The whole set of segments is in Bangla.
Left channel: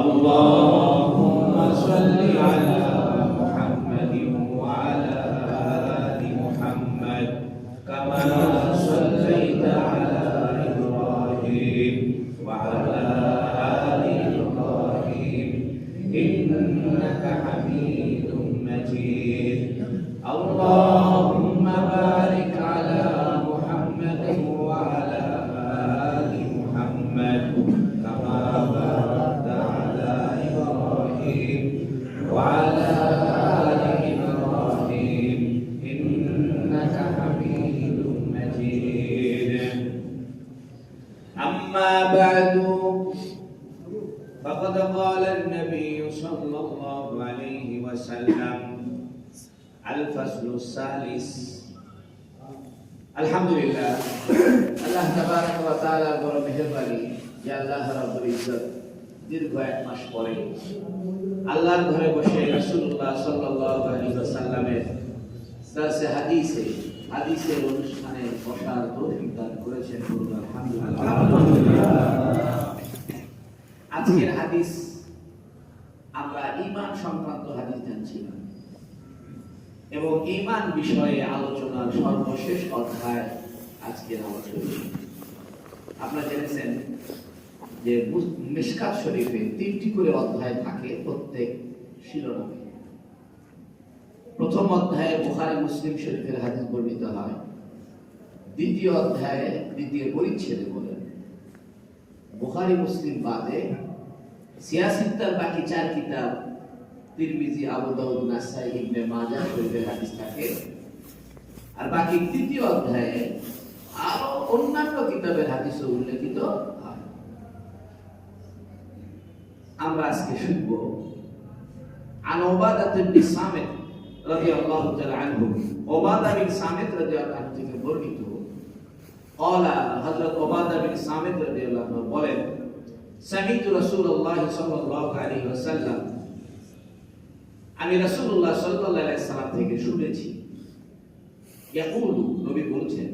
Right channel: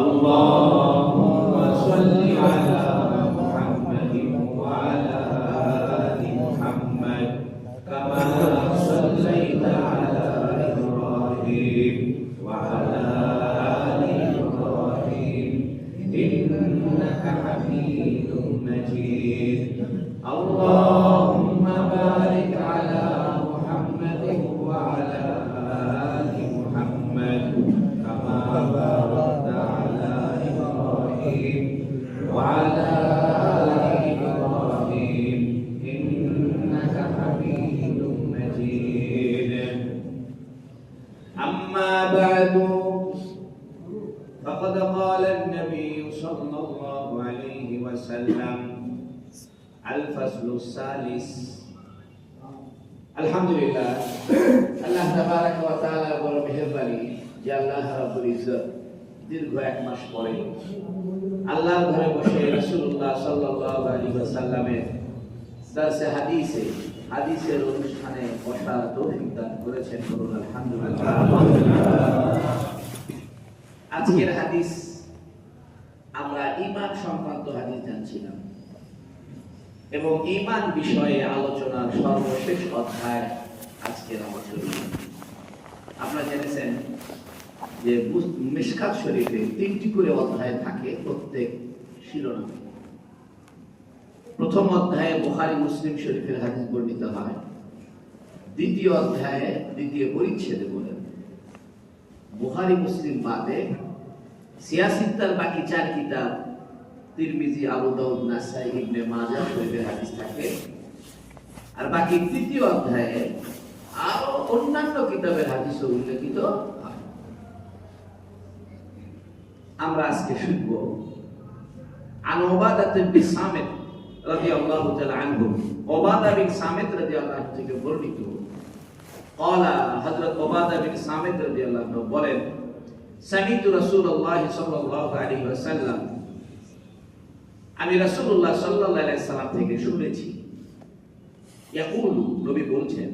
আল্লাহুম্মা সাল্লি আলা মুহাম্মাদিন ওয়া আলা আলি মুহাম্মাদ কামা সাল্লাইতা আলা ইব্রাহিম ওয়া আলা আলি ইব্রাহিম ইন্নাকা হামিদুম মাজিদ اللهم بارك على محمد وعلى آل محمد كما باركت على إبراهيم وعلى آل إبراهيم إنك حميد مجيد أما بعد فقد قال النبي صلى الله عليه وسلم الفصل الثالث আলহামদুলিল্লাহ আল্লাহ তাবারক ওয়া তাআলা বড় মেহেরবানি যে আল্লাহ রাব্বুল ইজ্জত দীর্ঘ এক মাস পরে আল্লাহর ঘরে বসে রাসূলুল্লাহ সাল্লাল্লাহু আলাইহি ওয়াসাল্লামের দারসে হাদিসের অনুষ্ঠানে বসার তৌফিক দান করেছেন বলুন আলহামদুলিল্লাহ। আজকের হাদিস আমরা ঈমান সংক্রান্ত হাদিস জানছিলাম এবং ঈমান বিষয়ে আলোচনার সর্বশেষ অধ্যায় আজকের আলোচনা। আপনারা জেনেছেন যে মিশকাত শরীফে 3টি করে অধ্যায় থাকে প্রত্যেক শিরোনামে। প্রথম অধ্যায়ে বুখারী মুসলিম শরীফের হাদিস বর্ণিত হয়, দ্বিতীয় অধ্যায়ে দ্বিতীয় পরিচ্ছেদে বলেন বুখারী মুসলিম বাদে সিয়াসিত্তার বাকি 4 কিতাব তিরমিজি, আবু দাউদ, নাসাই, ইবনে মাজাহ শরীফের হাদিস থাকে। আর বাকি তৃতীয় অধ্যায়ে আরো অন্যান্য কিতাবের হাদিসও উল্লেখিত হয়। আমরা আজকে শুনব আন উবাদা বিন সামিত রাদিয়াল্লাহু তাআলা আনহু, উবাদা বিন সামিত রাদিয়াল্লাহু আনহু থেকে বর্ণিত قال হযরত উবাদা বিন সামিত রাদিয়াল্লাহু আনহু বলেন সামিতু রাসূলুল্লাহ সাল্লাল্লাহু আলাইহি ওয়াসাল্লাম, আমি রাসূলুল্লাহ সাল্লাল্লাহু আলাইহি ওয়াসাল্লাম থেকে শুনেছি, ইয়াকুলু, নবী বলছেন,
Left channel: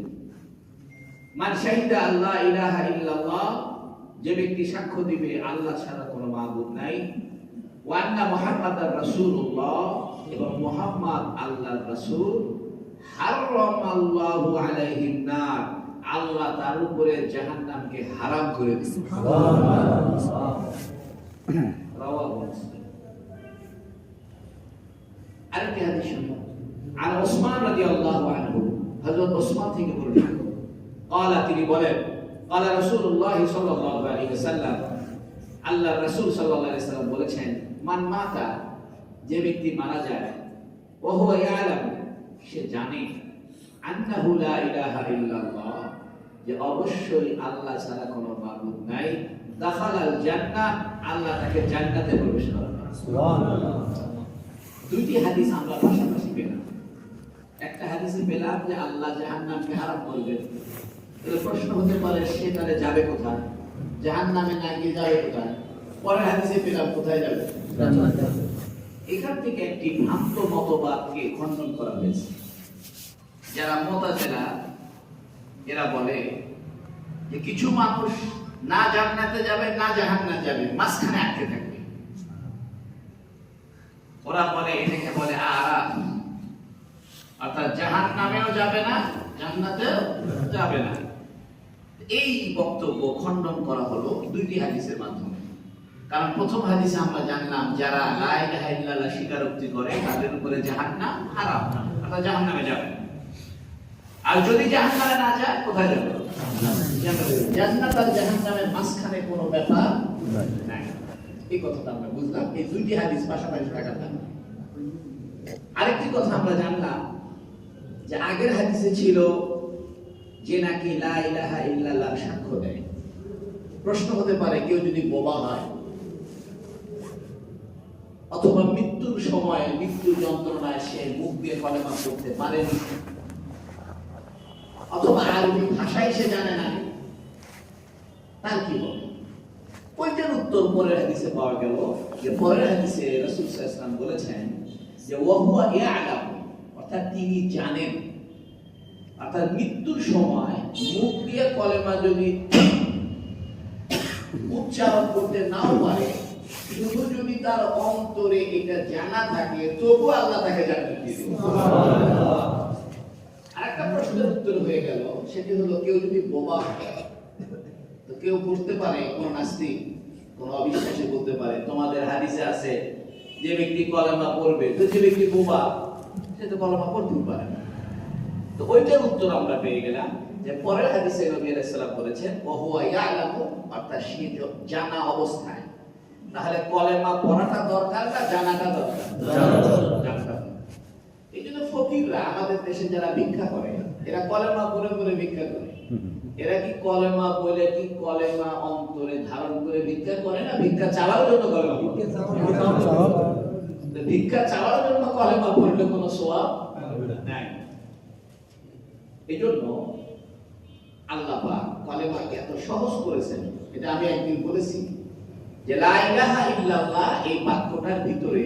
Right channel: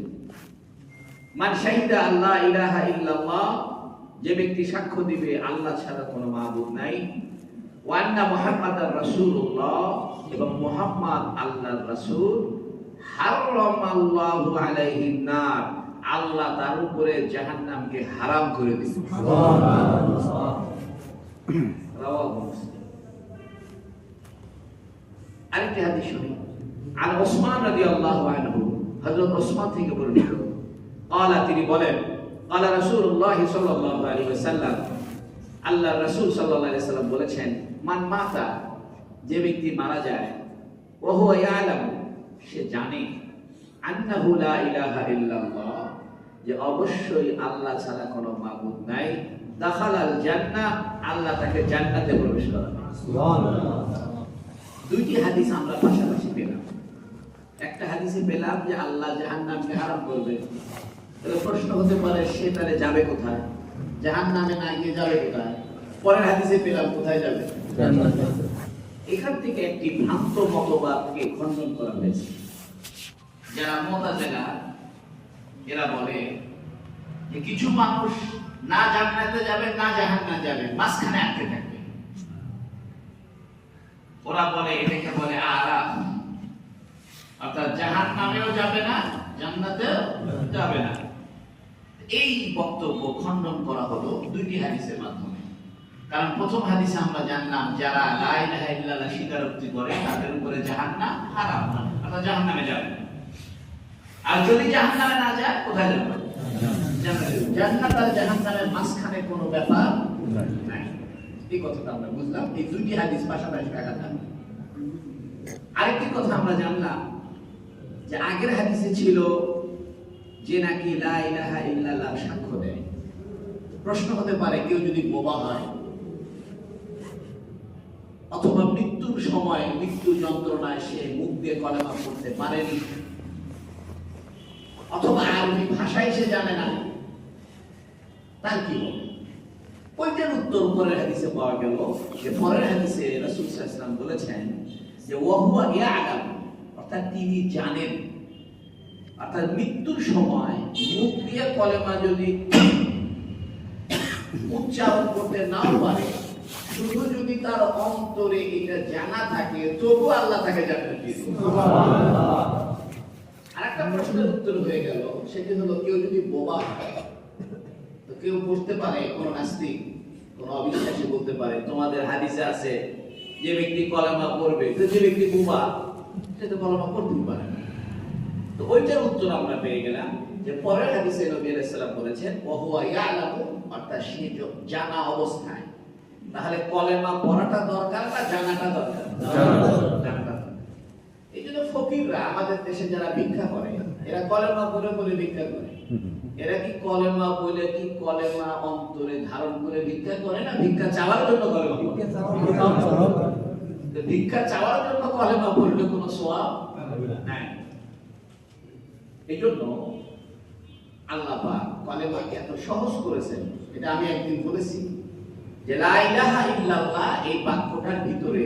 মান শাহিদা আল্লা ইলাহা ইল্লাল্লাহ, যে ব্যক্তি সাক্ষ্য দিবে আল্লাহ ছাড়া কোনো মাবুদ নাই, ওয়া আন্না মুহাম্মাদার রাসূলুল্লাহ, এবং মুহাম্মদ আল্লাহর রাসূল, হারামাল্লাহু আলাইহিন নার, আল্লাহ তার উপরে জাহান্নামকে হারাম করে দিয়েছে। সুবহানাল্লাহ। রাওয়াহু মুসলিম। আরেকটি হাদিস শুনি আন উসমান রাদিয়াল্লাহু আনহু, হযরত উসমান থেকে বর্ণিত, قال, তিনি বলেন, قال রাসূলুল্লাহ সাল্লাল্লাহু আলাইহি ওয়াসাল্লাম, আল্লাহর রাসূল সাল্লাল্লাহু আলাইহি ওয়াসাল্লাম বলেছেন, মান মাতা, যে ব্যক্তি মারা যায়, ওয়া হুয়া ইয়ালাম, সে জানে, আন্নাহু লা ইলাহা ইল্লাল্লাহ, যে অবশ্যই আল্লাহ ছাড়া কোনো মাবুদ নাই, দাখালাল জান্নাহ, আল্লাহ তাকে জান্নাতে প্রবেশ করাবে। সুবহানাল্লাহ। দুইটি হাদিস আমরা পাশাপাশি পেলাম। একটা হাদিসে পেলাম যে আল্লাহ জাহান্নামকে হারাম করবে, তাহলে প্রশ্ন হতে পারে সে তাহলে যাবে কোথায়? জাহান্নামে না গিয়ে যাবে কোথায়? পরের হাদিসে পেলাম কোথায় যাবে? জান্নাতে। এখান থেকে একটি ভ্রান্ত মতবাদকে খণ্ডন করা হয়েছে। যারা মুতাজিলা, এরা বলে যে কিছু মানুষ না জান্নাতে যাবে না জাহান্নামে যাবে, মাঝখানে আটকে থাকবে। ওরা বলে, এটাকে বলে আরাফ, অর্থাৎ জাহান্নামেও যাবে না জান্নাতেও যাবে না। এই বক্তব্য খণ্ডন করা হলো দুইটি হাদিসের মাধ্যমে। কারণ প্রথম হাদিসে আমরা জানলাম যারা লা ইলাহা ইল্লাল্লাহ স্বীকারোক্তি করে তাদের উপরে জাহান্নাম হারাম, অর্থাৎ জাহান্নামে যাবে। আর যদি জাহান্নামে না যায় কোথায় যাবে? জান্নাত আর জাহান্নামের মাঝখানে কোনো ব্যাপার নাই। এই কথাটা আমরা বুঝলাম, এই দুইটি হাদিস পাশাপাশি থাকা থাকে। আরেকটি কথা আমরা জানলাম যে আগের হাদিসে ছিল যে নাকি লা ইলাহা ইল্লাল্লাহ সাক্ষ্য দেয়। প্রশ্ন হতে পারে কেউ যদি বোবা হয় অথবা মৃত্যুর সময় মৃত্যু যন্ত্রণায় সে মুখ দিয়ে কলেমা পড়তে পারেনি, অথবা আরবি ভাষায় সে জানে না, তার কি হবে? ওইটার উত্তর পরের হাদিসে পাওয়া গেল। যে পরের হাদিসে রাসূল সাল্লাল্লাহু আলাইহি ওয়াসাল্লাম বলেছেন যে ওয়া হুয়া ইয়ালাম, অর্থাৎ তিনি জানেন, অর্থাৎ মৃত্যুর সময় মুখ দিয়ে কলেমা যদি উচ্চারণ করতে নাও পারে, শুধু যদি তার অন্তরে এটা জানা থাকে, তবু আল্লাহ তাকে জান্নাত দিয়ে দিবেন। আরেকটা প্রশ্নের উত্তর হয়ে গেল, সেটি হলো কেউ যদি বোবা হয়, তো কেউ বুঝতে পারে, কোন নাস্তিক কোন অবিশ্বাসী বলতে পারে তোমাদের হাদিসে আছে যে ব্যক্তি কলেমা পড়বে, তো যে ব্যক্তি বোবা সে তো কলেমা পড়তেই পারে না। তো ওইটার উত্তর আমরা পেয়ে গেলাম যে পরের হাদিসে নবী আলাইহিস সালাম বলেছেন ওহুয়া ইয়ালামু, অর্থাৎ সে জানা অবস্থায়। তাহলে কলেমা পড়াটা দরকার না জানাটা দরকার? জানাটা। এই জন্য ফকিররা আমাদের দেশে যারা ভিক্ষা করে, এরা কলেমা পড়ে পড়ে ভিক্ষা করে। এরা কি কলেমা বলে কি কলেমা অন্তরে ধারণ করে ভিক্ষা করে না ভিক্ষা চাওয়ার জন্য কলেমা পড়ে? ভিক্ষা চাওয়ার জন্য কলেমা পড়লে কোনো সওয়াব নাই। এই জন্য আল্লাহ পাক কলেমাকে এত সহজ করেছেন। এটা আমি একদিন বলেছি যে লা ইলাহা ইল্লাল্লাহ এই বাক্যটার ভিতরে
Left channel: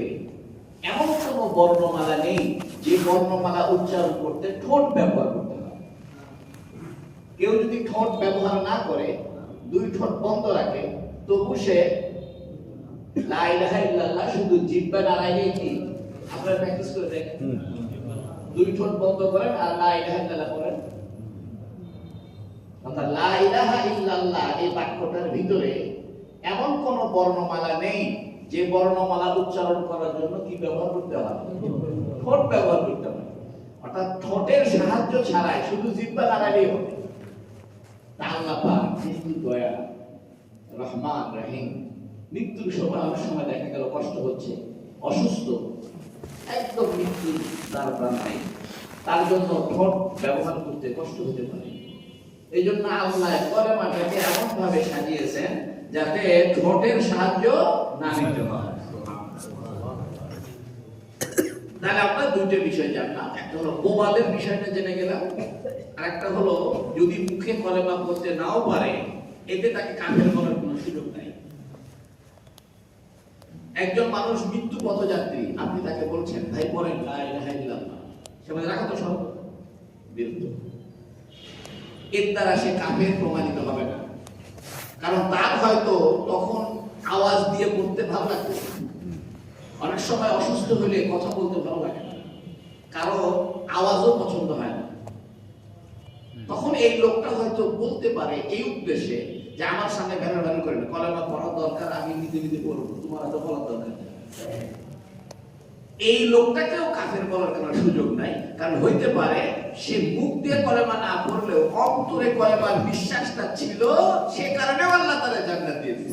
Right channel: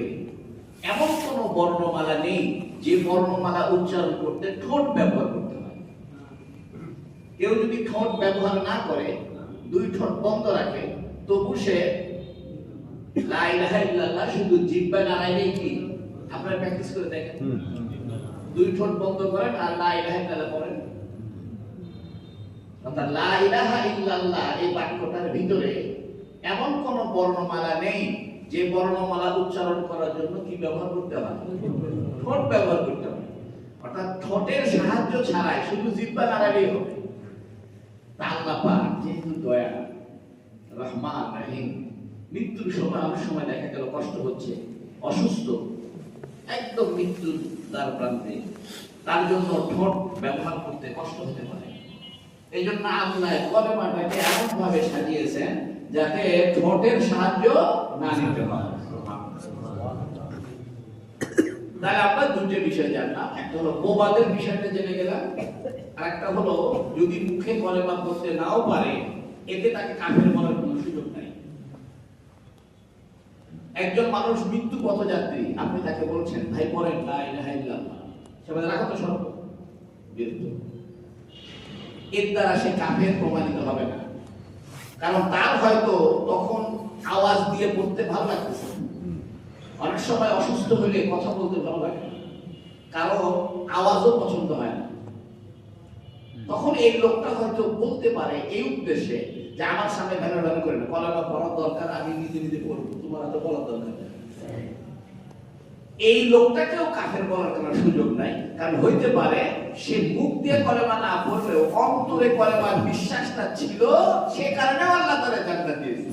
এমন কোনো বর্ণমালা নেই যে বর্ণমালা উচ্চারণ করতে ঠোঁট ব্যবহার করতে হয়। কেউ যদি ঠোঁট ব্যবহার না করে, দুই ঠোঁট বন্ধ রাখে, তবু সে লা ইলাহা ইল্লাল্লাহ শুধু জিহ্বা নাড়াইলেই কি, আপনারা প্র্যাকটিস করে দেখেন, দুই ঠোঁট বন্ধ করেন আর লা ইলাহা ইল্লাল্লাহ পড়েন। অর্থাৎ লা ইলাহা ইল্লাল্লাহ এই বাক্যটার ভিতরে এমন কোন বর্ণমালা নেই যে বর্ণমালা উচ্চারণ করার জন্য কি ব্যবহার করতে হয়? ঠোঁট ব্যবহার করতে হয়। অর্থাৎ ঠোঁটের সাহায্য ছাড়াই শুধু জিহ্বা নাড়ালেই হবে। আল্লাহ পাক যেহেতু দয়া, রহমান, রহিম, মৃত্যুর সময় অনেক সময় দেখা গেল কষ্ট হচ্ছে, অসুস্থ, একদম মৃত্যুর দ্বার প্রান্তে, তার জন্য ঠোঁট ব্যবহার করতে কষ্ট হতে পারে। এই জন্য আল্লাহ কলেমাটাকে এমন ভাবে সাজিয়েছেন যাতে ঠোঁটের সাহায্য না নিতে হয়। তাহলে আমরা দুইটা বিষয় জানলাম, একটা হলো বোবাদের বিষয়টা জেনে গেলাম, আর একটা হলো যদি মুখে কলেমা পড়তে নাও পারে, এতে তাকে কাফের বলার কোনো সুযোগ নাই। একজন মানুষ মৃত্যু পথযাত্রী, আপনি তাকে বলছেন ভাই পড়েন লা ইলাহা ইল্লাল্লাহ, সে বলে রাখো তো সর্ব বিরুদ্ধ, এর দ্বারা সে কাফের প্রমাণিত হবে না। কারণ তার হয়তো তখন আওয়াজ দিয়ে পড়তে ভালো লাগতেছে, অনেক সময় অসুস্থ হলে কথা বলতে ভালো লাগে না, কারো আওয়াজও পছন্দ হয় না। তখন এই লোকটা হয়তো বলতে পারে এই উদ্দেশ্যে যে আমার সামনে ভ্যান ভ্যান করে না, কলেমা পড়ার দরকার, আমি নিজে নিজে পড়বো, তোমার এত বলার দরকার নেই। এই লোকটাকেও কাফের বলার কোনো সুযোগ নাই, কারণ হইতে পারে সে মুখ দিয়ে কলেমা না পড়লেও অন্তরে কলেমার বিশ্বাসটা ছিল, সে কারণে আল্লাহ তাআলা জান্নাত দিয়েছেন।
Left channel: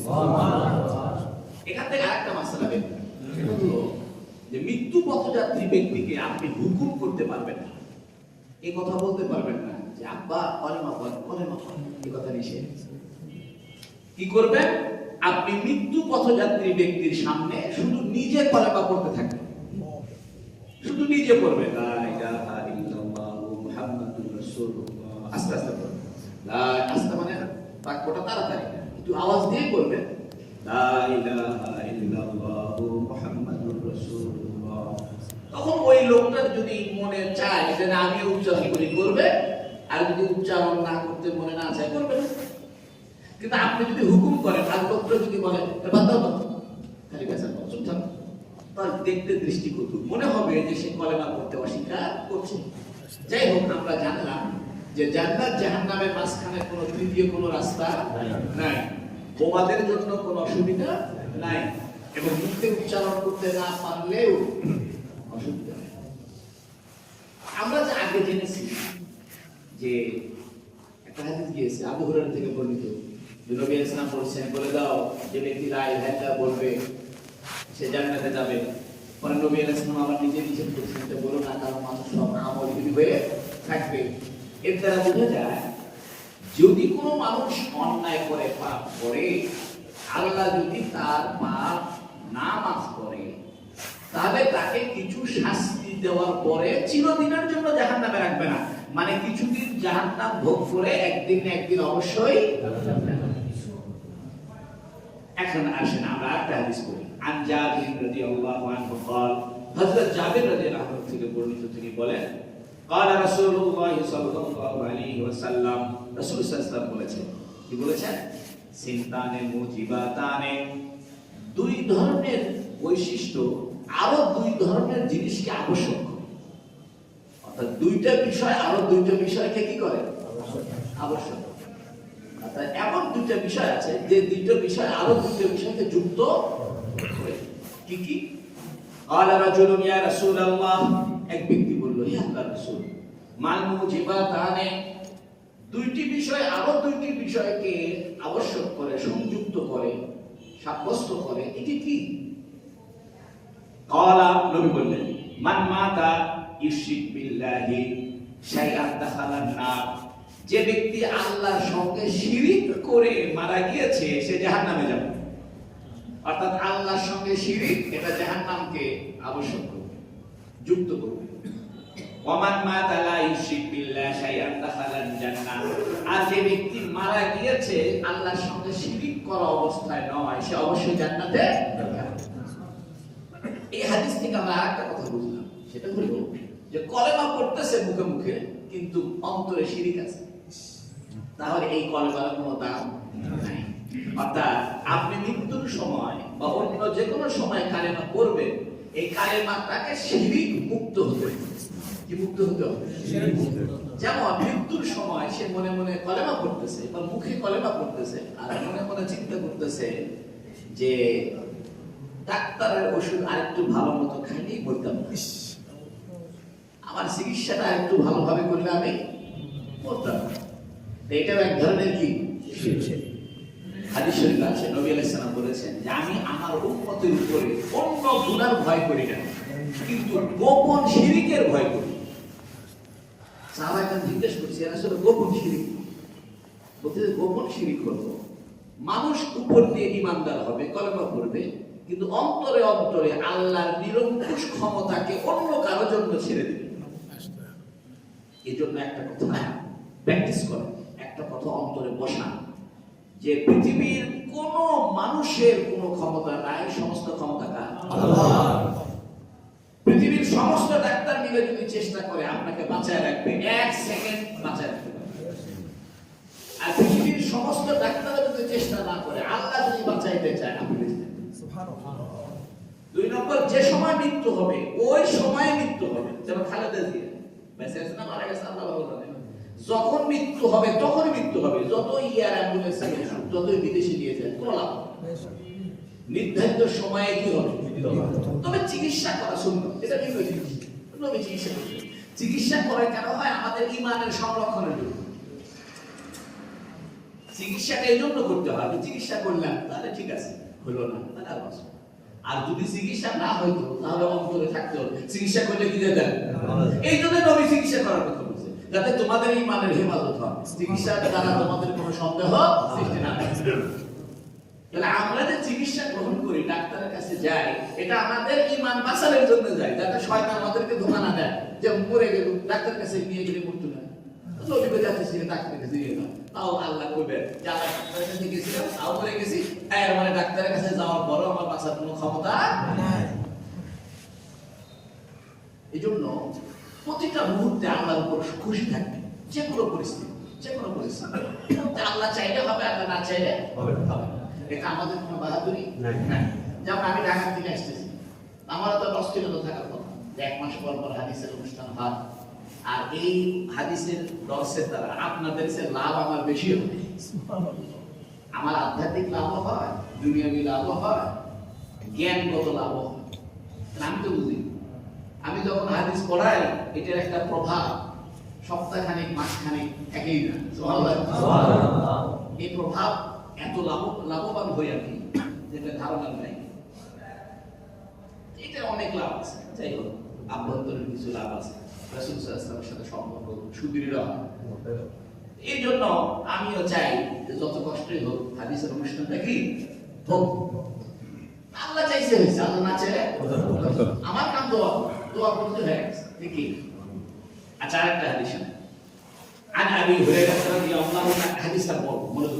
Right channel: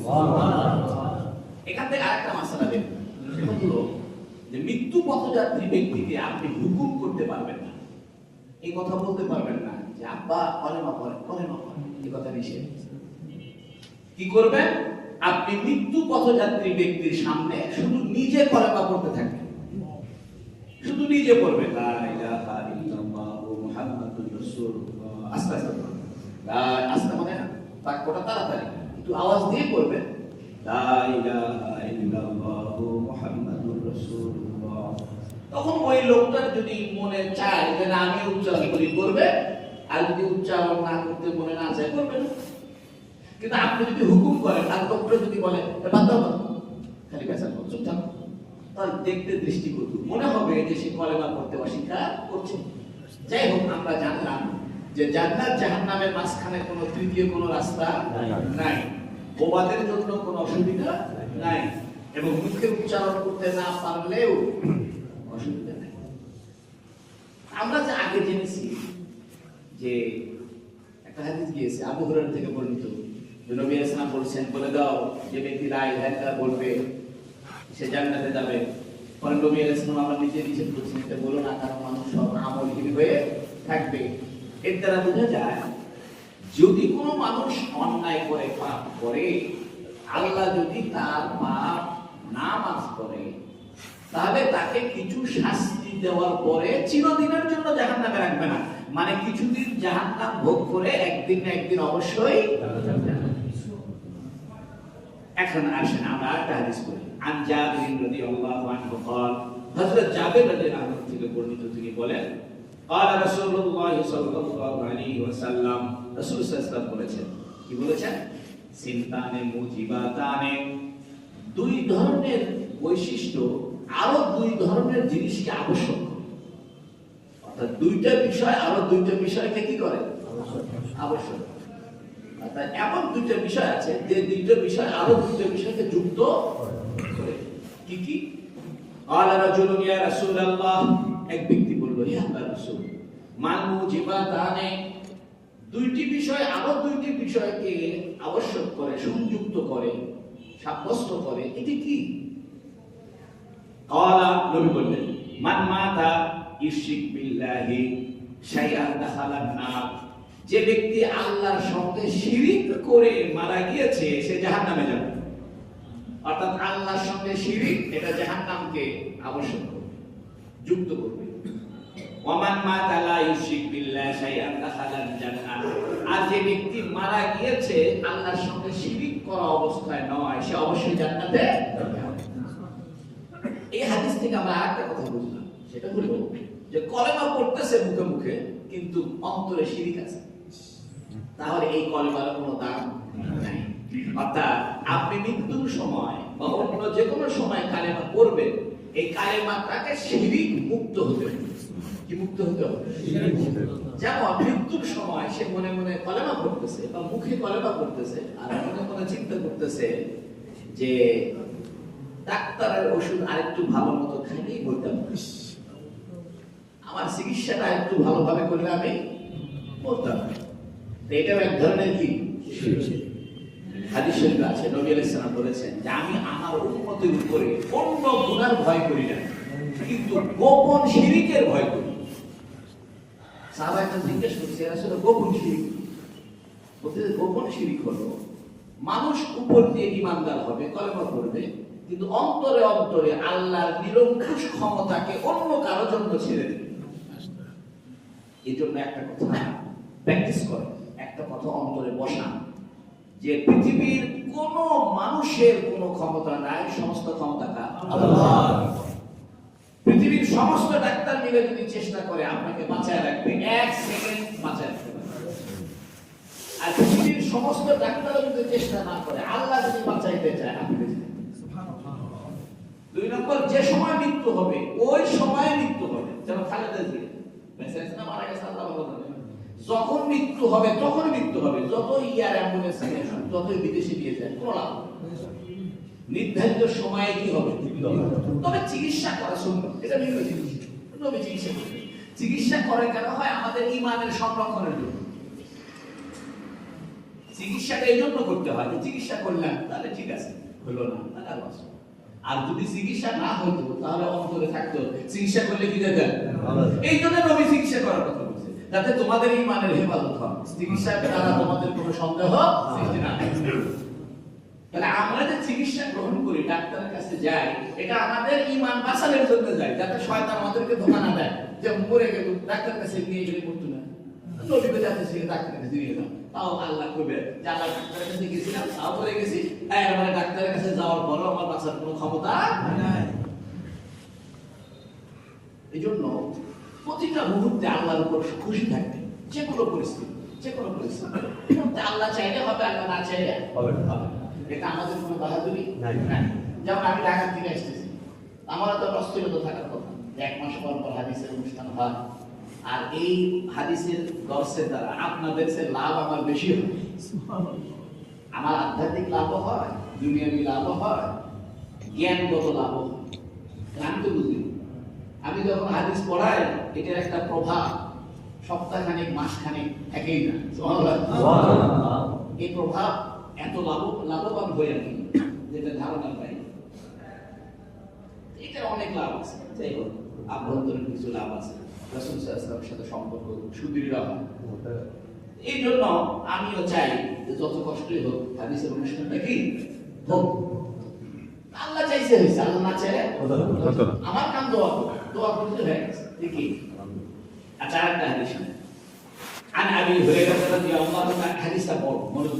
এখান থেকে আরেকটা মাসআলা বের হয়, সেটা হলো যে মৃত্যু পথযাত্রী ব্যক্তিকে আপনি হুকুম করতে পারবেন না, এই কথা বলতে পারবেন না যে আব্বা কলেমা পড়, কলেমা পড়, এই কথা নিষেধ। কি করবেন? আপনি মৃত্যু পথযাত্রী ব্যক্তির সামনে শুধু নিজে কলেমা পড়তে থাকবেন, শুধু নিজে পড়বেন লা ইলাহা ইল্লাল্লাহ মুহাম্মাদুর রাসূলুল্লাহ, আস্তে আস্তে পড়বেন, আস্তে মানে বাক্যটা তাড়াতাড়ি একটু আওয়াজ দিয়ে পড়বেন, লা ইলাহা ইল্লাল্লাহ মুহাম্মাদুর রাসূলুল্লাহ। তখন ওই লোকটার যদি মনে চায় যে না আমি উচ্চারণ করি, করবে, আর যদি উচ্চারণ না করতে মনে না চায়, করবে না। কিন্তু আপনি যদি হুকুম করেন আর লোকটা যদি বলে বাদ দাও, খালি বেচার করছো, তার দেখতে দৃষ্টিকটু মনে হবে যে সে কলেমা পড়তে অস্বীকার করছে। যাই হোক, আমরা জানলাম যে জান্নাত জাহান্নামের মাঝখানে কোনো তৃতীয় কোনো রাস্তা নাই, বোবাদের জন্য কোনো অসুবিধা নাই, এবং মুখে উচ্চারণ করতে না পারলেও অসুবিধা নাই। আমরা যে আগে জেনেছি যে একটা হাদিস গিয়েছে আবু হুরায়রা থেকে বর্ণিত, যে নবী ইসলাম বলেছেন বলে দাও যে ব্যক্তি লা ইলাহা ইল্লাল্লাহ বলবে সে জান্নাতে যাবে। পরে নবী ইসলাম আমার নিজে নিষেধ করছেন এটা বলো না, কারণ মানুষ সব আমলহীন হয়ে থাকবে। এর দ্বারা বোঝা যায় যদি কোনো মানুষ অন্যায় করে পাপ করে, আল্লাহ যদি তার পাপ না মাফ করে, তাহলে তাকে কিছু শাস্তি দেওয়ার পরে চিরদিনের জন্য জাহান্নামে রাখবে না, মানে কিছুদিন জাহান্নাম ভোগ করে একদিন না একদিন অবশ্যই। এখন আসেন আমরা একটা হাদিস করি। আন জাবির রাদিয়াল্লাহু আনহু قال, হযরত জাবির রাদিয়াল্লাহু আনহু থেকে বর্ণিত, তিনি বলেন قال রাসূলুল্লাহ সাল্লাল্লাহু আলাইহি ওয়াসাল্লাম, রাসূল সাল্লাল্লাহু আলাইহি ওয়াসাল্লাম বলেছেন, কি বলেছেন? সিনতানে মুজিবাতানে, দুই ধরনের বৈশিষ্ট্য আরো দুই ধরনের জিনিসকে আবশ্যক করে। অর্থাৎ দুইটা বিষয় আরো দুইটা বিষয়কে কি করে? আবশ্যক। অর্থাৎ এমন দুইটা বিষয় আছে যে দুইটা বিষয় আরো দুইটা বিষয়কে যুক্ত করে। কি কি? আলা রাজুলুন ইয়া রাসূলুল্লাহ, এক ব্যক্তি বলল, হে আল্লাহর রাসূল, মাল মুজিবাতানে, দুইটি বিষয় আরো দুইটি বিষয়কে আবশ্যক করে, সংযুক্ত করে, সাব্যস্ত করে, এটি কি? ক্বালা, নবী বললেন, মান মাতা ইউশরিক বিল্লাহি শাইআন দাখালান নার, যে ব্যক্তি আল্লাহর সঙ্গে শিরিক করে মারা গিয়েছে সে জাহান্নামে যাবে। অর্থাৎ আল্লাহর সঙ্গে শিরিক এটা জাহান্নামকে আবশ্যক করবে, যুক্ত করবে। ওয়ামান মাতা লা ইউশরিক বিল্লাহি শাইআন দাখালান জান্নাহ, আর যে ব্যক্তি মারা গিয়েছে আল্লাহর সঙ্গে শিরিক করা অবস্থায় নয়, সে অবশ্যই জান্নাতে যাবে। এই হাদিস থেকে আমরা আরেকটা কথা বুঝলাম, সেটা হলো যে কলেমা পড়তেছে মুখে মুখে কিন্তু অন্তরে শিরিক আছে, তাহলে এই কলেমার কোনো দাম নাই। অর্থাৎ আপনি মৃত্যুর সময় বা অন্য যে কোনো সময় কালেমা পড়বেন, এই কালেমাটাকে শিরিক মুক্ত হতে হবে। কি মুক্ত হতে হবে? যেমন মৃত্যুর সময় সে মনে মনে কলেমা পড়তেছে বা মুখে কলেমা পড়তেছে আর মনে মনে চিন্তা করতেছে যে ডাক্তারের ওষুধ আরেকটু ভালো মতো খাইলেই বলতাম, আমার চিকিৎসাটা একটু ভালোভাবে করলে আমি বলতাম। এটাও এক ধরনের কি হাদিস শরীফে আছে, নবী আলাইহিস সালাম বলেছেন যে আমি আমার উম্মতের উপরে অন্য গুনার ভয় করি না, কিন্তু গোপন শিরিকের ভয় করি। সাহাবায়ে কেরাম জিজ্ঞেস করছে, আসলে গোপন শিরিক বলতে গোপন শিরিক হলো মানুষ উপর দিয়ে ঈমানদার হবে, কলেমা পড়বে, কিন্তু অন্তরে অন্তরে আল্লাহর নিরঙ্কুশ ক্ষমতাকে অন্য কারো জন্য ছেড়ে দেবে। এই জন্য একটা কথা প্র্যাকটিস করে, একটা কথা অন্তরে বসান যে পৃথিবীর কোন মানুষের কোনো ক্ষমতা নাই, সমস্ত ক্ষমতা কার? আল্লাহর। পৃথিবীর সমস্ত ডাক্তার মিলে যদি চেষ্টা করে আপনাকে বাঁচায় রাখবে, এক সেকেন্ড বাঁচায় রাখতে পারবে। আর পৃথিবীর সমস্ত ডাক্তার যদি চেষ্টা না করে, আল্লাহ যদি বাঁচাইতে চায়, আপনি বেঁচে যাবেন। সুবহানাল্লাহ। দুই নম্বর, যে সময় মৃত্যু হবে ওই সময়ে মৃত্যু হবে। যেমন খালেদা জিয়া বেঁচে আছে না মারা গেছে আল্লাহ ভালো জানে। যখন মৃত্যু হবে তখন মৃত্যু হবে, যত ইয়ার অ্যাম্বুলেন্স যতই বিদেশে নিয়ে যায় কোনো লাভ হবে না। নির্ধারিত সময়ে কি হবে? তবে চিকিৎসা করা সুন্নাত, এটা ভিন্ন জিনিস। নবী চিকিৎসা করবেন। চিকিৎসা করে কেন হয়? আমাদের ঈমানের সংরক্ষণের জন্য। চিকিৎসাটা এই জন্য করতে হয় যে চিকিৎসা করলাম তাহলে ঠিক আছে, হলো না তাহলে আর বাঁচব। আর যদি চিকিৎসা না হইতো তাহলে অন্তরে থাকতো চিকিৎসা করলে কি যেত? এই জন্য নবী চিকিৎসা করার কথা বলছে, যাতে তোমাদের ঈমানের হেফাজত হয়, চিকিৎসার দ্বারা তোমাদের কোনো সন্দেহ সৃষ্টি না হয়। তাহলে আমরা যে চিকিৎসা গ্রহণ করি, ডাক্তারের কাছে যাই, এটা আমাদের ঈমান বাঁচানোর জন্য যাই, যাতে শয়তান আমাদেরকে ধোঁকা না দেয় যে মরে গেল ডাক্তারের কাছে নিয়ে গেলে মরতো না। নবীকে যাতে সে ডাক্তারের কাছে নিয়ে গেলাম, তাও আল্লাহ কইবে যে আল্লাহ ডাক্তারের কাছে গেছিলাম, তাও করে গেছি, এর মানে ডাক্তারের কাছে যাওয়ার পরও আমার বাঁচার কোনো ক্ষমতা নাই। এই জন্য প্রতিটা মুহূর্তে আল্লাহর উপর খুশি থাকবে, যে কোনো পরিস্থিতি, যে কোনো পরিস্থিতি। আল্লাহ চাইলে হবে, আল্লাহ না চাইলে হবে না। এটা আমাদের কোনো বাহাদুরি নাই। যেমন আমি ঢাকা থেকে আসতেছি, আমারও তো অস্থিরতা থাকার কথা, এক মাস পর পর হাদিসের অনুষ্ঠান হয়, আর এই হাদিসের দর্শের দ্বারা আপনাদের সে লাভ আমার বেশি হবে। আমার আধ্যাত্মিক লাভও হয়, দুনিয়াবি লাভও হয়, জ্ঞানগত লাভও হয়। আমি তো বুঝি, আমি যখন হাদিস পড়াই এটার একটা প্রভাব সপ্তাহখানেক মাসখানেক একই না। এই প্রভাব এত লাভবান হয়ে আমি যেটা ধারণা নাই, এটা অনেক লাভ আছে। যাই হোক, আভ্যন্তরীণ কিছু লাভ আছে, রাসূল সাল্লাল্লাহু আলাইহি ওয়াসাল্লামের সাথে সম্পর্ক সুদৃঢ় হয়। এই জন্য আমিও চাই যে যত কষ্টই হোক হাদিসের অনুষ্ঠানটা কি হোক। আল্লাহ চাইছে হয়েছে, আল্লাহ না চাইলে আমার কাম দোয়া করতে হয়ে গেছে। দেখি আচ্ছা, আরেকটা হাদিস عن أبي هريرة رضي الله عنه، حديث مرض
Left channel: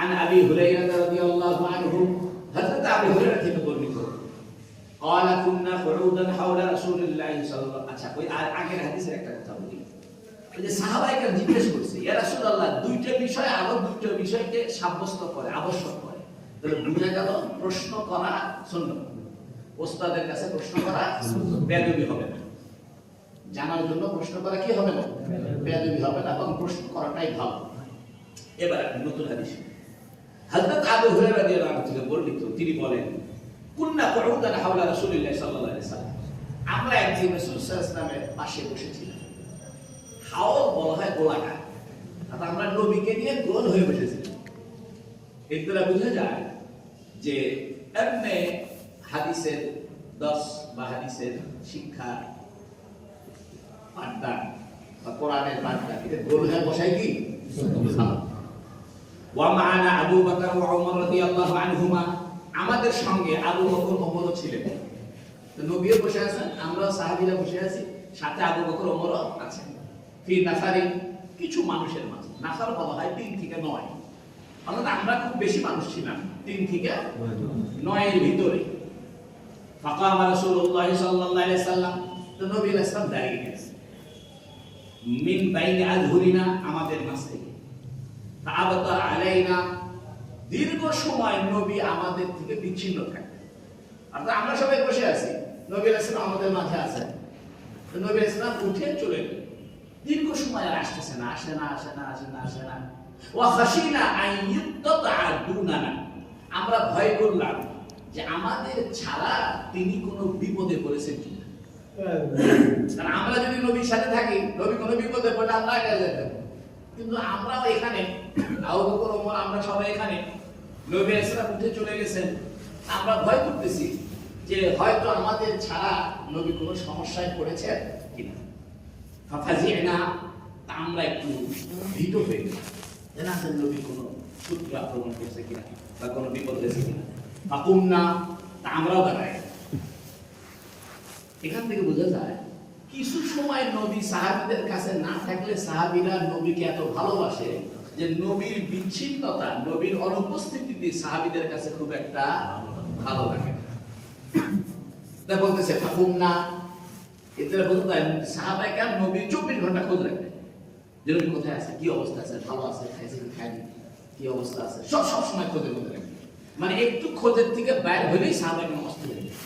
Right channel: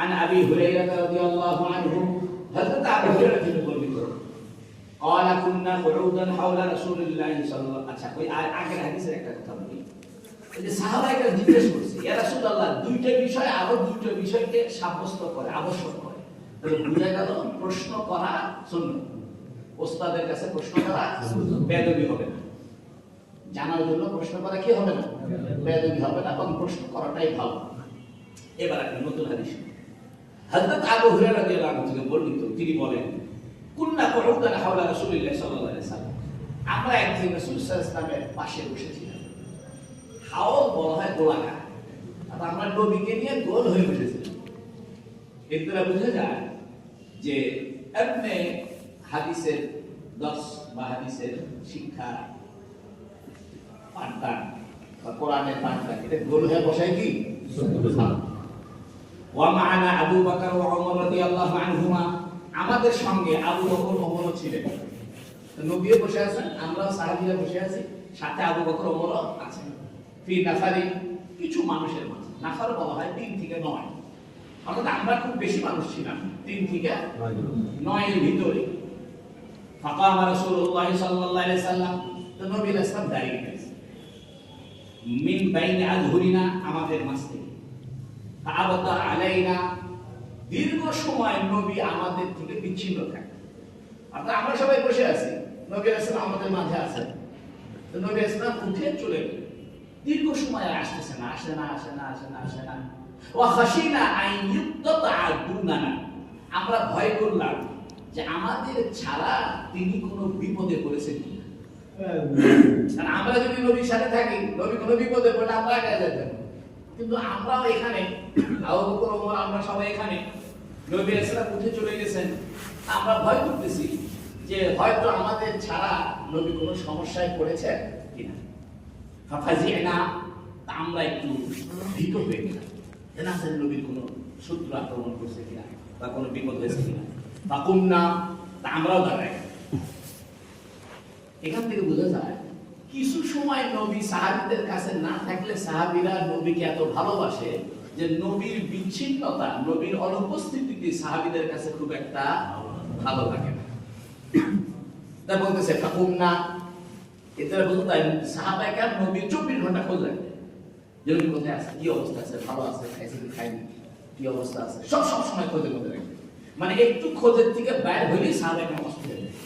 عن أبي هريرة رضي الله عنه، حضرت أبي هريرة يقول قال كنا قعودا حول رسول الله صلى الله عليه وسلم। আচ্ছা, ওই আগের হাদিসের একটা কথা বলি। ওই যে সাহাবাইকে জিজ্ঞেস করছে, ইয়া রাসূলুল্লাহ, দুইটা বিষয় আরো দুইটা বিষয়কে সাব্যস্ত করে, আবশ্যক করে। তাহলে বুঝা গেল প্রশ্ন করা সুন্নাত। ওস্তাদের কাছে প্রশ্ন করা বেয়াদবি হবে না। জানার জন্য প্রশ্ন করা কি হবে না? বেয়াদবি হবে না, এবং প্রশ্ন করাটাই ভালো। এবার একটা নতুন হাদিস। হযরত আবু হুরায়রা রাদিয়াল্লাহু আনহু থেকে বর্ণিত, তিনি বলেন, কুন্না কুউদান হাওলা রাসূলিল্লাহ সাল্লাল্লাহু আলাইহি ওয়াসাল্লাম, আমরা একদিন রাসূল সাল্লাল্লাহু আলাইহি ওয়াসাল্লামের পাশে বসেছিলাম। হাওল বলা হয় গোলাকার, আর আমরা নবীকে নিয়ে গোল হয়ে বসেছিলাম। এর দ্বারা বোঝা যায় যে এমনি হাদিসের দর্শ বা হাদিসের শিক্ষা পাঠদান বা কোরআনের পাঠদান, এটা গোল হয়ে বসায় কি? ওয়া মা'আনা আবু বকর ওয়া ওমর রাদিয়াল্লাহু আনহুমা, আমাদের সঙ্গে আবু বকর ওমরও ছিলেন। তো নবীও বসে আছেন, আমরা সাহাবীরা বসে আছি, সাথে আবু বকর ওমরও আছেন। ফি নাফারি, কিছু মানুষের মাঝে। নাফার বলা হয় 3 থেকে 9, অর্থাৎ আমরা খুব বেশি মানুষ ছিলাম, 3 থেকে 9 এর ভিতরে। ফাকামা রাসূলুল্লাহ সাল্লাল্লাহু আলাইহি ওয়াসাল্লাম, তো নবী রাসূল দাঁড়িয়ে গেছেন। মিন বাইনি আযহুরিনা, আমাদের মাঝ থেকে। ফাআবতা আলাইনা, দীর্ঘ সময় নবী আমাদের থেকে বিচ্ছিন্ন থাকতেন। অর্থাৎ আমরা সবাই বসে আছি, নবী রাসূল আমাদের মাঝে আছেন। তো নবী রাসূল উঠে চলে গেলেন। দীর্ঘ সময় আসতেছে না, আসে না। ওয়া খাশিনা আন ইউক্তাতা দুনানা, আমরা ভয় করলাম যে আমাদের ছাড়া তিনি কোনো বিপদে পড়েছেন কিনা। কারণ আমরা যদি নবীর সাথে থাকি, নবী কোনো বিপদে পড়লে আমরা আগে যেতাম, কিন্তু আমরাও এখানে, আবু বকর ওমর, আমরা সবাই এখানে, নবী রাসূল উঠে চলে গেছেন, আমরা ভয় করতেছি যে হয়তো আমাদের ছাড়া নবী কোনো সমস্যায় পড়েছেন কিনা। ফাফাজিনা, আমরা একটু ভীত হয়ে গেলাম, জানা আছে নবী কোনো শত্রু আক্রমণ করেছে কিনা বা কোনো বিপদ হয়েছে কিনা। ফাকুমনা, আমরাও দাঁড়াই। এখান থেকে বোঝা যায় কিছু সময় নবী সাহাবীদের কাছে না থাকলে সাহাবীরা নবীকে এত ভালোবাসে যে নবীর বিচ্ছিন্নতা, নবীর অনুপস্থিতিতে সাহাবীদের কাছে খুব একটা ভালো লাগে না। তাই বলতেছে ফাকুমনা, এতে বোঝা যায় সাহাবায়ে কেরাম নবী 24 ঘন্টা খোঁজ রাখতেন, যে নবী কোথায় আছে, কি অবস্থা আছে, ভালো আছে, খাইছে কি খায়নি, কি অবস্থা আছে, সব সময় খোঁজে রাখতেন। মানে একটু খোঁজের থেকে বাইরে হলেই সাহাবায়ে কেরাম অস্থির হয়ে যেতেন।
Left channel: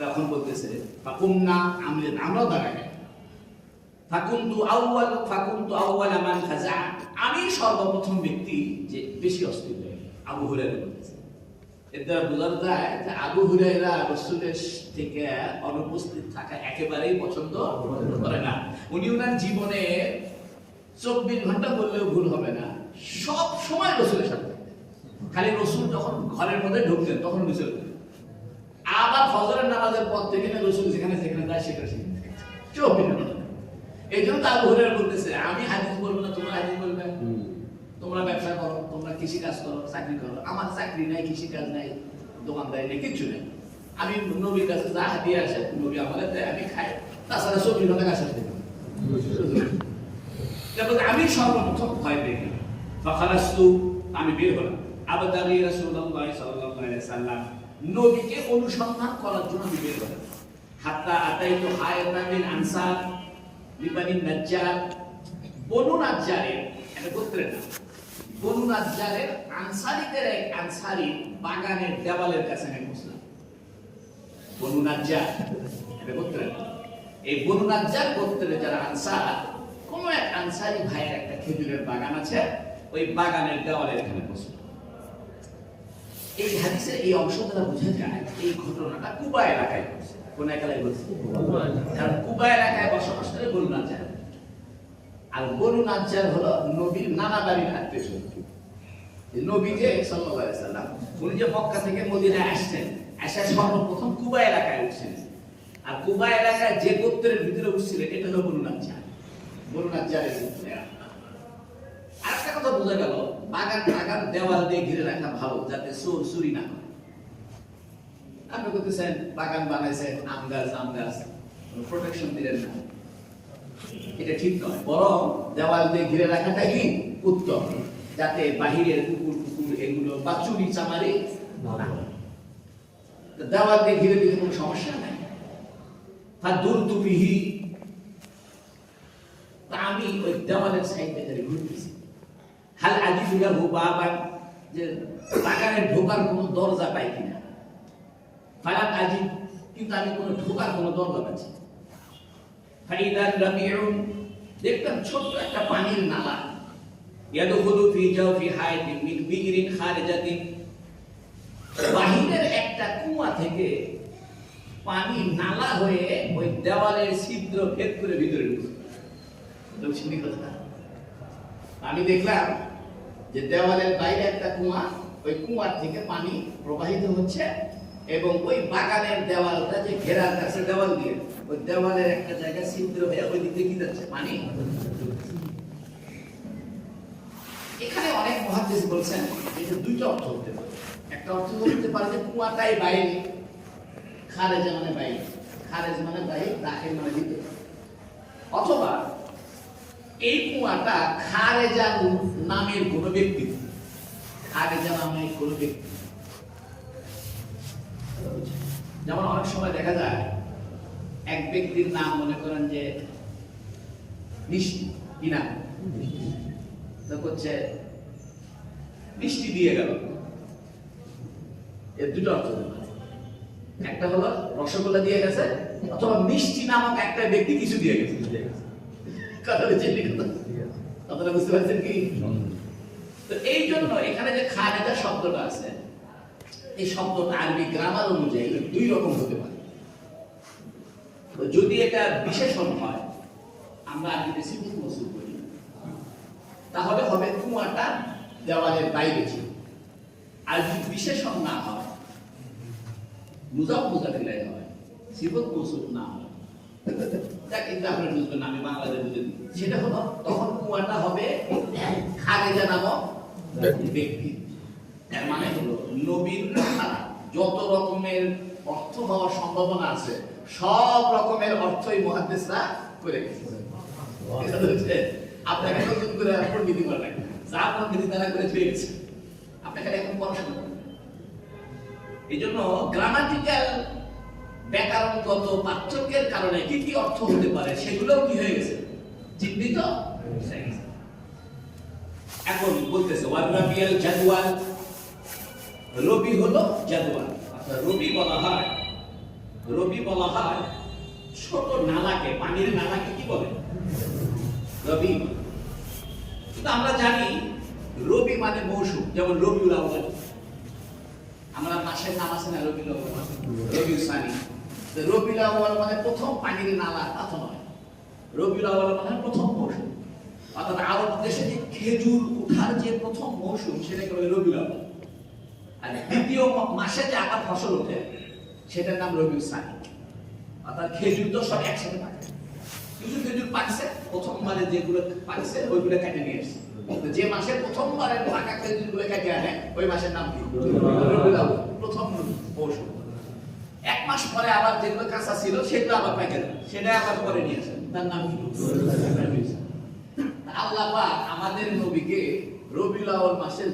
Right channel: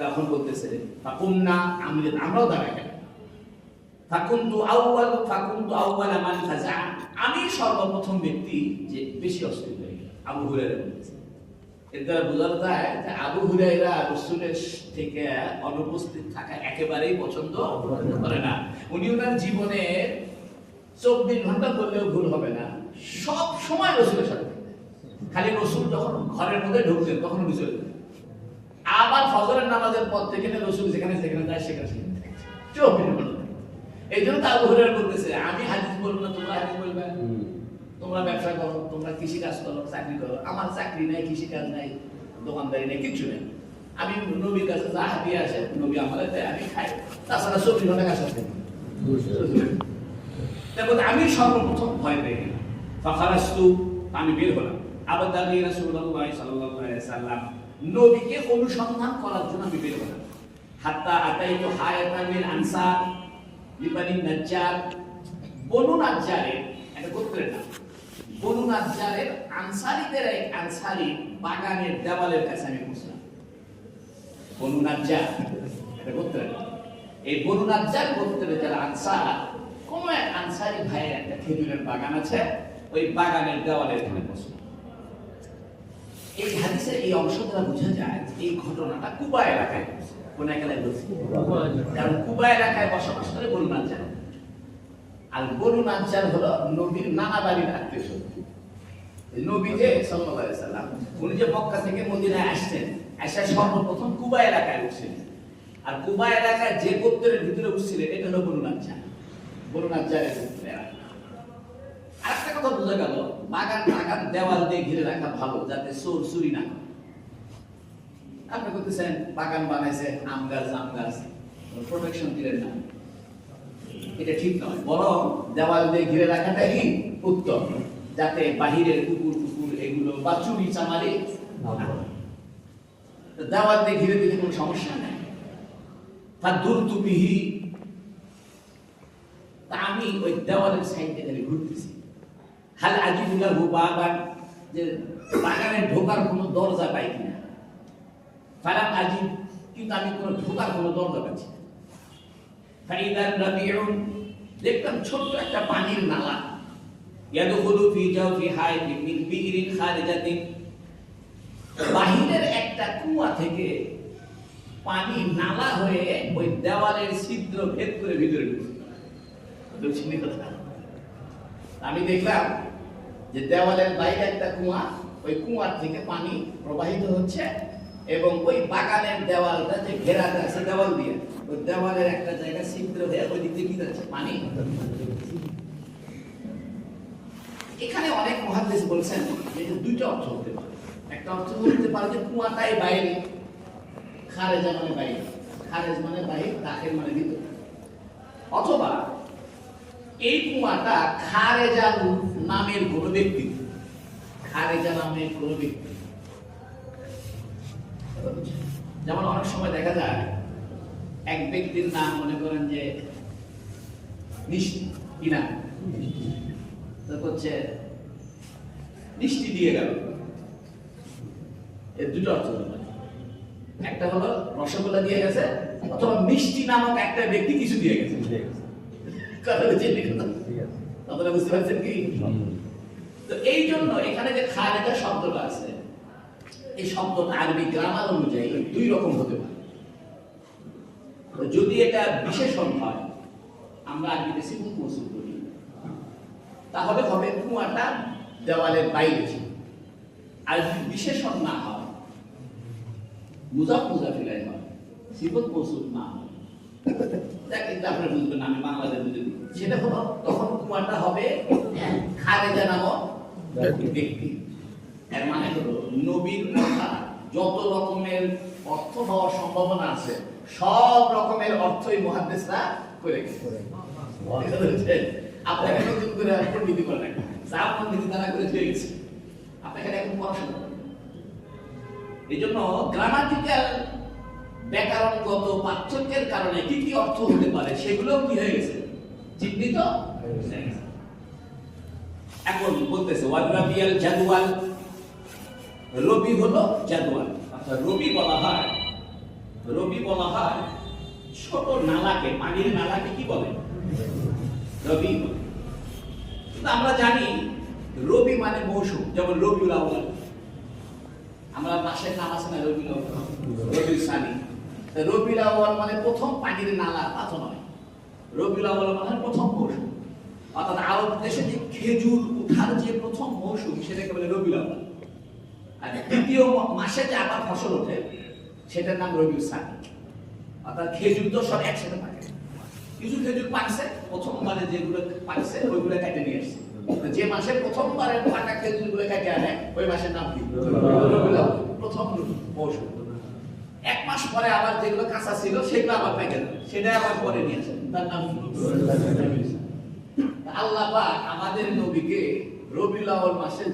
তখন বলতেছে ফাকুমনা, আমরাও দাঁড়াই। ফাকুনতু আউয়ালা মান ফাজা, আমি সর্বপ্রথম ব্যক্তি যে বেশি অস্থির হয়ে গেল। আবু হুরায়রা বলতেছে, এটা বোঝা যায় যে আবু হুরায়রা রাসূলের থেকে অনুপস্থিত থাকা একেবারেই পছন্দ করে না। উনি ওনার জীবনে 24 ঘন্টা বললেও ভুল হবে না, সব সময় রাসূলের সাথে। খালি রাসূল যখন ঘরের মধ্যে ঢুকতেন তখন উনি চলে যেতেন। আবার ফজরের নামাজের পর থেকে রাসূল যেখানে যায় সেখানে 24 ঘন্টা। এই জন্য আবু হুরায়রা বলতেছে, আমি হাদিস বলবো না, তোমরা হাদিস বলবে। তোমরা ব্যবসা করো, তোমরা কৃষি কাজ করো, চাকরি করো, আমার চাকরি নাই, কৃষি কাজ নাই, দোকানদারি নেই, কিছু নেই। আমি নবীর কাছে যা হাতিয়ে আসে নবী আমাদের দেয়, আমি খাই। তাছাড়া 24 ঘন্টা কাজ আসতে দেখো, আমি সর্বপ্রথম ভয় পেয়ে গেলাম। ফাখারাস্তু, আমি বের হলাম। আবদাগি রাসূলুল্লাহ সাল্লাল্লাহু আলাইহি ওয়াসাল্লাম, নবীকে অনুসন্ধান করার জন্য আমি বের হলাম। হাত্তা আতাইতু হায়াতানিল আনসার লিবানি নাজ্জার, বনু নাজ্জারের একটা গোত্রের নাম। বনু নাজ্জারের আনসারীদের এক আনসারী বাগানের দেওয়ালের কাছে আমি পৌঁছলাম। বনু নাজ্জার একটা গোত্রের নাম। এই বনু নাজ্জার গোত্রের যারা আনসার, কোন এক আনসারী ভাইয়ের একটা খেজুরের বাগান আছে, ওই বাগানের দেওয়ালের এখানে পৌঁছলাম। এই হাদিসের এই অংশ দ্বারা বোঝা যায় এই ঘটনাটা কুবা এলাকায় হয়েছে। কোন এলাকায় বলছে? কারণ কুবা এলাকায় বসবাস করে বনু নাজ্জার। আর বনু নাজ্জার হলো নবীর নানা বাড়ির আত্মীয়স্বজন। নবী যে সাল্লাল্লাহু আলাইহি ওয়াসাল্লাম উনি যে মক্কা থেকে মদিনায় আসছেন, এসে সর্বপ্রথম কুবা এলাকায় উঠছিলেন। আর কুবা এলাকায় যে গোত্রের ভিতরে উঠছিলেন এটা হলো বনু নাজ্জার। বনু নাজ্জারের গোত্রের আরেকটা কথা বোঝা গেল, বাগান দেওয়াল দিয়ে ঘিরে রাখা ভালো, যাতে চোর চুরি না করে। আপনি করতেছেন বাগান বানাইছে, আম গাছ প্রোটেকশন দিলেন না, এটা ঠিক নয়। বরং দেওয়াল দিয়ে ঘিরে রাখাটা কি উত্তম, যাতে বাহিরের কুকুর এগুলো বা চুরি চামারি না করে। দেওয়াল দিয়ে ঘিরে দিলে কোনো সমস্যা নাই। ফাদুরতু বিহি, তা আমি ওই দেওয়ালের সাইডে গেলে ঘুরতেছি, হাল আজিবুল্লাহু বাবান, যে বাগানে ঢোকার কোনো দরজা পাই কিনা। ফালাম আজিব, কিন্তু আমি কোনো ঢোকার কোনো দরজা পাচ্ছি না। ফাইদান রাবিউন, দেখলাম ছোট্ট একটা পানির নালা, ইয়াদখুলু ফি জাওফি হাইতিন মিন বিইরিন খারিজাতিন, বাহিরের একটা কুয়া থেকে পানি নালা হয়ে ওই দেওয়ালের ছিদ্র ভেদ করে ভিতরে ঢুকছে। আমি দেখলাম যে দেওয়ালের বাইরে একটা কুয়া, ওই কুয়ার থেকে পানি প্রবাহিত হচ্ছে এবং ওই বাগানের দেওয়ালটা যে ঘেরা আছে দেওয়াল দিয়ে, ওই দেওয়ালের একটা জায়গা ছিদ্র হয়ে ওই দিকে কি যাচ্ছে পানি। এখানে অনেক মুহাদ্দিস বলছেন যে দুইটা অর্থ হতে পারে। একটা অর্থ হতে পারে যে কুয়াটাই বাইরে, খারেজা মানে বাইরে, খারেজ মানে বাইরে, দাখিল মানে ভিতরে, অথবা এই কুয়াটা খারেজা নামের কোন ব্যক্তি, খারেজা নামের কোন ব্যক্তি। যেমন অনেক সময় দেখা যায় এক ব্যক্তির নাম মনে করেন যে মিষ্টি, কি নাম হচ্ছে মিষ্টি দিয়ে গেল, এর দুটো অর্থ হতে পারে। একটা হলো রসগোল্লা দিয়ে গেছে, অথবা মিষ্টি নামক একটা ব্যক্তি কিছু দিয়ে গেছে। কথা বুঝতে পারছেন কি? তো এই জন্য এখানে যে খারেজা শব্দটা আছে, এই শব্দটা আরবি গ্রামার অনুযায়ী দুই রকম হতে পারে। যদি এটা বিশেষণ হয়, আমরা আরবিতে সিফত মৌসুফ করি, তাহলে হবে কুয়াটা দেওয়ালের বাইরে ছিল। আর যদি বিশেষণ না হয়, মুজাফ মুজাফিলাই হয়, সিফত মৌসুফ না হয়, যা কিন্তু আপনারা বুঝবেন, আমি বাংলাতে বুঝে দিই, সেটা হলো তখন কুয়াটা হবে খারেজা নামক ব্যক্তি। এর মানে হলো নবীর কথা যত রকমের অর্থ হওয়ার সম্ভাবনা আছে, সব রকমের অর্থই মুহাদ্দিসরা করে গেছে। আপনাকে নতুন করে পণ্ডিতি করে নাই, যা পণ্ডিতি তারা করে চলে গেছে, আপনাকে এখন পড়াশোনা করেন। এই জন্য গ্রামাটিক্যাল ব্যাকরণগত পার্থক্যের কারণে কি কি অর্থ হতে পারে সেগুলোও কি হয়ে গেছে, চিহ্নিত হয়ে গেছে। এখন বলতেছে ওয়ারাবিয়াল জাদওয়াল, রবি হলো জাদওয়াল। আচ্ছা, রবি বলা হয় ছোট নালাকে, পানির নালাকে কি বলে? রবি। কিন্তু আমরা জানি রবি মানে মৌসুম, যেমন রবিউল আউয়াল, আমরা মাসের নাম আছে না, রবিউল আউয়াল, রবিউল সানি। রবিউল আউয়াল মানে প্রথম পানির নালা, তা তো নয়। রবিউল আউয়াল মানে প্রথম মৌসুম, অর্থাৎ আরব দেশে যে খেজুর ওঠার যে প্রথম মৌসুম সেটাকে বলে রবিউল আউয়াল। আর দ্বিতীয় মাসে যে আবার ফসল ওঠে সেটার নাম রবিউল সানি। অর্থাৎ খেজুর তো সব একসাথে পাকে, কিছু খেজুর পাকছে প্রথমবারে, যেগুলো পাকছে ওইগুলো কেটে নিয়ে আসছে। যে মাসের প্রথমবারের পাকা খেজুরগুলো কেটে আনে ওই মাসের নাম কি? রবিউল আউয়াল, প্রথম মৌসুম। এক মাস পরে আবার যেগুলো কাঁচা ছিল সেগুলো আবার পেকে যায়, সেটা আবার পরে নিয়ে আসে, তার নাম কি? আল্লাহ পাক আমাদের নবীকে রবিউল আউয়াল মাসে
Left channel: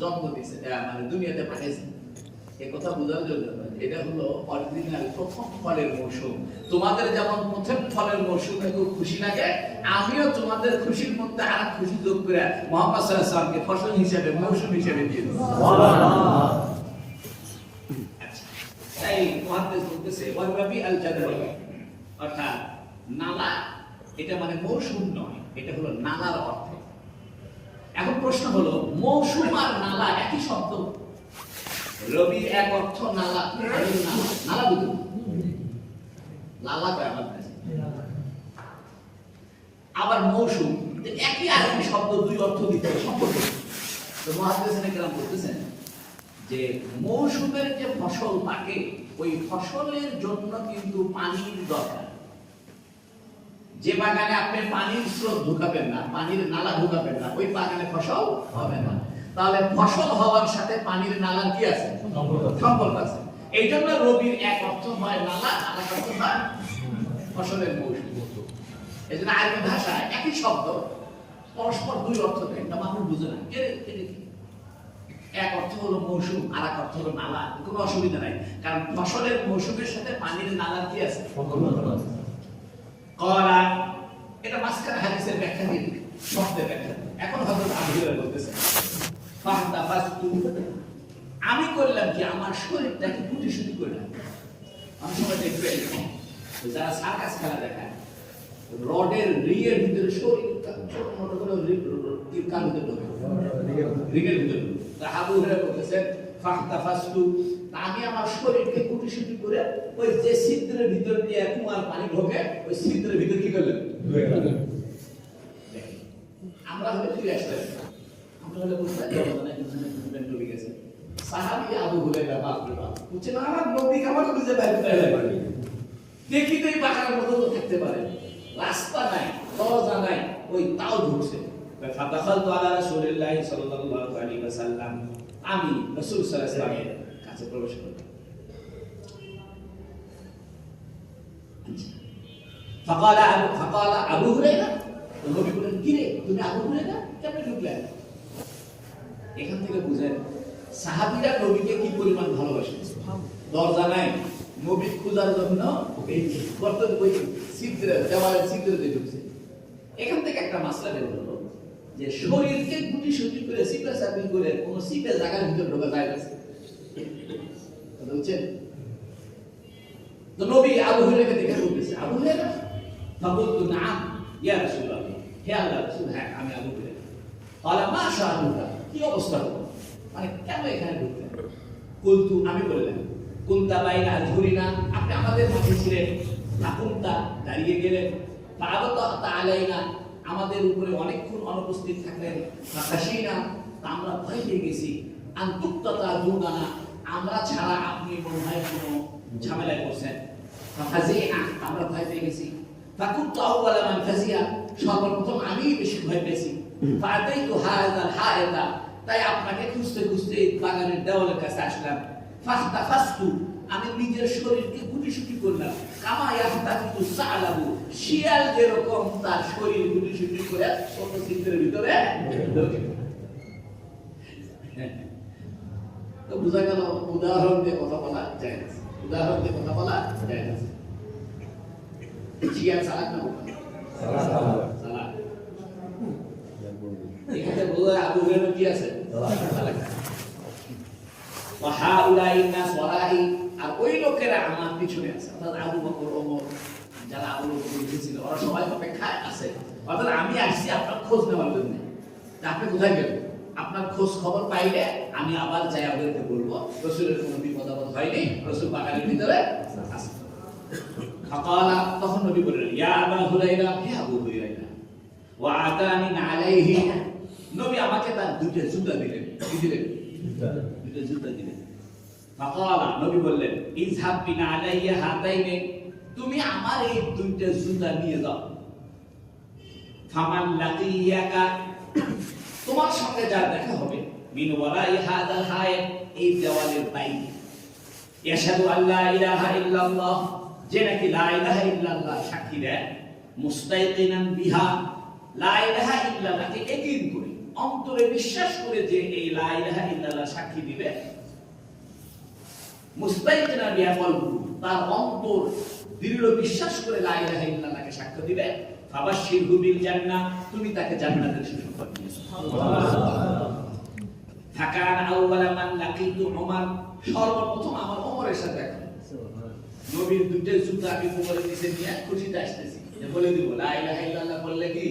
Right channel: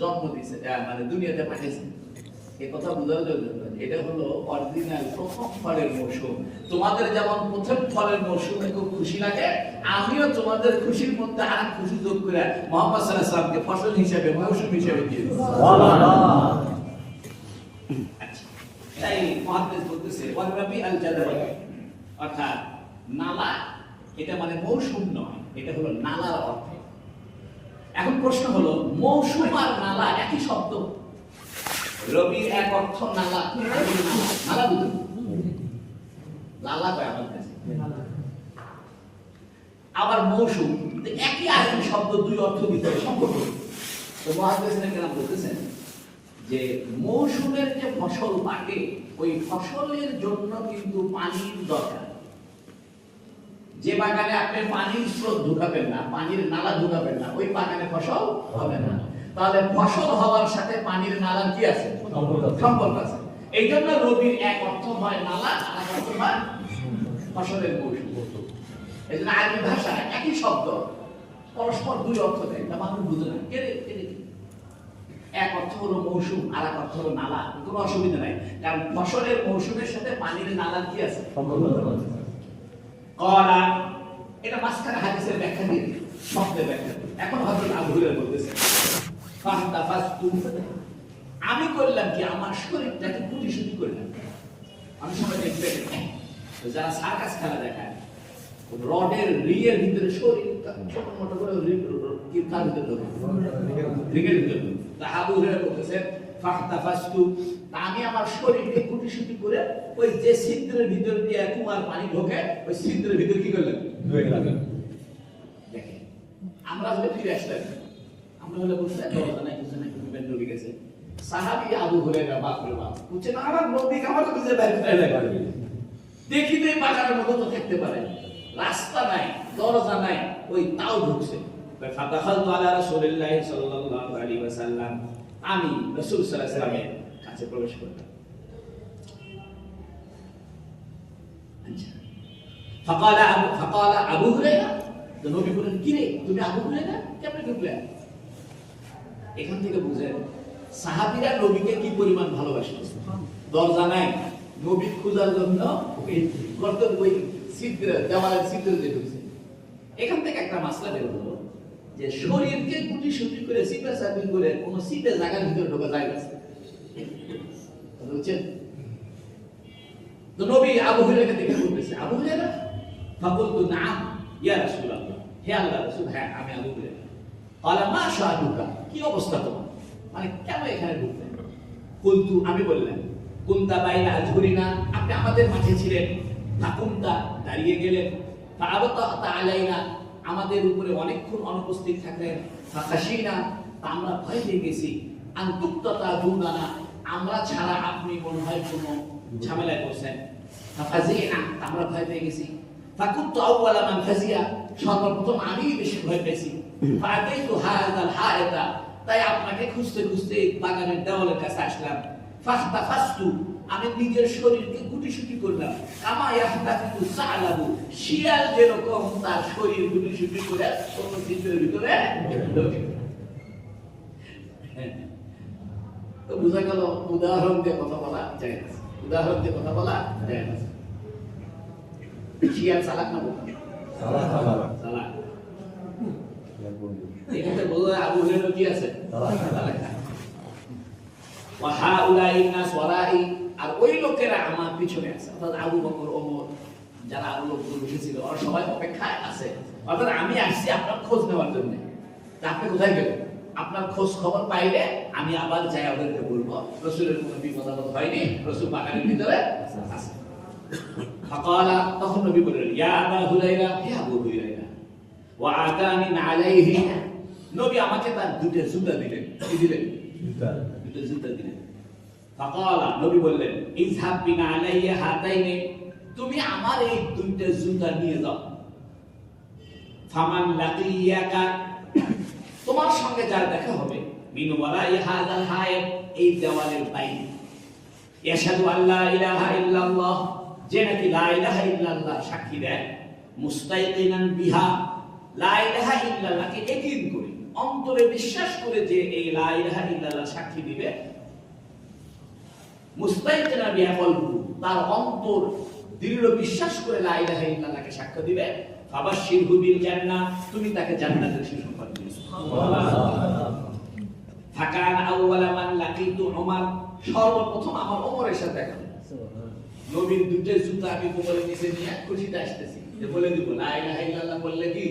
জন্ম দিয়েছে, মানে দুনিয়াতে পাঠিয়েছে। এই কথা বোঝার জন্য এটা হলো অরিজিনাল প্রথম ফলের মৌসুম। তোমাদের যেমন প্রথম ফলের মৌসুমে খুব খুশি লাগে, আমিও তোমাদের খুশির মধ্যে আর খুশি যোগ করে মুহাম্মদ সাল্লাল্লাহু আলাইহি ওয়াসাল্লামকে ফসল হিসেবে, মৌসুম হিসেবে দিয়ে দিই। তাই মুহাদ্দিস বলতেছে ওয়ারাবি আল জাদওয়াল, অর্থাৎ নালা, এটা মানে মৌসুম নয়, এটা হলো নালার অর্থ। এখন প্রশ্ন হলো, মৌসুম আর নালা একই শব্দ? রবির এক অর্থ নালা, নালা বুঝুন, লালা কয় আমার কাছে, আবার মৌসুম, একই আরবি শব্দ, দুই অর্থ দিতে সম্পর্ক। তো মুহাদ্দিসিনে কেরাম বলতেছেন যে মৌসুমের যে ফসল পাকে, ওই ফসলের জন্য কিন্তু পানির দরকার। যে বাগানে আপনি পানির স্রোত ঢুকাবেন না, পানির নালা ঢুকাবেন না, ওই বাগানে ফসল হবে না। তাহলে ফসল হওয়ার সাথে পানির নালার কি আছে? সম্পর্ক আছে। এই জন্য রবির এক অর্থ হয় নালা, আর এক অর্থ হয় ফসলের মৌসুম। এই জন্য আরবি ভাষায় একই শব্দ পরস্পর দুই অর্থ দেয়, তা মানুষ বুঝে না। এক অর্থ হলো মৌসুম, আর এক অর্থ হলো নালা, কোনো অসুবিধা নাই, কারণ ফসলের মৌসুমের সাথে পানির নালার কি আছে? সম্পর্ক আছে। قال এটা মাঝখানে হাদিসের ব্যাখ্যা দিয়ে শব্দের ব্যাখ্যা। এখন হযরত আবু হুরায়রা বলতেছেন ফাহতাফাস্তু, আমি করলাম কি আমার শরীরটাকে কুটিসুটি করলাম। আমি সবাই দেখতে যারা সার্কাস খেলা দেখায় রডের রিংয়ের ভিতরে শরীর ছোট মোটো করে কার ভিতরে ঢোকে, রিংয়ের ভিতরে। আবু হুরায়রা বলতেছেন ফাহতাফাস্তু, আমি আমার শরীরকে কুটিসুটি করে ওই যে ছিদ্রের ভিতর দিয়ে কুমার পানি ঢোকে ওই ছিদ্রের ভিতর কি করলেন, আমরা হলে ফিরে আসলাম, আমরা হলে বলতে ডুবে গেছে। সাহাবী আবু হুরায়রা বাপ রে বাপ বুঝছে না, আমার নবী আমার খুঁজে বের করে দেখি তো এই বাগানের মতো তো থাকতে পারে, রাস্তা নাই দরজা নাই, ওই তাও ঢুকছে। ফাদাখালতু আলা রাসূলিল্লাহি সাল্লাল্লাহু আলাইহি ওয়াসাল্লাম, আমি রাসূল সাল্লাল্লাহু আলাইহি ওয়াসাল্লামের কাছে প্রবেশ করলাম। ফাকালা আবু হুরায়রা, তো নবী বলেন কি রে তুমি আবু হুরায়রা কেমনে ঢুকলে? এখান থেকে বুঝেন সাহাবীরা নবীকে কি পরিমাণ ভালোবাসে। দরজা নাই, নবী খোঁজার জন্য এই গর্তের ওই ছিদ্র দেওয়ালের ছিদ্র দিয়ে ঢুকছে। এখান থেকে একটা মাসলা বের হলো যে শরীরকে গুটি সুটি করে সিপা সাপি করে কোন সিটে জায়গার ভিতর ঢোকা যায় না, বুঝছেন? তো নবী আবু হুরায়রাকে দেখে বলতেছে আবু হুরায়রা, ফাকুলতু নাম ইয়া রাসূলুল্লাহ, হে আল্লাহর রাসূল, হ্যাঁ আমি আবু হুরায়রা। ক্বালা মা শাআনুকা, কি অবস্থা তোমার, মানে কেন এখানে ঢুকলেন? কুলতু, আমি বললাম কুনতা বাইনা আযহুরিনা, আপনি আমাদের মাঝে ছিলেন, না কুনতা দাঁড়িয়ে গেলেন, ফাআবাতা আলাইনা, আমাদের উপরে অনেকক্ষণ অনুপস্থিত থাকলেন, ফাখাশিনা, আমরা ভয় পেয়ে গেছি, আনতুক্তাতা দুনানা, আমরা ছাড়া আপনি মনে হয় কোনো ঝামেলা করছেন, ফাজিনা, আমরা ভয় পেয়ে গেছি, ফাকুনতু আউওয়ালা মান ফাজিয়া, সর্বপ্রথম আমি বেশি ভয় পেয়েছি, ফাআতাইতু হাযাল হায়াতা, তাই আপনাকে খুঁজতে খুঁজতে বাগানের দেওয়ালের কাছে আসলাম, ফাহতাফাস্তু, আমি নিজের শরীরকে গুটিসুটি করলাম, কামা ইয়াহতাফু সালাবু, শিয়াল যেরকম তার শরীর গুটিসুটি করে অন্য ছিদ্রের ভিতরে ঢোকে। তো বোঝা গেল উদাহরণ দিয়ে কথা বলা যায় না, উদাহরণ দিয়ে কথা বলা যায় না। শিয়াল চালাক না বোকা? চালাক। এখানে বলা আবু হুরায়রা কি আছে? চালাক। ওয়া হাউলাই নাস ওয়ারাই, আর ওই লোকেরা আমার পিছনে আছে, অর্থাৎ আবু বকর, ওমর, যারা আবু বকর উঠেছিল ওরা সবাই অপেক্ষায় আছে, অর্থাৎ আমি আসছি আপনার খোঁজ নেওয়ার জন্য। আপনি কোথায় গেলেন? আপনার খোঁজ খবর পাইলে আমি আবার যাই ওদেরকে বলবো রাসূলের কোনো বিপদ আপদ হয়নি, রাসূল বাগানের ভিতরে আছে। ফাকালা, তখন নবী বললেন ইয়া আবু হুরায়রা, হে আবু হুরায়রা, ওয়া আতানি আলাইহি, নবী আমাকে তার দুটো জুতা দিলেন। কি দিলেন? দুটো জুতা দিলেন। ফাকালা, নবী বললেন ইযহাব বিনা আলাইয়া হাতাইনি, তুমি আমার এই দুইটা জুতা নিয়ে যাও। ফামান লাকিয়াকা, তোমার সঙ্গে যার দেখা হবে, মিন ওয়ারাই হাযাল হায়াত, এই দেওয়ালের বাইরে, ইয়াশহাদু আল্লা ইলাহা ইল্লাল্লাহ, যে নাকি লা ইলাহা ইল্লাল্লাহ সাক্ষী দেয়, মুস্তাইকিনান বিহা, লা ইলাহা ইল্লাল্লাহকে ইয়াকিন করে অন্তরে বিশ্বাস করে যে এই লা ইলাহা ইল্লাল্লাহ সাক্ষী দিবে, মুস্তাইকিনান বিহা কলবু, তার অন্তর দৃঢ় বিশ্বাস করে লা ইলাহা ইল্লাল্লাহকে সাক্ষ্য দিবে, ফাবাশশিরহু বিল জান্নাহ, তুমি তাকে জান্নাতের সুসংবাদ দিও। সুবহানাল্লাহ। ফাকান আউওয়ালা মান লাকিতু উমর, সর্বপ্রথম আমার ওমরের সাথে দেখা। নবীর দুটো জুতা আমি কোমরে নিচে নিয়ে খুশিতে আসতেছি, যে বলে দিব লা ইলাহা ইল্লাল্লাহ বললে কি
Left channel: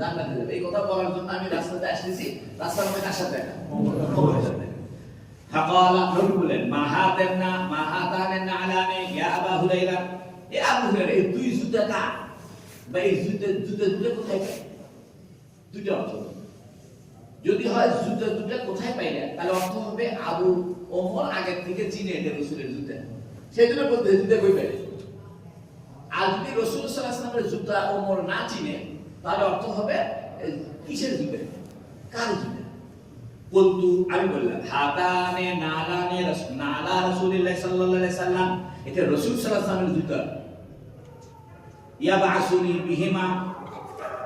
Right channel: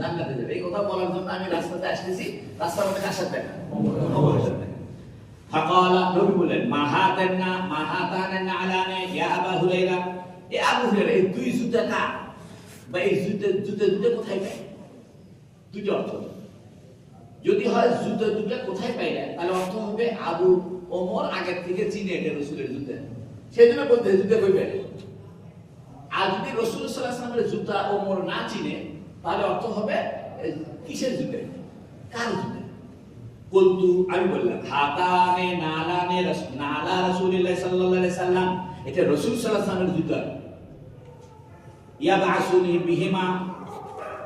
জান্নাতে যাবে। এই কথা বলার জন্য আমি রাস্তাতে আসতেছি, রাস্তার মধ্যে কার সাথে দেখা? ওমরের সাথে। ফাকালা, নবী বলেন মাহাতানা আলানি ইয়া আবু হুরায়রা, এ আবু হুরায়রা, এই দুই জুতা কার, বা এই জুতা কোথায় পাই? দুটো অর্থ, যদি হয় জুতা দুটো কোথায় পাইলে, তাহলে অর্থ হবে আবু ওমর আগে থেকে চিনে এটা রাসূলের জুতা, সেজন্য বলতে জুতা কই পাই। আর যদি রাসূল সাল্লাল্লাহু আলাইহি ওয়াসাল্লামের জুতা ওমর না চিনে, তাহলে অর্থ হবে কিসের জুতা, কার জুতা? বলতু, আমি বললাম হাতানে নালানে নালা রাসূলুল্লাহ সাল্লাল্লাহু আলাইহি সাল্লাম, এটা রাসূল সাল্লাল্লাহু আলাইহি ওয়াসাল্লামের জুতা। ইয়াবাসুনি বিহিমা,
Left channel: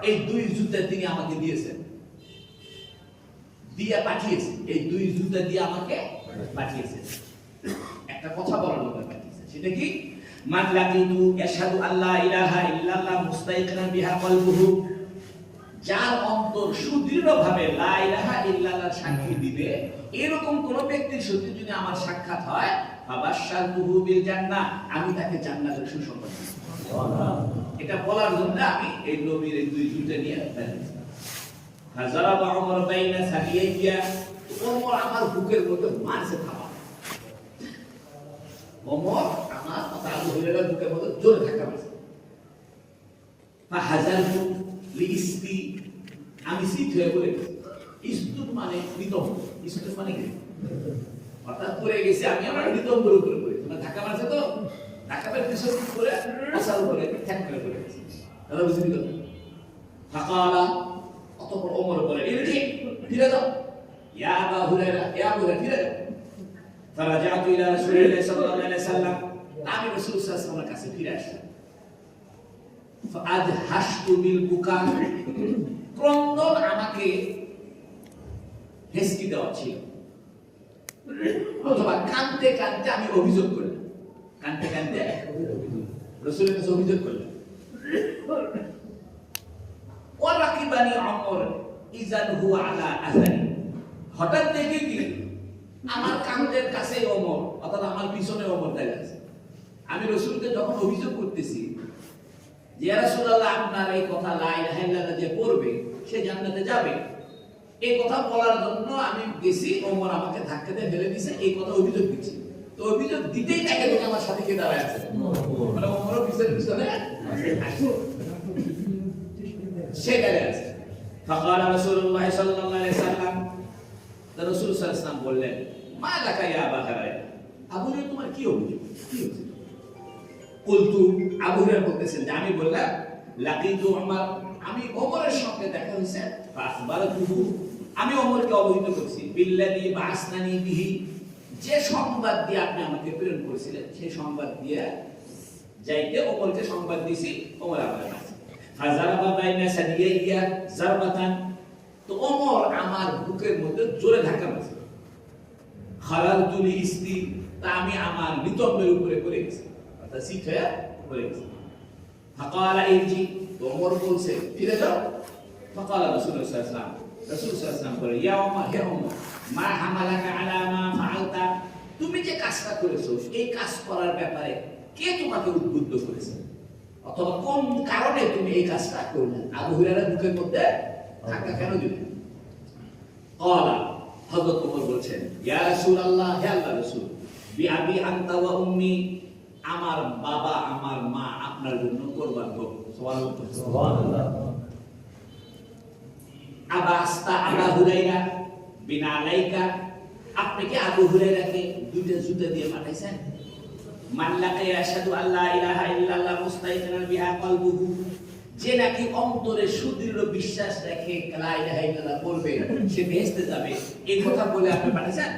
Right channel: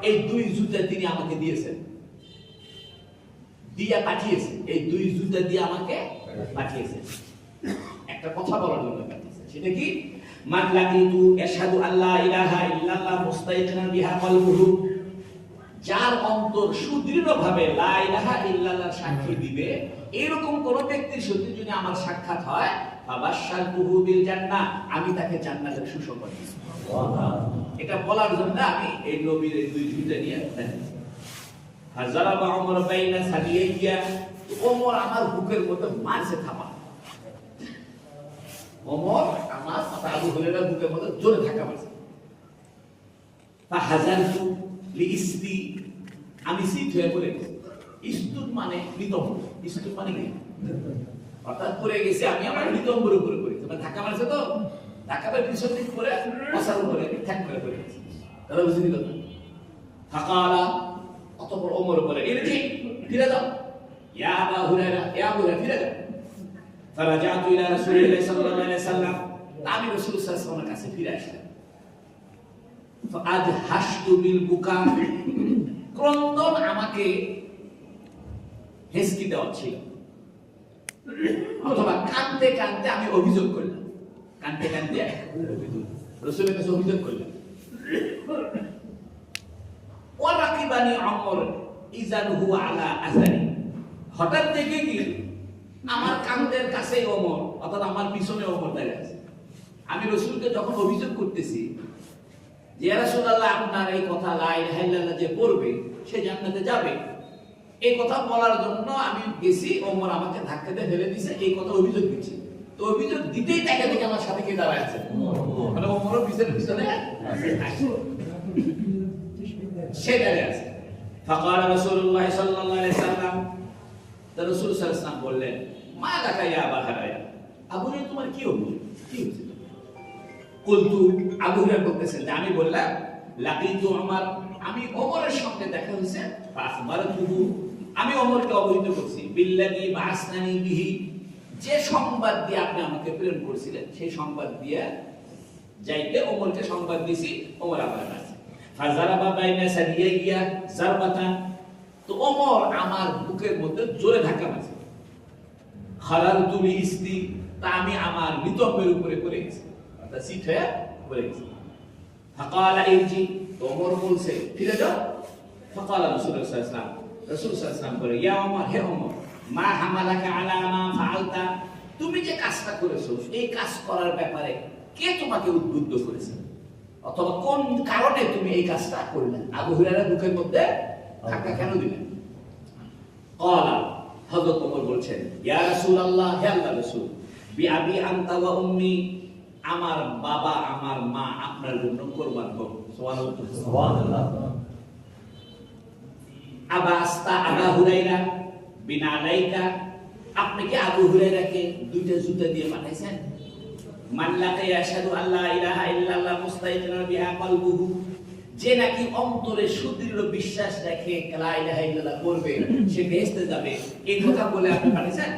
এই দুই জুতা তিনি আমাকে দিয়েছেন, দিয়া পাঠিয়েছেন, এই দুই জুতা দিয়ে আমাকে পাঠিয়েছেন। একটা কথা বলার জন্য পাঠিয়েছেন, সেটা কি? মান লাকিতু ইয়াশহাদু আল্লা ইলাহা ইল্লাল্লাহ মুস্তাইকিনান বিহা কলবুহু, যার অন্তর সুদৃঢ়ভাবে লা ইলাহা ইল্লাল্লাহ সাক্ষী দিবে, এরকম কোন ব্যক্তির সাথে যদি আমার সাক্ষাৎ হয়, ফাবাশশারতুহু বিল জান্নাহ, আমি তাকে জান্নাতের সুসংবাদ দিব। সুবহানাল্লাহ। এটা বলার জন্য আমি এই নবীর এই দুই জুতা নিয়ে বেরিয়েছি। হাজারাবা উমর বাইনা সাবিয়াইয়া, ওমর আমার বুকের মধ্যে মারছে থাবা। ওমর আমার আবু হুরায়রা বুকের মধ্যে জোরে ধাক্কা মারছে। ফাহাজারতু লিইসতি, আমি সিট হয়ে পড়ে গেছি। ইস্তুত মানে নিতম্ব, ইস্তুত মানে কি? অর্থাৎ পড়ে গেছি আমি, আমার নিতম্বর উপরে পড়ে গেছি। মানে ধাক্কা মারছে তো, ধাক্কা মেরে পিছন দিক করে মশার উপরে ঠ্যাক করে পড়ে গেছি। দাদা বুঝে দিল। ফাকালা, অতঃপর ওমর বলে, ইরজি, ফিরে যাও। ইয়া আবু হুরায়রা, ইয়া আবু হুরায়রা, ফিরে যাও। ফারাজাতু ইলা রাসূলিল্লাহি সাল্লাল্লাহু আলাইহি ওয়াসাল্লাম, আমি রাসূল সাল্লাল্লাহু আলাইহি ওয়াসাল্লামের কাছে ফিরে আসলাম। ফাআজহাশতু বিল বুকা, ক্রন্দন আমাকে হেসকি দেওয়া ছিল, অথবা কাঁদতে কাঁদতে আমি অভিযোগ করলাম, কাঁদতে কাঁদতে রাসূলের কাছে অভিযোগ করলাম। ওয়ারাকিবানি আমর ইজান হুয়া আলা আযানি, হঠাৎ দেখে কি আমার কাঁধের কাছে ওমর, অর্থাৎ আমার পিছনে ওমর দাঁড়িয়ে আছে। আমি রাসূলকে যখন অভিযোগ করতেছি যে ইয়া রাসূলুল্লাহ, আপনার এই কথা লা ইলাহা ইল্লাল্লাহ যে পড়বে সে জান্নাতে যাবে, এই কথা বলার জন্য আমি গেছি, ওমর আমাকে ধাক্কা দিয়ে ফেলে দিয়েছে, এই কথা অভিযোগ দিচ্ছি। তো অভিযোগ দিতেই তাকে দেখে আমার সাথে কে দাঁড়ায় আছে, মানে ওমরও পিছনে পিছনে সে দাঁড়িয়ে আছে। ফাকালা রাসূলুল্লাহ সাল্লাল্লাহু আলাইহি ওয়াসাল্লাম, রাসূল সাল্লাল্লাহু আলাইহি ওয়াসাল্লাম বললেন, মা লাকা ইয়া আবা হুরায়রা, আবু হুরায়রা তোমার কি অভিযোগ, কি হয়েছে? কুলতু, আবু হুরায়রা বলতেছেন যে আমি বললাম, লাকিতু উমর, আমি ওমরের সঙ্গে দেখা হয়েছে। ফাখবারতুহু, আমি ওমরকে অবহিত করছি, বিল্লাযী বাসনানি বিহি, যে সংবাদ দিয়ে আপনি আমাকে প্রেরণ করেছিলেন সেই সংবাদ দিয়ে যাইতে ওমরকে সংবাদ দিয়েছি। ওমর আমার কাছে ফাজারাবা বাইনা সাদিয়াইয়া জারবাতান, তো ওমর আমার বুকের মধ্যে জোরে ধাক্কা মারছে। খালারতু লিইসতি, তা আমি আমার নিতম্বের উপরে পড়ে গেছি, অর্থাৎ সিট হয়ে পড়ে গেছি। ফাকালা ইরজি, তো ওমর বলছে ফিরে যাও। ফাকালা রাসূলুল্লাহ সাল্লাল্লাহু আলাইহি ওয়াসাল্লাম, রাসূল সাল্লাল্লাহু আলাইহি ওয়াসাল্লাম বলে, ইয়া ওমর, হে ওমর, মা হামালাকা আলা মা ফাআলতা, তুমি যে কাজটা করেছো এই কাজ করার ব্যাপারে কে তোমাকে উদ্বুদ্ধ করেছে, অথবা কোন কারণে তুমি এই কাজটা করলে? আবু হুরায়রা বুকের মধ্যে ধাক্কা কেন দিলেন? ক্বালা, হযরত ওমর বলছেন, ইয়া রাসূলুল্লাহ, হে আল্লাহর রাসূল, বিআবি আনতা ওয়া উম্মি, আমার বাবা আমার মা আপনার জন্য কুরবান হোক। সুবহানাল্লাহ। আবাস্তা আবু হুরায়রা বিনালাইকা, আপনি কি আবু হুরায়রাকে দুইটা জুতা দিয়ে পাঠাইছেন? মান লাকা ইয়াশহাদু আল্লা ইলাহা ইল্লাল্লাহ মুস্তাইকিনান বিহা কলবুহু, যে নাকি অন্তরে সুদৃঢ় বিশ্বাস রাখে লা ইলাহা ইল্লাল্লাহ পড়বে সে বেহেশতে যাবে, এই কথা বলে আপনি পাঠাইছেন?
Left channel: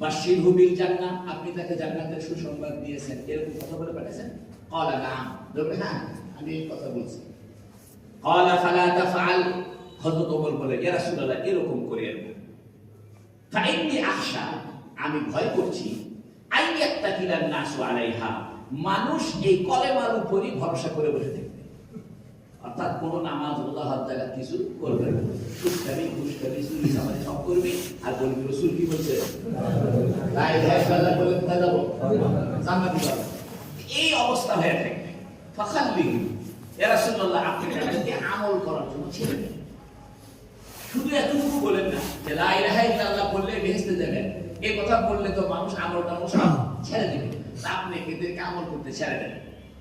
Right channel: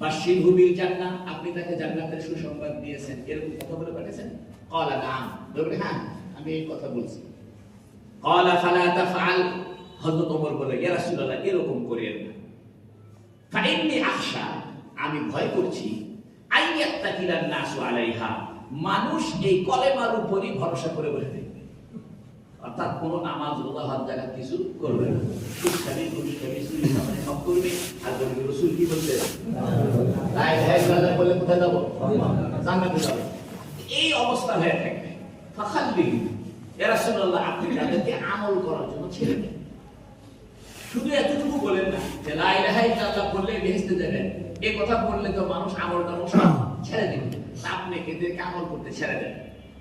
বাশশিরহু বিল জান্নাহ, আপনি তাকে জান্নাতের সুসংবাদ দিয়েছেন, এরকম কথা বলে পাঠাইছেন? ক্বালা নাম, বলে হ্যাঁ আমি এই কথা বলছি। ক্বালা ফালা তাফআল, হযরত ওমর বলে, ইয়া রাসূলুল্লাহ, এরকম করিয়েন না। ফাইন্নী আখশা, আমি ভয় করছি, আইয়াত্তাকিলান নাসু আলাইহা, মানুষ এই কলেমার উপরই ভরসা করে বসে থাকবে, অর্থাৎ কোন নামাজ রোজা হজ জাকাত কিছু করবে না, সুখালি ঘুষখালি চুরি চামারি সব করবে, আর বলবে রাসূল কি বলছে, লা ইলাহা ইল্লাল্লাহ বলে কোথায় যাব? জান্নাতে যাব। এই অবস্থা হয়ে থাকে। ফাখাল্লি, ইয়া রাসূলুল্লাহ, আপনি তাদেরকে আমল করার জন্য ছেড়ে দিন। শুধু এতটুকু বলেন না যে লা ইলাহা ইল্লাল্লাহ বললে বেহেশতে যাবেন, এই কথা বললে তো মানুষ আমল টামল সব ছেড়ে দিবে, আপনি এদেরকে আমল করতে ছেড়ে দেন।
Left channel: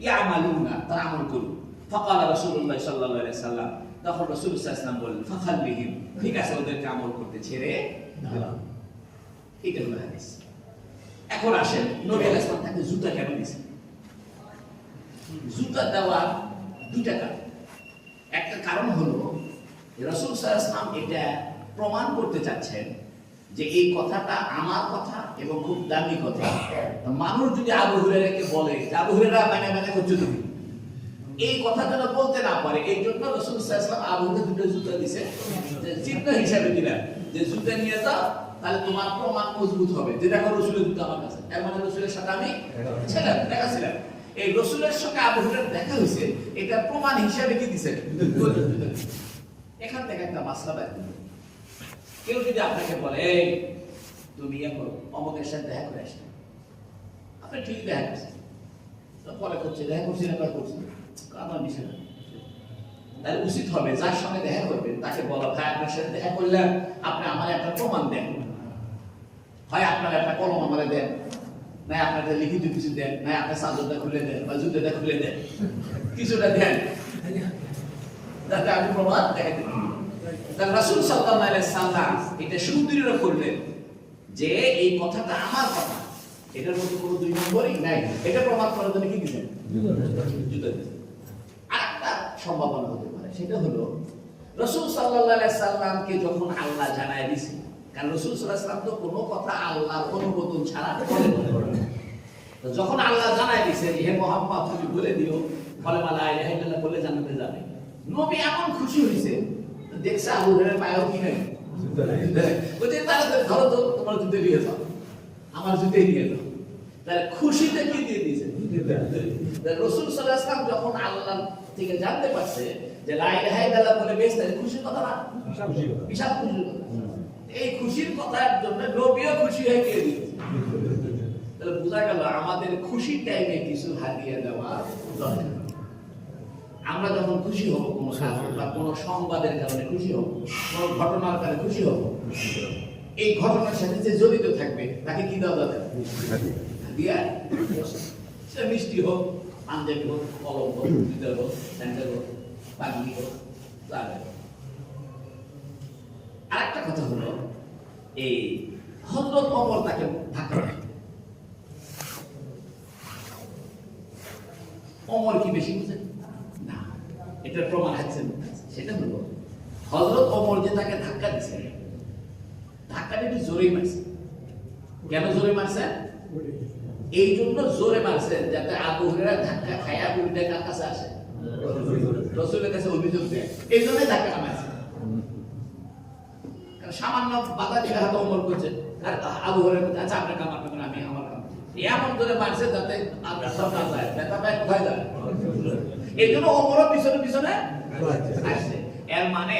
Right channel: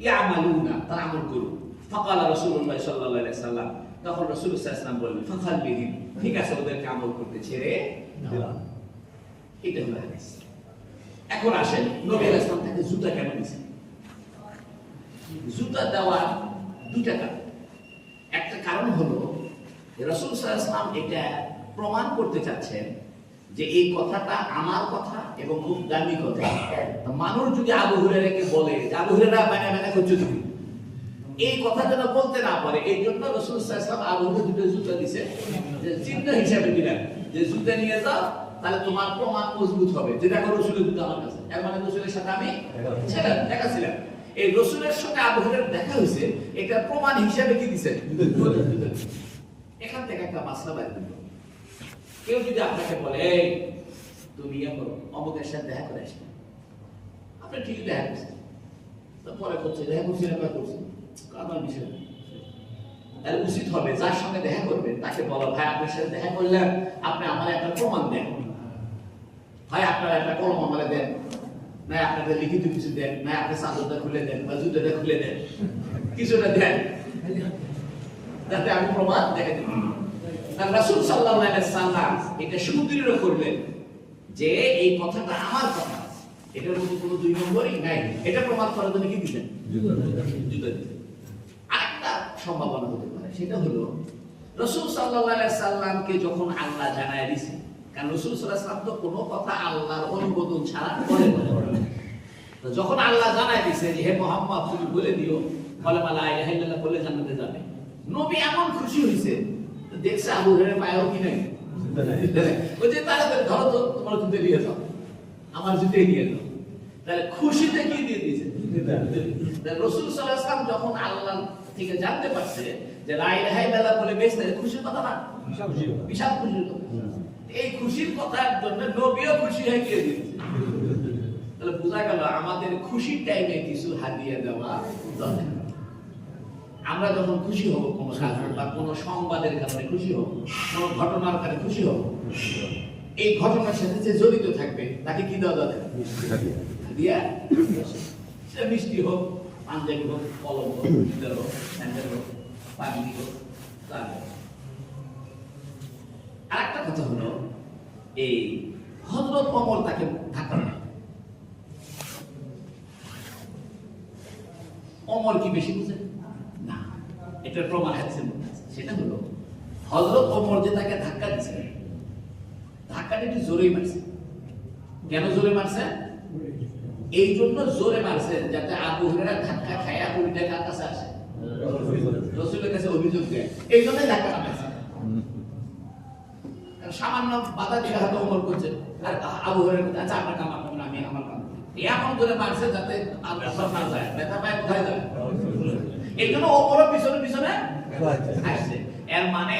ইয়ামালুনা, তারা আমল করুন। ফাকালা রাসূলুল্লাহ সাল্লাল্লাহু আলাইহি ওয়াসাল্লাম, তখন রাসূল সাল্লাল্লাহু আলাইহি ওয়াসাল্লাম বললেন, ফাখাল্লিহিম, ঠিক আছে ওদেরকে আমল করতে ছেড়ে দিলাম। এটা হলো হাদিস। এখন আসেন নবী আলাইহিস সালাম তাকে জুতা কেন দিয়েছেন? জুতা দেওয়া দুইটা কারণ। একটা কারণ হলো রাসূল সাল্লাল্লাহু আলাইহি ওয়াসাল্লাম এটা প্রমাণ করতে চাচ্ছেন যে এই কথাটা আমার কথা এবং খুব দামি কথা। মানুষ যদি আবু হুরায়রাকে বলে যে আবু হুরায়রা বানা বানা করছো তুমি, এই কথাটা বলতে না পারে, এই জন্য রাসূল সাল্লাল্লাহু আলাইহি ওয়াসাল্লাম আবু হুরায়রা দুটো জুতা দিয়েছে, যে চিহ্ন হিসাবে দিলেন যে জুতা নিয়ে যাও, তাহলে তোমার প্রমাণ মজবুত হবে যে দেখো রসুলের জুতা আমার কাছে, এর মানে রসুলের সাথে আমি দেখাছিলাম। এই রসুলের সঙ্গে আবু হুরায়রার দেখা হয়েছে, এটা প্রমাণ হিসাবে কি দিচ্ছেন? এখান থেকে একটা মাসলা বের করব। কেউ যদি আপনাকে বলে তুমি এখন অমুকের সাথে দেখা করে আসেন, আপনি ঠিক দেখা করছেন, পরে করছে দেখা করছি না করছি আমার বিষয়, তাহলে উচিত হবে যার সঙ্গে দেখা করবেন তাকে বলা, ভাই আপনার সাথে দেখা করলাম, আপনি আমার একটা প্রমাণ দেন, হয় আপনার একটা কলম আমারে দেন, না আপনাদের লিখিত কিছু দেন, না আপনার চাদরটা খুলে দেন বা জুতোটা খুলে দেন, কিছুটা দেন যাতে আমি প্রমাণ দেখাতে পারি। তার রাসূল সাল্লাল্লাহু আলাইহি সাল্লাম এটা সুদৃঢ় করলেন যে এই কথাটা আমার কথা, এটার মধ্যে কোনো দুই নম্বরই নাই। এটা প্রমাণ করার জন্য কি দিবেন? জুতো দিবেন। আরেকটা সম্ভাবনা হতে পারে, সেটা হলো রাসূল সাল্লাল্লাহু আলাইহি সাল্লামকে যখন আল্লাহ জানায় দিয়েছে, কারণ রাসূল সাল্লাল্লাহু আলাইহি সাল্লাম তো কোনো কথা আল্লাহর অনুমোদন ছাড়া বলেন না। তো যখন আল্লাহ জানায় দিয়েছে হে মুহাম্মদ তুমি বলে দিও কালেমা লা ইলাহা ইল্লাল্লাহ বলে জান্নাতে যাবে, নবী এমন খুশি হয়েছে, দেখছে আবু হুরায়রা পায়ও কি নাই, ওই যে তারা ধরো তো তোমার জুতো দিয়ে দাও, আমার জুতো দিয়ে দাও, তাহলে খুশিতে কি দিয়ে দিয়েছে? রাসূল সাল্লাল্লাহু আলাইহি ওয়াসাল্লাম যখন আল্লাহ থেকে জানতে পারছে যে লা ইলাহা ইল্লাল্লাহ বলে বেঁচে খুশির কথা না, বিশাল খুশির কথা। এই খুশির কথার জন্য নবীও খুশি হয়ে গিয়ে দিয়েছে। তাহলে বোঝা গেল আমাদের খুশির টাইমে কিছু হাদিয়া দেওয়া দরকার। আমরা যখন খুশি হব কোনো কারণে বা কোনো সংবাদের কারণে খুশি হব, কোনো ঘটনার কারণে খুশি হব, এই ঘটনার সাথে যে জড়িত থাকবে তাকে কি দেওয়া দরকার? হাদিয়া। সে মিষ্টি হোক, পাঞ্জাবি হোক, কলম হোক, জুতো হোক, স্যান্ডেল হোক, পাগড়ি হোক, আর একটা কথা হলো এই হযরত ওমর তাকে ধাক্কা দেয়। ওমর কি বেশি বুঝেন না? এটার প্রমাণ আছে, সেটা হলো হযরত ওমর যে তাকে ধাক্কা দিয়েছে, ধাক্কাটা একটু জোরেই মারছে। কেন জোরে মারছে? এই জন্য জোরে মারছে যাতে আবু হুরায়রা ধাক্কা খায়া উল্টে কার কাছে আসে, রাসূলের কাছে অভিযোগ দেয়। এই জন্যই ধাক্কা মারছে। সামান্য বাধা দিলে হয়তো ওমর করছে, আর আবু হুরায়রা বলছে আচ্ছা আপনার কাম আপনি, আমি আমার কাম। এমন করে মারছে যাতে আমরা সব না যায়, নেতা ভাই কোথায় যায়, এই জন্য ওমরও পিছনে পিছনে আসছে। এর মানে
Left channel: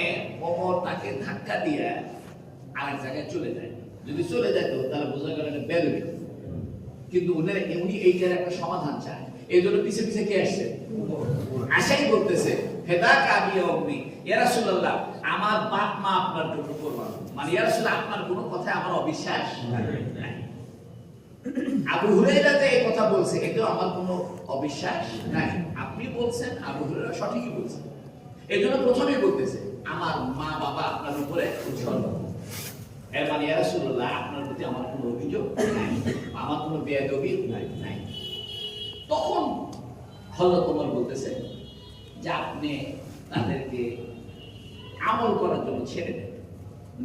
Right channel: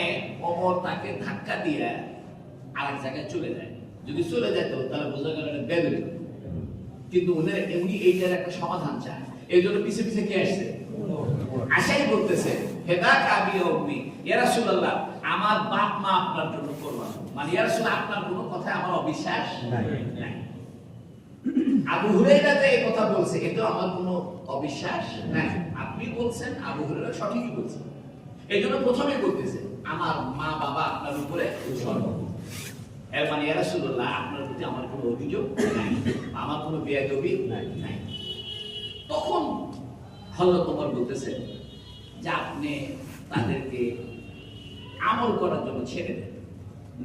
ওমর তাকে ধাক্কা দিয়ে আরেক জায়গায় চলে যায়। যদি চলে যেত তাহলে বোঝা গেল এটা বেদবি, কিন্তু উনি এইটার একটা সমাধান চায়। এই জন্য পিছে পিছে কে আসছে? আশাই বলতেছে হেদা কাবি অগ্নি ইয়া রাসূলুল্লাহ, আমার বাপ মা আপনার জন্য কোরবান, মানে ইয়া রাসূল আপনার কোনো কথা আমার অবিশ্বাস নাই। আবু হুরায়রা যে এই কথা বলছে এটাও আমার কোনো অবিশ্বাস নাই, আপনি বলছেন আবু হুরায়রা সঠিকই বলছেন। এই জন্য প্রথমেই বলতেছে আমার মা বাবা আপনার উপরে উৎসর্গ, এর মানে ইয়া রাসূলুল্লাহ আপনার প্রতি আমার কোনো অভিযোগ নাই, আমার কোনো বেয়াদবি নাই। তখন হযরত ওমর বলতেছে যে আপনি তাদেরকে আমল করার জন্য ছেড়ে দেন।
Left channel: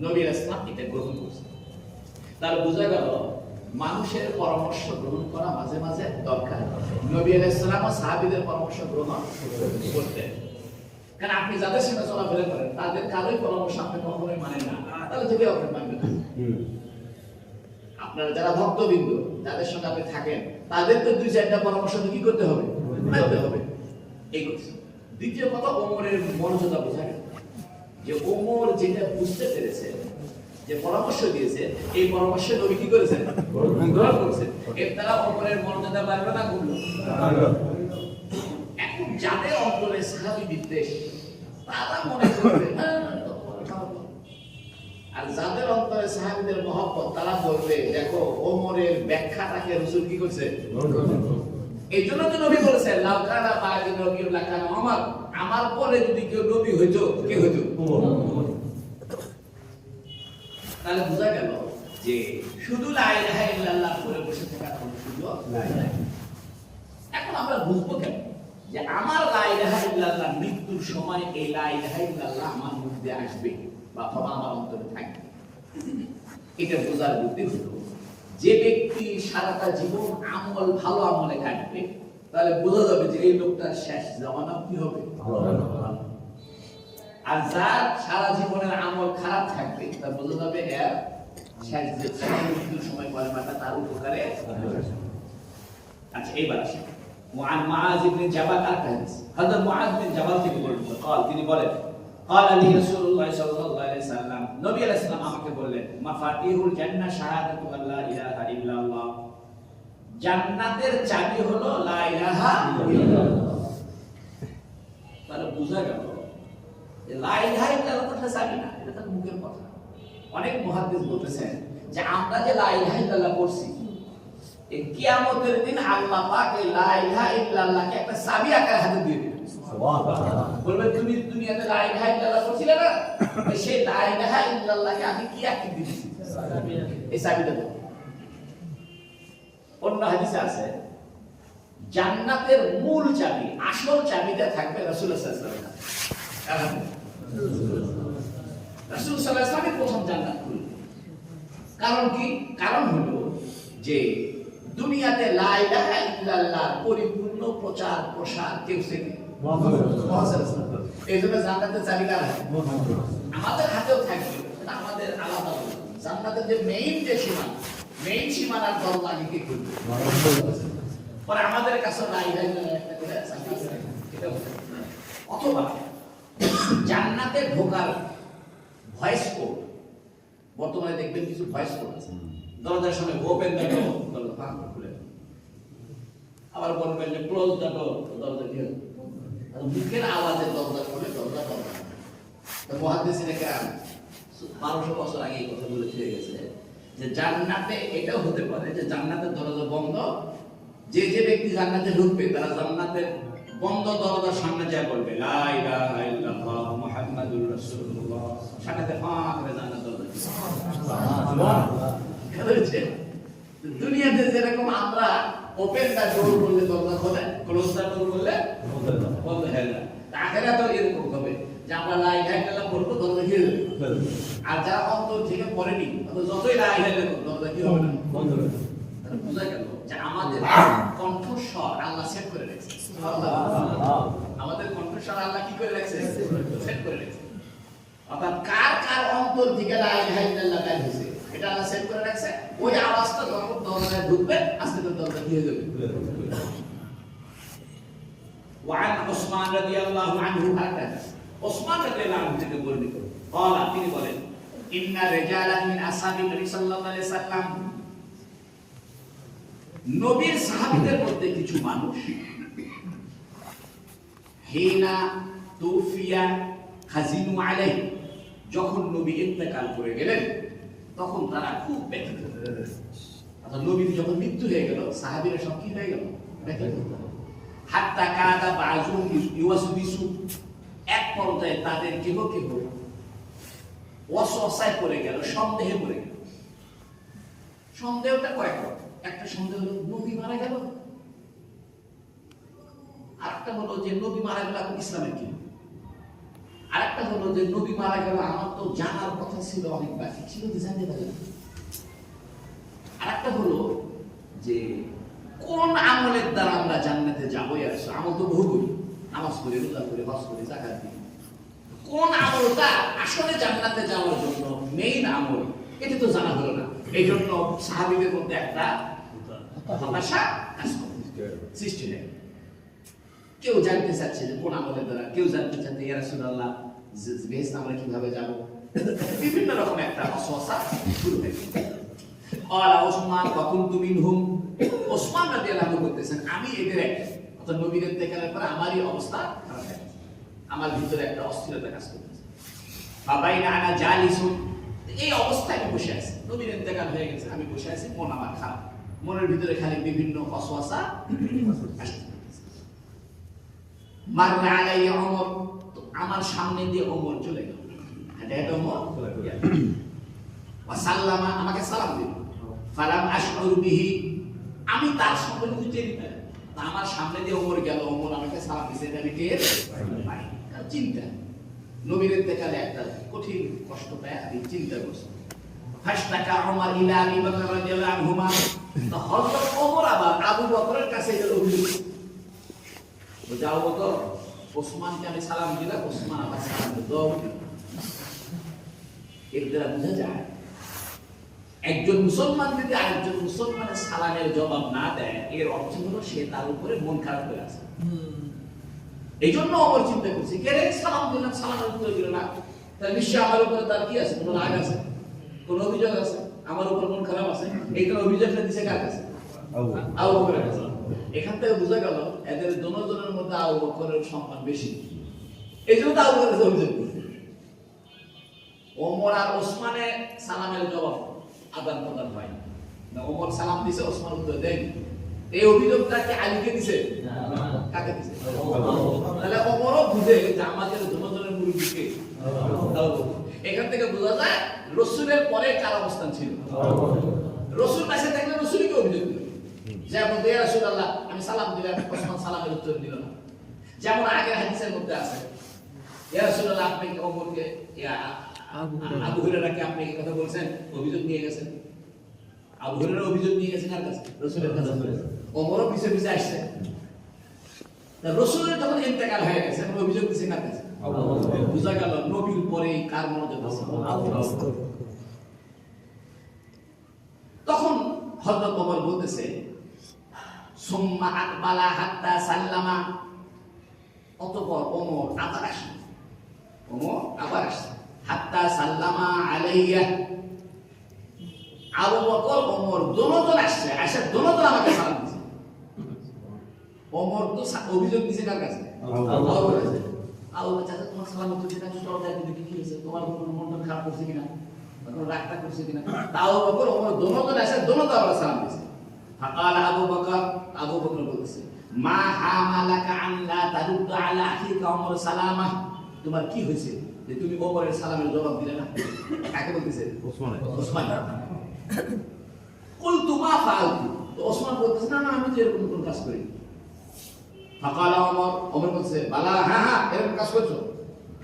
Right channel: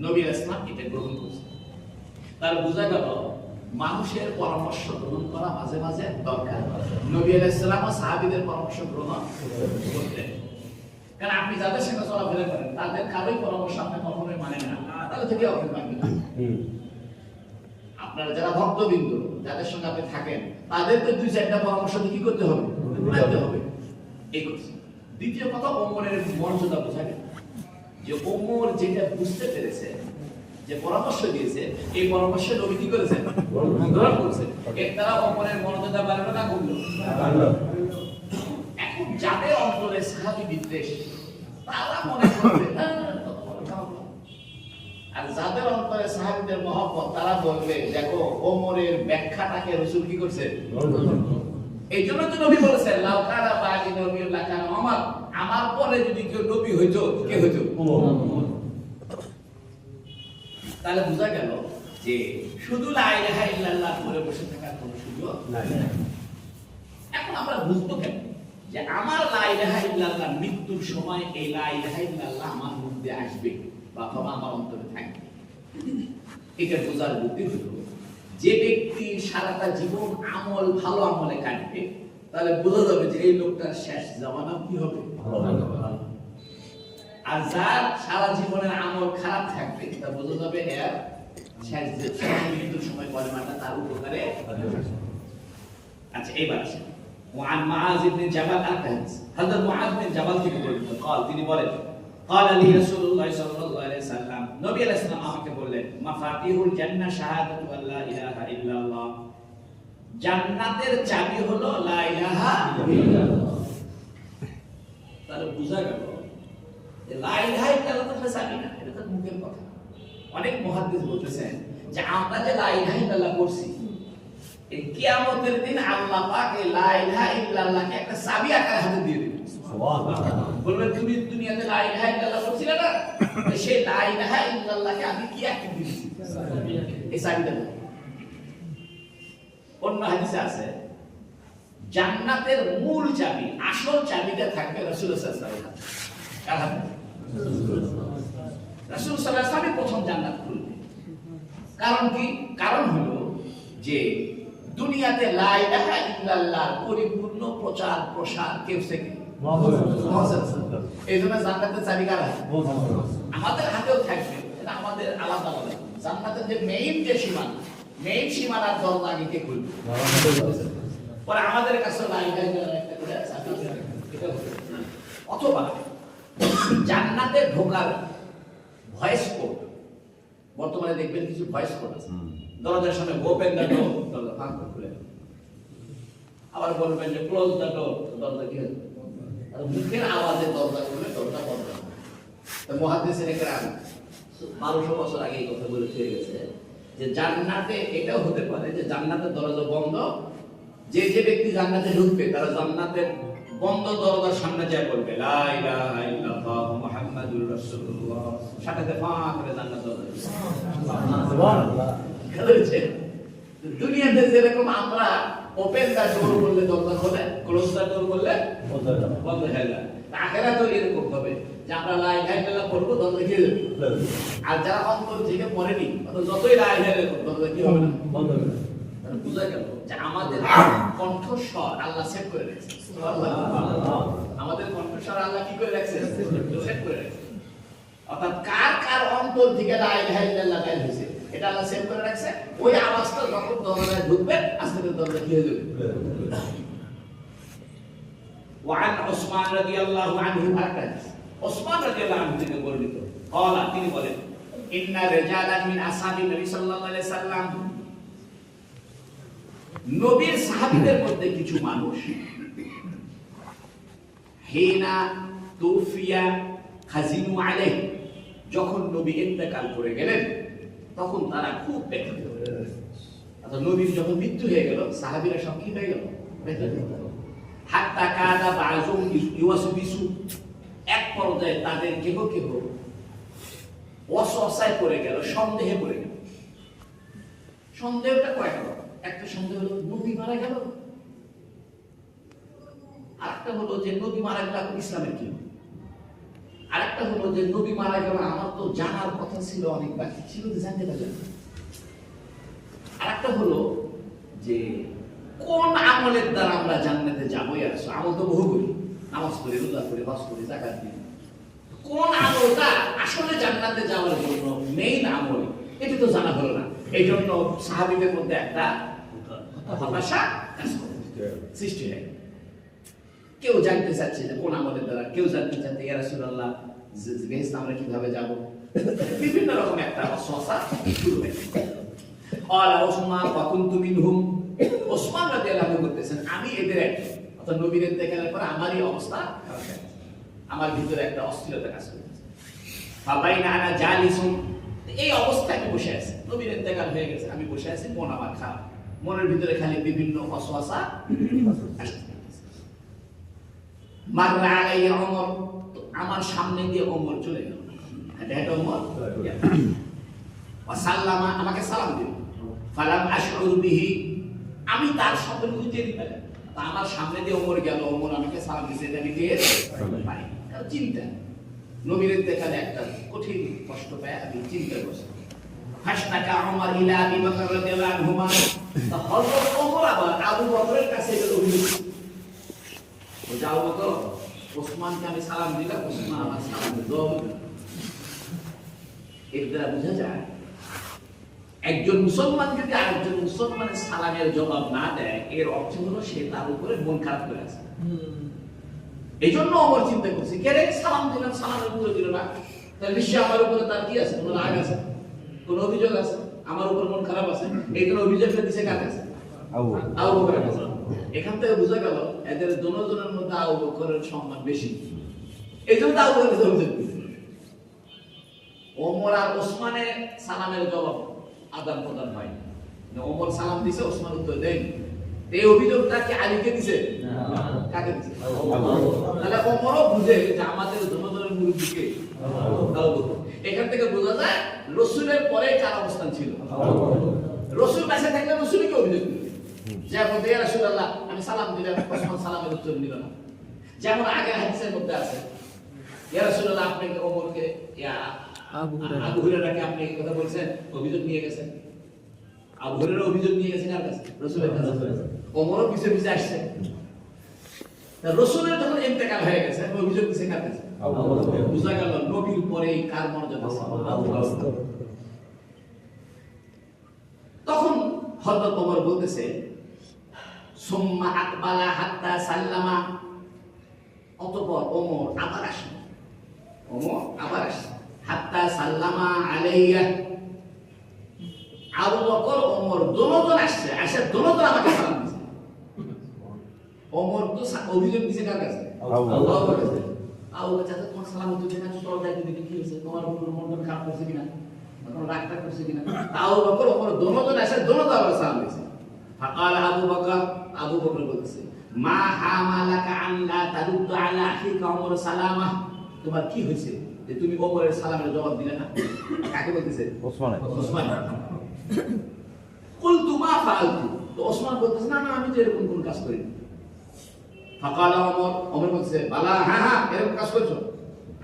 নবী ইসলাম এটা গ্রহণ করছে। তাহলে বোঝা গেল মানুষের পরামর্শ গ্রহণ করা মাঝে মাঝে দরকার। নবী ইসলাম ও সাহাবীদের পরামর্শ গ্রহণ করতেন, কারণ আপনি যাদের সঙ্গে চলাফেরা করেন তাদের কারোই পরামর্শ আপনি কখনোই মানেন না, তাহলে থেকে আপনি মানবেন না। আপনারা যারা ভক্তবৃন্দ যাদের সঙ্গে আপনি থাকেন তাদের তো দুই চারটা পরামর্শ কি করতে হবে? মানতে হবে। এই কথা। দ্বিতীয় কথা, ওমরের মর্যাদা বোঝা গেল যে ওমর যেটা বুঝতে পেরেছে, যে পরামর্শ দিয়েছে, এই পরামর্শ নবী কি করেছেন? গ্রহণ করেছেন। এর দ্বারা ওমরের মর্যাদা বাড়লো না কমলো? এখন যাদের অন্তরে সাহাবী বিদ্বেষ, তারা মনে করবে আর যাদের অন্তরে সাহাবীদের মহব্বত, তারা বলবে দেখো ওমরের ব্যাখ্যাটাকে রাসূল কি করছে? এই জন্য তো নবী বলেছেন লাউ কানা বাদি নবী লাকানা ওমর, আমার পরে যদি কেউ নবী হইতো কে হইতো? ওমর। তাহলে বোঝা গেল যে শুধু লা ইলাহা ইল্লাল্লাহ বলে বসে থাকার কোনো সুযোগ নাই। এখন আমরা বুঝবো কেন যে আমার লা ইলাহা ইল্লাল্লাহ মৃত্যুর সময় এই লা ইলাহা ইল্লাল্লাহ আমার মধ্যে আসবে বা আমার অন্তরে থাকবে? এটা বোঝার বুদ্ধি হলো যে ব্যক্তি সারাটা জীবন আমল ভালো আমলে কাটবে, তাহলে বোঝা যাবে যে এই লোকটার শেষ জামানা কি হবে? ভালো। আর যার সারা জীবনের আমল খারাপ থাকবে তা বোঝা যাবে এর শেষ মৃত্যুর সময় কলেমাটা তার উপকারে। আচ্ছা এবার আসি وعن معاذ بن جبل الحديث هذا معاذ بن جبل قال তিনি বলেন قال لي رسول الله صلى الله عليه وسلم নবী আলাইহিস সালাম আমাকে বললেন মাফাতিহুল জান্নাহ শাহাদাতু আল্লা ইলাহা ইল্লাল্লাহ, জান্নাতের চাবি হলো লা ইলাহা ইল্লাল্লাহ। তাহলে বুঝা গেল যে লা ইলাহা ইল্লাল্লাহ তো চাবি না, এটা তো মুখের কথা। অনেক মুহাদ্দিস বলতেছেন যে আমরা যে লা ইলাহা ইল্লাল্লাহ পড়ছি, এই কিয়ামতের দিন আল্লাহ পাক এই লা ইলাহা ইল্লাল্লাহকে একটা চাবি আকারে হাতে দিয়ে দিবেন। সুবহানাল্লাহ। বলবে তুমি দুনিয়াতে লা ইলাহা ইল্লাল্লাহ পড়ছিলে না, সেই লা ইলাহা ইল্লাল্লাহকে আমি কি আঁকি দিয়েছি, এই চাবিটা দাও। অন্য হাদিসে আছে জান্নাতের মূল চাবি, আসল চাবিটা থাকবে রাসূলুল্লাহ সাল্লাল্লাহু আলাইহি ওয়াসাল্লাম। কারণ রাসূল সাল্লাল্লাহু আলাইহি ওয়াসাল্লাম প্রথম জান্নাত খুলবে। কারণ কি? কারণ হলো যে দুনিয়াতে লা ইলাহা ইল্লাল্লাহ পরিপূর্ণ প্রচার প্রসার কেউ শেখে এইজন্য জান্নাতের চাবি কার হাতে? আমাদের হাতেও থাকবে, এটা আমাদের আলাদা বলে। জান্নাতের যে মেইন যে সীমানা, মেইন সীমানার দরজা আগে কে খুলবে? পরে আমাদের কাছে লা ইলাহা ইল্লাল্লাহ একটা করে চাবি আছে, এটা অথবা জান্নাতে ঢোকার ভয়েস কোড, বর্তমানে দেখবেন কিছু ভয়েস কোড আছে, দরজার সামনে ওপেন দ্য ডোর, দরজা ফাঁক খুলে, আবার বলবেন যে ক্লোজ দ্য ডোর, দরজা কি হবে? আর মুখের আওয়াজে দরজা খুলে, দরজা বন্ধ। তো মুহাদ্দিসিনে কেরাম 1200 বছর আগে এই কথা বলে ফিরে গেছে যে জান্নাতে এটাও হতে পারে যে জান্নাতের দরজা বন্ধ, যে যে ব্যক্তি জান্নাতে ঢুকবে তারা জান্নাতের বন্ধ দরজার সামনে যা বলবে লা ইলাহা ইল্লাল্লাহ মুহাম্মাদুর রাসূলুল্লাহ, সাথে ফাঁক করে জান্নাত দরজা। সুবহানাল্লাহ। দুনিয়াতে যেরকম আমরা ওপেন দ্য ডোর বললে দরজা খোলে, ক্লোজ দ্য ডোর বললে বন্ধ হয়ে যায়, আখিরাতেও এরকম হবে যে আমরা লা ইলাহা ইল্লাল্লাহ বলবো, দরজা কি হবে? আর যারা অন্তর থেকে পড়েনি যতই লা ইলাহা ইল্লাল্লাহ দরজা কি হবে না, বন্ধ হবে। বুঝা গেল যে আমাদের কণ্ঠস্বর আল্লাহ সেট করে রেখেছে। সুবহানাল্লাহ। আমাদের কণ্ঠস্বর আল্লাহ কি করে রেখেছে? সেট করে রেখেছে। অর্থাৎ কার কার অন্তর থেকে লা ইলাহা ইল্লাল্লাহ বের হইছে এটা আল্লাহ সেট করে রাখছে। ওই আওয়াজটা যখন দরজায় ঢুকবে আস্তে করে দরজা কি হয়ে যাবে। وعن عثمان رضي الله عنه هكذا عثمان رضي الله عنه থেকে বর্ণিত قال তিনি বলেন ان رجالا من اصحاب النبي صلى الله عليه وسلم, নবীর সাহাবীদের মধ্যে কিছু মানুষ হিনা তুফিয়া খাজিনু আলাইহি, যখন নবী ইন্তেকাল করে গেলেন তখন তারা খুব ব্যথিত। অর্থাৎ নবীর যখন মৃত্যু হয়ে গেল সাহাবীরা সব কি হয়ে গেল? ব্যথিত। হাত্তা কাদা বাযু ইউসবিসু, এক পর্যায়ে তাদের কেহ কেহ ওয়াসওয়াসায় পড়ে গেল, সন্দেহে পড়ে গেল। সন্দেহটা কয়েক রকম। একটা সন্দেহ হলো নবী মারা গেল, আরেকটা হলো যে নবী মারা গেল এখন ইসলামের কি, আরেকটা হলো যে নবী মারা গেল আমার তো জানার কথা ছিল, অনেক বাকি ছিল যে জানতে পারলাম। আরেকটা হলো যে কোন আমলের দ্বারা আমরা জান্নাতে যাবো। আমল তো বহু করি, নামাজ পড়ি, রোজা করি, হজ করি, যাকাত দিই, কোন আমলটা আসলে জান্নাতে যাওয়ার জন্য মেইন আমল এটা তো জানা হলো না। এই জন্য সাহাবীদের মধ্যে একটা হতাশা কাজ করে, সৃষ্টি হয়। কেউ জানতে চাচ্ছে যে কোন আমলের দ্বারা, কেউ জানতে চাচ্ছে ইয়া রাসূলুল্লাহ বেহেশতে আমরা কিভাবে যাব, বিভিন্ন রকম একটা ওয়াসওয়াসা শুরু হয়। ক্বালা উসমান ওয়া কুনতু মিনহুম, উসমান রাদিয়াল্লাহু আনহু বলতেছেন আমি এদের একজন। অর্থাৎ নবীর ইন্তেকালের পর আমারই অবস্থা খারাপ হয়ে গেছে, আমার ভিতরে একটা অস্থিরতা কাজ করতেছে। ফাবাইনা আনা জালিসুন, এই অবস্থায় আমি বসে আছি, নবীর ইন্তেকাল হয়ে গেছে, আমি বসে আছি, মন আমার খারাপ, মনের ভিতরে খালি বিভিন্ন ওয়াসওয়াসা আসছে। মাররা আলাইয়া ওমর, তো আমার সামনে দিয়ে ওমর চলে গেল, এটা ওমর ওয়া সাল্লামা, আমাকে সালাম দিল। ফালাম আশউর বিহি, আমি তার সম্পর্কে টের পেলাম। আমার সামনে দিয়ে ওমর গেল, ওমর আমাকে সালাম দিয়েছে, এটা আমি টের পাই। চিন্তা, নবীর ইন্তেকালে একটা কঠিন কষ্ট পায়, আমি চিন্তা করছি। ফাশতাকা ওমর ইলা আবি বকর রাদিয়াল্লাহু আনহুমা, তো হযরত ওমর আবার আবু বকরের কাছে গেল, ও যাও বকর, ওসমানকে আমি সালাম দিলাম, ওসমান আমার সালাম দিল। এর দ্বারা বোঝা যায় একজন মুসলমান যদি আরেকজন মুসলমানের সালামের জবাব না দেয়, এর অর্থ হলো সে তার উপরে মন খারাপ করে আছে। এই জন্য ওমর চিন্তা করছে, কে রে সালাম দিলাম, সালামের উত্তর দিল না, তাহলে নিশ্চয়ই আমার উপরে তার কি আছে, কোনো রাগ আছে, কোনো অভিযোগ আছে, আমার উপর মন খারাপ আছে। এই জন্য অভিযোগটা দিছে কার কাছে? আবু বকরের কাছে। এখান থেকে বোঝা গেল এদের দুজনের মধ্যে আবু বকরের সম্মান বেশি, এই জন্য আবু বকরের কাছে অভিযোগ দিছে। ওমর আর ওসমানের সালামের জবাব আদান প্রদান হয় না, ওমর সালাম দিছে, ওসমান উত্তর দেয়নি। এই অভিযোগটাকে আলীকে দিছে, কাকে দিছে? তাহলে ওমরও বুঝে যে আমাদের দুজনের মুরব্বিকে। এখান থেকে বোঝা যায় রাসূলের পরে কার অবস্থান ছিল। রাসূল কাছে থাকলে রাসূলকে অভিযোগ দিল, যেমন ইয়া রাসূলুল্লাহ আমি সালাম দিলাম, ওসমান সালামের উত্তর দিল না। যেমন আগে হাদিসের মধ্যে আছে, ইয়া রাসূলুল্লাহ আপনি ওমরকে আবু হুরায়রাকে আপনি কথা বলছেন, অভিযোগ নিয়ে গেছেন। আবু হুরায়রা অভিযোগ নিয়ে গেছেন কার কাছে? রাসূলের কাছে। ওমরও পিছে পিছে আসছে। রাসূলের যখন ইন্তেকাল হয়ে গেছে, অভিযোগ দিছে কার কাছে? বুঝা গেল নবীর পরে কার মর্যাদা আছে? তখন হযরত ওমর বলতেছে, সুম্মা আকবালা হাত্তা সাল্লামা, অতঃপর ওমর আবার আসে, হাত্তা সাল্লামা আলাইয়া। আবু বকর ওমর দুজন আসছে, আসে দুজন আমাকে সালাম দিয়েছে। ওমর তো অভিযোগ দিয়েছে কার কাছে? আবু বকরের কাছে। আবু বকর চাচা তোমার সালাম উত্তর দিনা, চলো যাই দেখি কি হয়েছে, তোমার উপর মন খারাপ করছে কিনা, কোনো রাগটা করছে কিনা। আবু বকর ওমর দুজন আসে, দুজন আবার সালাম দিয়েছে। ফাকাল আবু বকর বলতেছে, মা হামালাকা আন লা তারুদ্দু আলা আখিকা ওমর সালামা, তোমার কি হয়েছে যে তুমি ওমরের সালামের জবাব দিলে না? কাকে বলতেছে? ওসমান। কুলতু মা ফাআলতু, তো ওসমান বলতেছে না আমি তো এরকম কোন কাজ করিনি। ফাকাল ওমর বলতেছে, বালা হ্যাঁ এরকম কাজ করছো,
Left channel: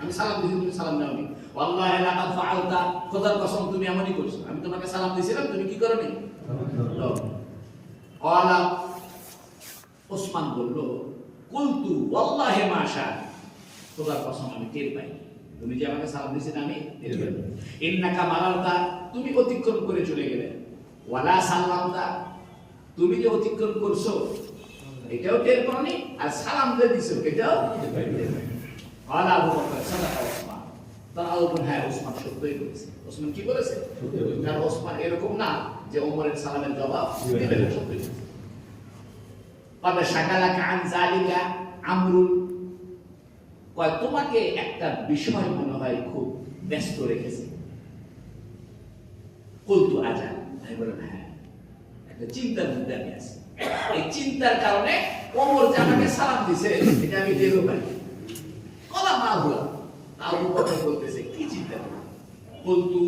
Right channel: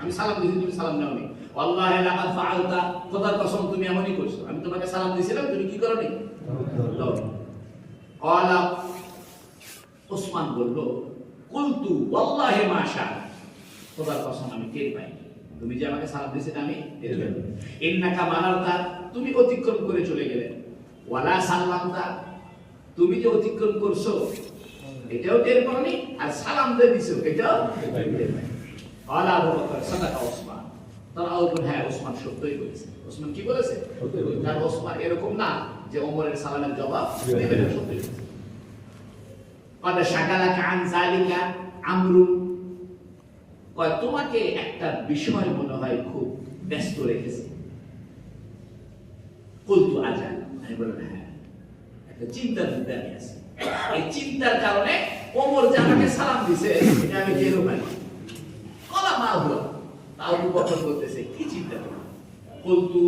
আমি সালাম দিয়েছি তুমি সালাম দাওনি। ওয়াল্লাহি লাকাদ ফাআলতা, খোদার কসম তুমি এমনই করছো, আমি তোমাকে সালাম দিয়েছিলাম তুমি কি করনি? ক্বালা, ওসমান বলল, কুলতু ওয়াল্লাহি মা শা, খোদার কসম আমি টের পাই, তুমি যে আমাকে সালাম দিয়েছিলে আমি টের পাই। ইন্নাকা মারাতা, তুমি অতিক্রম করে চলে গেলে। ওয়ালা সাল্লামতা, তুমি যে অতিক্রম করছো এটাও টের পাওনি, আর সালাম দিয়ে দিছো এটাও টের পাইনি। ক্বালা আবু বকর সাদাকা ওসমান, তারা আবু বকর হ্যাঁ ওসমান সত্যই বলেছে। ওসমান কি বলেছে? কারণ ওসমান এরকম না যে ওমরের সালামের জবাব দিবে না, সত্যি বলেছে। ক্বাদ শাগালাকা আন যালিকা আমরুন, কয় তোমাকে একটা বিষয় মনে হয় খুব ব্যস্ত রেখেছে। কুলতু আজাল, আমি বললাম হ্যাঁ একটা চিন্তার মধ্যে আমি আছি, এই চিন্তার কারণে ওমর যে আমাকে সালাম দিছে এটা আমি টেরও পাই। কলা মা হুয়া, আবু বকর বলতেছে কি চিন্তা? কুলতু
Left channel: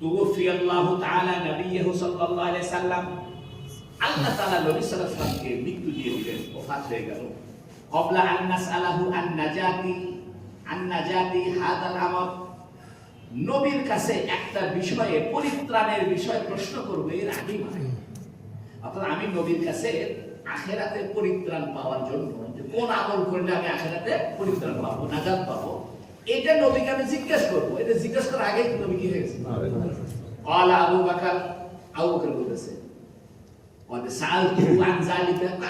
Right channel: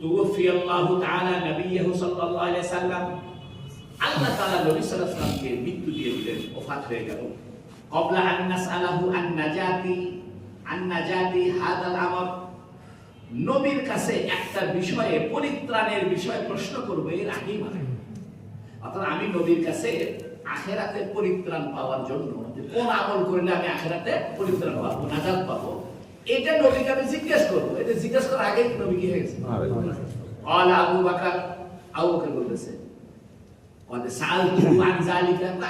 তুওফি আল্লাহু তাআলা নবিয়্যহু সাল্লাল্লাহু আলাইহি ওয়াসাল্লাম, আল্লাহ তাআলা নবী সাল্লাল্লাহু আলাইহি ওয়াসাল্লামকে মৃত্যু দিয়ে দিলেন, ওফাত হয়ে গেল। ক্বাবলা আন নাসআলাহু আন নাজাতি হাদাল আমর, নবীর কাছে একটা বিষয়ে পরিত্রাণের বিষয় প্রশ্ন করব এর আগেই মানে, অর্থাৎ আমি নবীর কাছে আখিরাতে পরিত্রাণ পাওয়ার জন্য কোন আমল করলে আমি আখিরাতে পরিত্রাণ পাবো, নাজাত পাবো, এটা নবীকে আমি জিজ্ঞেস করবো। এটা জিজ্ঞেস করার আগেই নবী কি হয়ে গেছে? আবু বকর বলতেছে,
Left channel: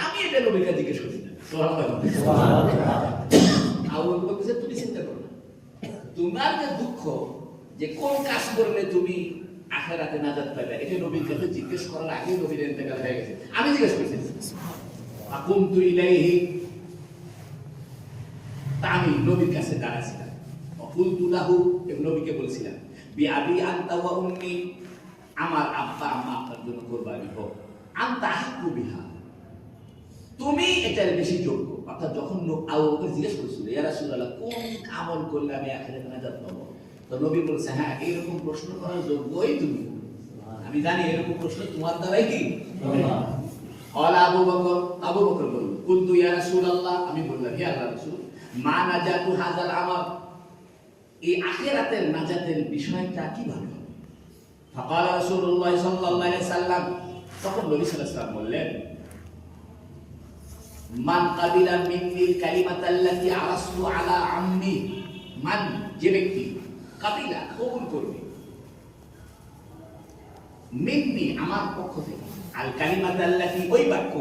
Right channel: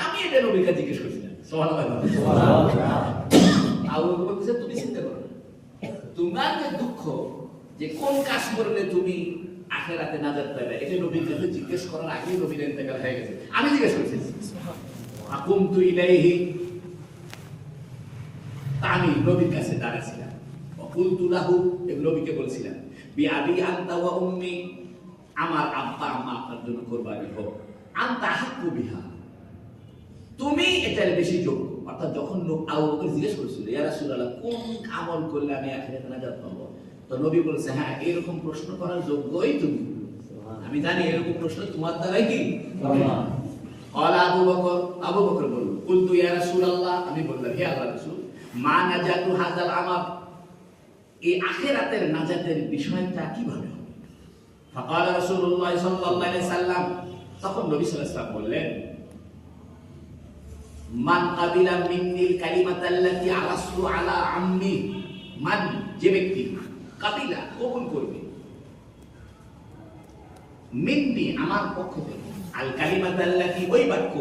আমি এটা নবীকে জিজ্ঞেস করছি না। আবু বকর বলতেছে তুমি চিন্তা করো না, তোমার যে দুঃখ যে কোন কাজ করলে তুমি আখিরাতে নাজাত পাবে, এটা নবীর কাছে জিজ্ঞেস করার আগেই নবীর ইন্তেকাল হয়ে গেছে, আমি জিজ্ঞেস করছি। আকুমতু ইলাইহি, আমি নবীর কাছে দাঁড়াইছিলাম। কুলতু লাহু, নবীকে বলছিলাম, বিআবি আনতা ওয়া উম্মি, আমার আব্বা আম্মা আপনার জন্য কুরবানি হোক, আনতা হাক্কু বিহা, তুমি এটার বেশি যোগ্য। অর্থাৎ যখন আবু বকর জিজ্ঞেস করেছিল ইয়া রাসূলুল্লাহ কোন আমল করলে আমি আখিরাতে নাজাত পাবো, তো নবী বলেছে হ্যাঁ এরকম প্রশ্ন করার যোগ্যই তুমি, আমি জানি এরকম প্রশ্ন তোমার দ্বারাই কি। আবু বকর বলল, কুলতু ইয়া রাসূলুল্লাহ, আমি বললাম হে আল্লাহর রাসূল, মা নাজাতু হাযাল আমর, এই আখিরাতের নাজাতের বিষয়টা কিভাবে হবে? ফাকাল রাসূলুল্লাহ সাল্লাল্লাহু আলাইহি ওয়াসাল্লাম, তখন নবী সাল্লাল্লাহু আলাইহি ওয়াসাল্লাম বললেন, মান কাবিলা মিন্নিল কালিমাতাল্লাতী আরাসু আলা আম্মি, মান যে ব্যক্তি কাবিলা কবুল করবে, মিন্নি আমার পক্ষ থেকে, আল কালিমাতাল্লাতি ওই বাক্য,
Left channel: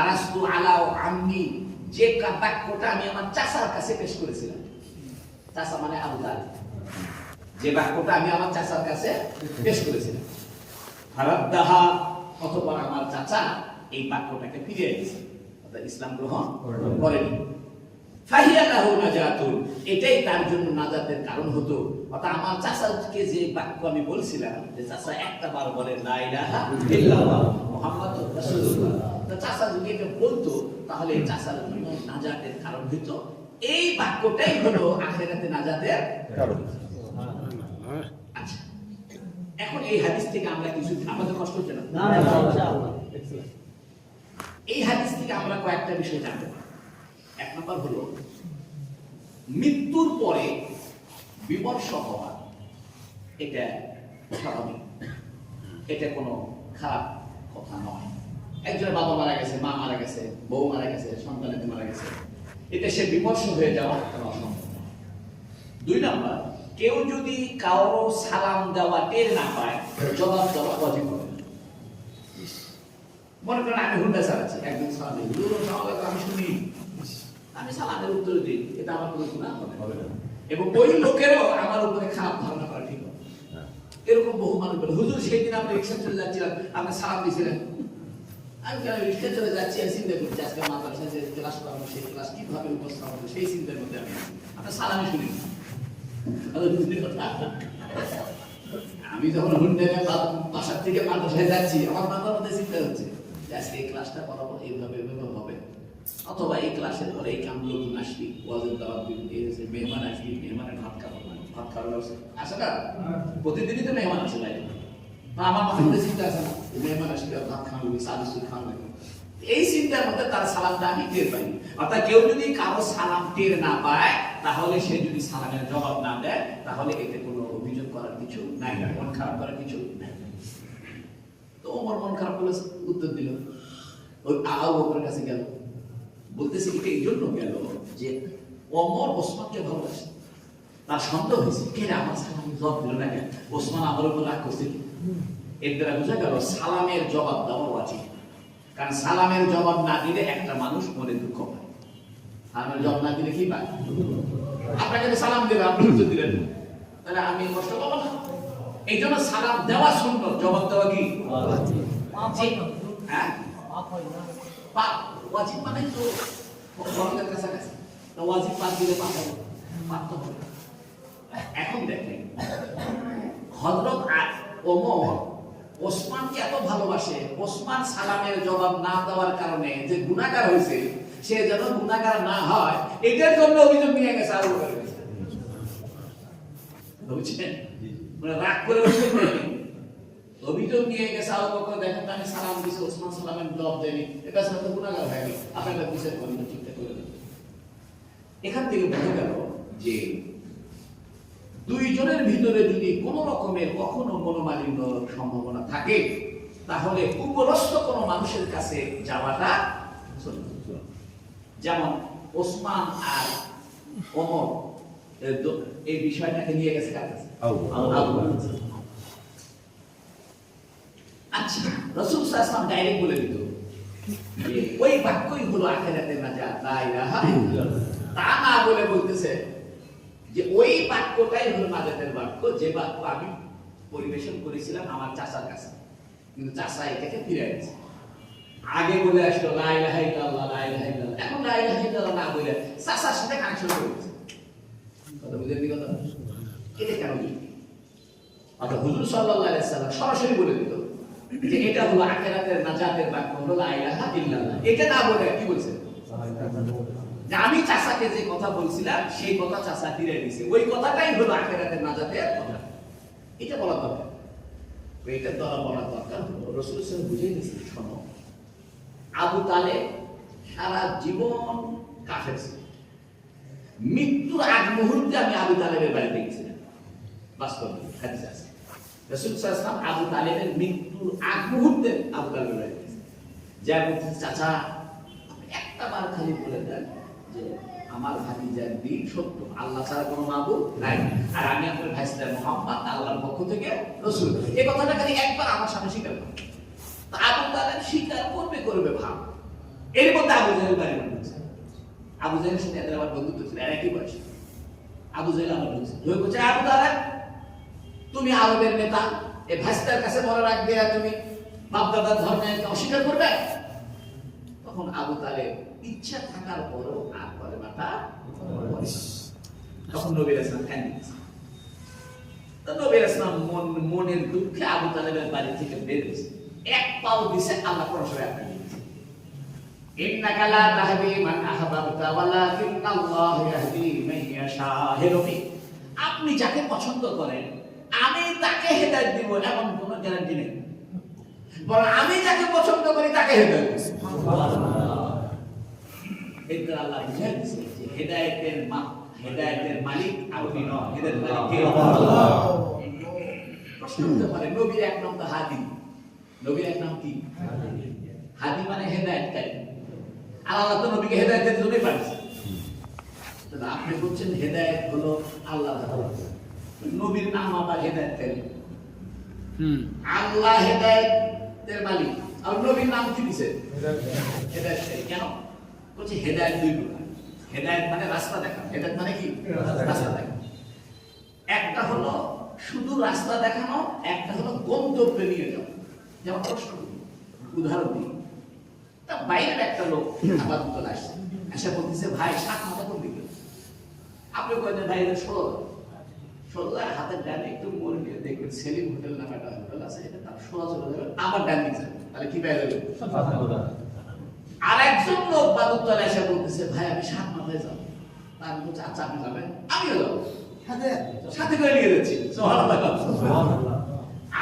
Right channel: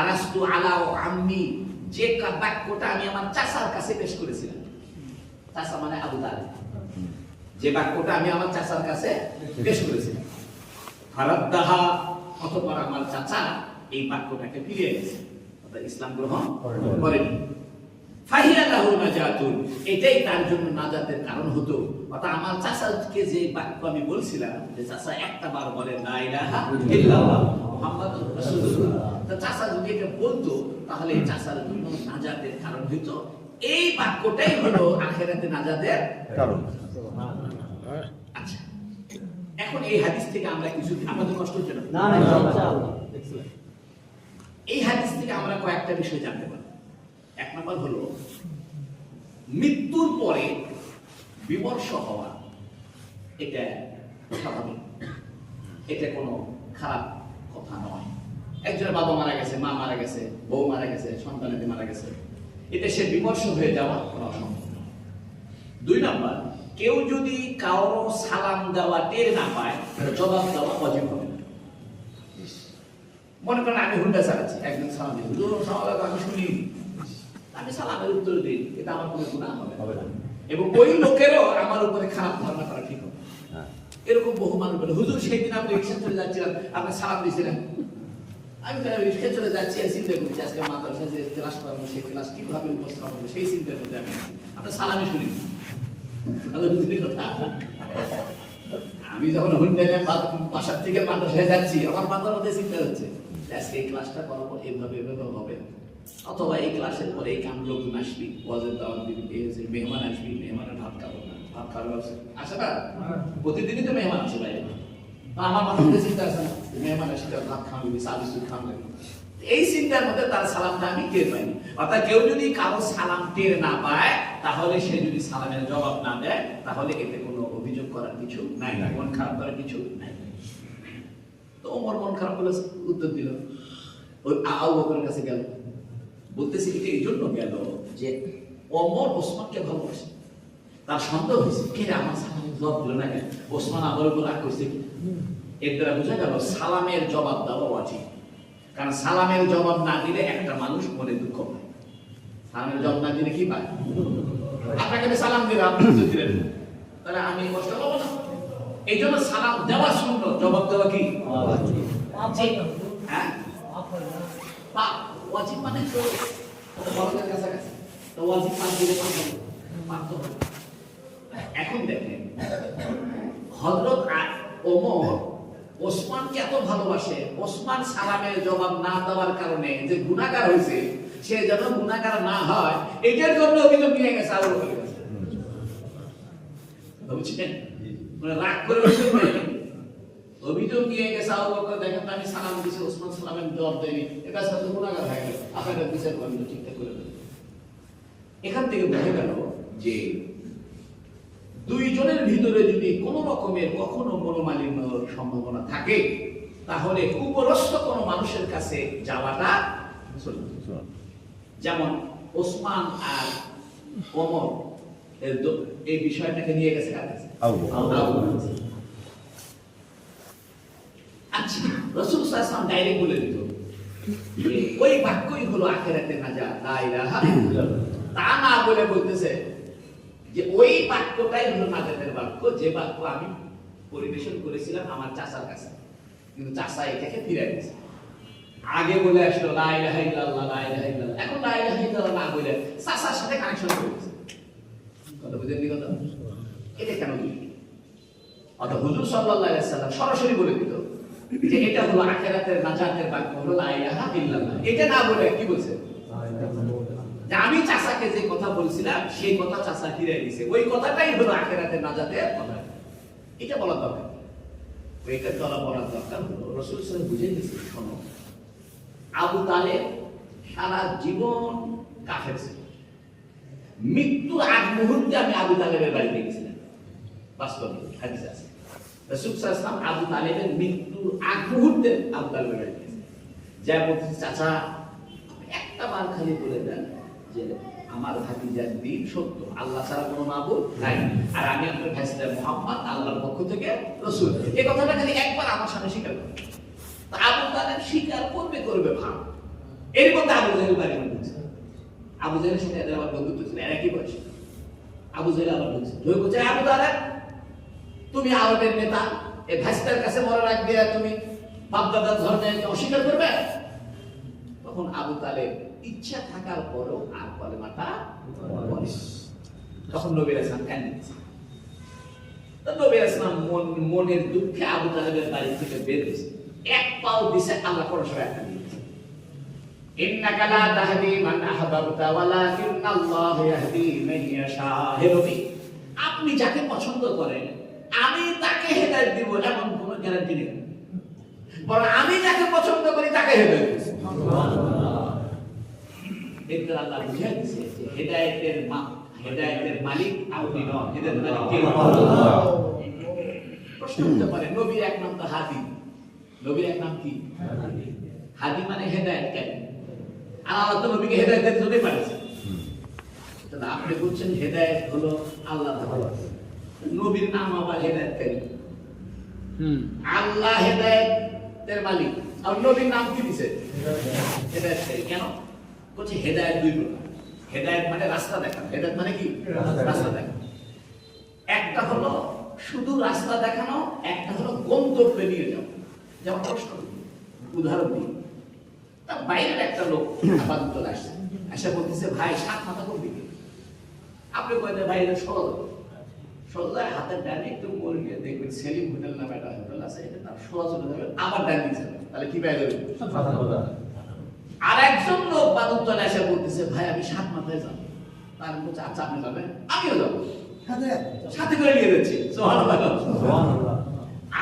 আরাস্তু আলা আম্মি যে বাক্যটা আমি আমার চাচার কাছে পেশ করেছিলাম। চাচা মানে আবু তালেব, যে বাক্যটা আমি আমার চাচার কাছে পেশ করেছিলাম। ফারাদ্দাহা অতঃপর আমার চাচা এই বাক্যটাকে ফিরিয়ে দিয়েছে, অর্থাৎ ইসলাম গ্রহণ করেনি। ফাহিয়া লাহু নাজাতুন, এটাই তার জন্য নাজাতের কারণ হতো। অর্থাৎ আমার চাচাকে যে বাক্য আমি বলছিলাম যে চাচা একটা বার বলেন লা ইলাহা ইল্লাল্লাহ মুহাম্মাদুর রাসূলুল্লাহ, তো চাচা যদি এটা বলতো তাহলে চাচার জন্য নাজাতের কারণ হতো। এই বাক্যটাই হলো আখিরাতে নাজাতের কারণ। আচ্ছা, এখন এই হাদিস থেকে আমরা কিছু, আমাদের কষ্ট হচ্ছে না? না, ইনশাআল্লাহ। এই হাদিস থেকে আমরা কয়েকটা বিষয় জানতে পারি। এক নম্বর হলো মৃত্যুর পরে বিমর্ষ হওয়া, এটা স্বাভাবিক, এটা কোনো খারাপ কথা নয়। একজনের বাবা মারা গেছে, মা মারা গেছে, বউ মারা গেছে, সন্তানেতে মারা গেছে, এতে সে বিমর্ষ হয়ে যাওয়া কোনো অসম্ভব নয়। দুই নম্বর, কেউ যদি কারো সালাম দেওয়া টের না পায়, জবাব দেওয়া ওয়াজিব হবে না। মনে করেন আমি হুন্ডা চালাচ্ছি, একজন সালাম দিল, আমি শুনি, আমি সালামের উত্তর দিই, এটা আমার কোনো গুনাহ হবে না, এবং ওই লোকেরও আমার উপরে খারাপ ধারণা করা ঠিক হবে। এরকম বহু মানুষ বলে, হুজুর সেই দিন আপনি রিক্সা চলে যাচ্ছিলাম, আপনি সালাম দিয়েছিলেন, আমি রিক্সা চলে যাচ্ছি চিন্তা করছি আজকে মাদ্রাসা যে ক্লাস করাবো, সেই ক্লাস কিভাবে উপস্থাপন করবো, সেই চিন্তার মধ্যে আমি আপনার সালামই শুনি। আমি যখন হুন্ডায় বাসার থেকে মাদ্রাসায় যাচ্ছি, আমার মাথার মধ্যে চিন্তা হচ্ছে আজকে এই ক্লাসটা করাবো, এইভাবে এভাবে হবে, অথবা এই ক্লাসের পরে এই কাম লোকজন আসবি, ওয়াজের দাওয়াত দিবি, মেহমান আসবি, মেহমানের ভাত খাবো না, ভাত খাওয়ার আসে না, প্রতিদিনই তো মেহমান আসে বাইরে, আমার মাথার মধ্যে চিন্তা আছে না, মেহমান আসবে ভাত খাওয়াবি, চা বিস্কুট খাওয়াবি, এই চিন্তার মধ্যে তার সালামটা আমি টের পাইনি। অর্থাৎ কেউ যদি কারো সালাম টের না পায়, তাহলে সে যদি সালামের জবাব না দেয়, তাহলে এতে কোনো অভিযোগ করার কিছু নাই, মন খারাপ করার কিছু নাই। তো ওমর মন খারাপ হলে উত্তর দিল, ওই আবু বকরের কাছে গেল, বলতেছে এটা এই জন্য গেল যে ওমর ওসমানকে ভালোবাসে, তার সন্দেহ হয়েছে কে আমার সালামের জবাব দিল না কেন, ওসমান আমার উপর রাগ করছে। এর দ্বারা বোঝা গেল সালামের জবাব দেওয়া উচিত, কারণ সালামের জবাব না দিলে একটা মানুষ মনে দুঃখ পায়। সালামের জবাব না দিলে কি পায়? আপনাকে সালাম দিলে আপনি উত্তর দিলেন, তাহলে আমি কষ্ট পাবো না। এই জন্য সালাম দেওয়া সুন্দর, জবাব দেওয়া কি হ্যাঁ ওয়াজিব, মানে তো ফরজের কাছাকাছি, তো ওয়াজিব পাঁচ দিলে পাঁচ হবে। এখন দেখেন হযরত ওমর ওসমানকে এত ভালোবাসে, ওসমান সালামের জবাব না দেওয়ার কারণে যে গুনাহগার হয়েছে, সে যেন গুনাহগার না হয়, এটার জন্য অভিযোগ নিয়ে গেছে আবু বকরের কাছে। বুঝছেন? মানে রাগ করে অভিযোগ নিয়ে গেছে আবু বকর, দেখেন আমি সালাম দিয়েছি, ওসমান সালামের জবাব দেয়নি, এটা সাথে গুনাহগার হয়ে গেল, আপনারা বিচার করবেন, ঠিকঠাক করে দেবেন। এখান থেকে বোঝা গেল যে দুইজনের ভিতরে যদি কোনো রকমের কখনো মনোমালিন্য সম্ভাবনা থাকে, তাহলে উপরস্থ কোনো মানুষের কাছে যাওয়াটা চলবে। যেমন ওসমান আর ওমর এই বিষয়টাকে নিয়ে গেছে কার কাছে? আচ্ছা, রাসূল সাল্লাল্লাহু আলাইহি ওয়াসাল্লাম ডাইরেক্ট বলে দিত যে ওই বাক্যই হলো আখিরাতের নাজাত, লা ইলাহা ইল্লাল্লাহ। তা না বলে বলতেছে যে ওই বাক্যটাই হলো নাজাতের বাক্য, যে বাক্য আমি পরিবেশন করেছিলাম আমার চাচার কাছে, কিন্তু চাচা এটাকে ফিরিয়ে দিয়েছে। আগে বলে আসলো লা ইলাহা ইল্লাল্লাহ, লা ইলাহা ইল্লাল্লাহ, এখন লা ইলাহা ইল্লাল্লাহ না বলে চাচার সাথে কানেকশন করে দিয়েছে। কথা বুঝেন নি? কথা এটা কেন কি? অর্থাৎ হুজুর সাল্লাল্লাহু আলাইহি ওয়াসাল্লাম সরাসরি বলে দিত যে এটা হলো আখিরাতের নাজাতের বাক্য, হলো লা ইলাহা ইল্লাল্লাহ। এটা না বলে কি বলছে? যে আমি চাচাকে যে কথা বলছিলাম সেই কথা চাচা ফিরিয়ে দিয়েছে, ওই কথাটাই হলো আখিরাতের নাজাতের কথা। এটা বলা দরকার, এটা বলার দরকার হলো রাসূল সাল্লাল্লাহু আলাইহি ওয়াসাল্লাম বুঝিয়ে দিয়েছে, শোনো আবু তালেব সারা জীবন কাফের ছিল, মৃত্যুর আগ মুহূর্তে আমি আবু তালেবের বাড়িতে গেছিলাম, বাস্তব হাদিস আছে। রাসূল সাল্লাল্লাহু আলাইহি ওয়াসাল্লাম আবু তালেবের মৃত্যুর আগ মুহূর্তে আবু তালেবের বাড়িতে গেছিলেন, যা বলতে চাচা একটা বার খালি বলে দেন যে আমার ভাতিজার দিন সত্য, আল্লাহ ছাড়া কোনো মাবুদ নাই, আর আমি আপনার ভাইসা মুহাম্মদ আল্লাহর পক্ষ থেকে রাসূল। এই কথাটা খালি একবার আমার সামনে স্বীকার করে। তা আবু তালেব স্বীকার করবে ভাব। এর মধ্যে আবু জাহেল বাড়ি বলছে, আবু জাহেলের সাথে এদের আবার বন্ধুত্ব ছিল, এরা কি বলছে? আবু জাহেল আবার বলছে, আবু তালেব তুমি আরবের নেতা, এই ভাইস্তার কাছে মনে রাখবে আর তুমি বাপদাদার ধর্মে অস্বীকার করবে? তখন আবু তালেব ইচ্ছা থাকার পরও আর কলেমাটা বলে। তখন নবী রাসূল কাঁদে দিয়েছে। তো নবী রাসূল মনের দুঃখে আবু তালেবের বাড়ি থেকে বের হয়েছে, এক পাও দিছে, আল্লাহ পরস্পর একটা দিয়েছে, ইন্নাকা লা তাহদি মান আহবাবতা ওয়ালাকিন্নাল্লাহু ইয়াহদি মান ইয়াশা। হে নবী, আপনি যাকে পছন্দ করেন আমি তাকে হেদায়েত দিব এমন কোনো গ্যারান্টি নেই, বরং আমি যাকে পছন্দ করি তাকে হেদায়েত দিব। সুবহানাল্লাহ। এতে আল্লাহ বুঝিয়ে দিয়েছে যে হেদায়েতের মালিক আপনি নন, হেদায়েতের মালিক কে? আল্লাহ। প্রশ্ন হতে পারে, নবীর এক নাম তো হাদি, নবীর এক নাম কি? হাদি মানে হেদায়েতকারী, আর আল্লাহ তো নবীকে হেদায়েত দিতে দিতে পারেছে। তাহলে আপনি বলছেন হেদায়েত হলো আল্লাহর হাতে, নবীর নাম আবার হেদায়েতকারী। আল্লাহ হেদায়েতের মালিক, আর নবীর নাম কি দিয়েছে? হেদায়েতকারী। কেন বলছি? হেদায়েত দুই প্রকার। হেদায়েত মানে রাস্তা দেখানো, হেদায়েত মানে কি? রাস্তা দেখানো। একটা হলো শুধু রাস্তা দেখানো, একটা হলো গন্তব্যে নিয়ে যাওয়া। যেমন প্রশ্ন উদাহরণ দিই, তা বাইরের একটা লোক আপাতত আসছে, এসে বলতেছে ভাই সাত মাথা কোন দিকে? আপনি কয়েকটা বাইরে সোজা হাতের ডানে একটু মোড় নিয়ে দেখবেন সেলিম হোটেল নামে একটা হোটেল আছে, এটা তার সোজা চলে যাবে, আবার ডান দিকে তাহলে কি বাইরে যাবে? আর একজন লোক বাদুরতলা এসে বলতেছে ভাই আমি সাত মাথায় যাবো, তার বলছে আচ্ছা আপনি যাবেন, আমিও যাবো, সাথে করে নিয়ে যাচ্ছি।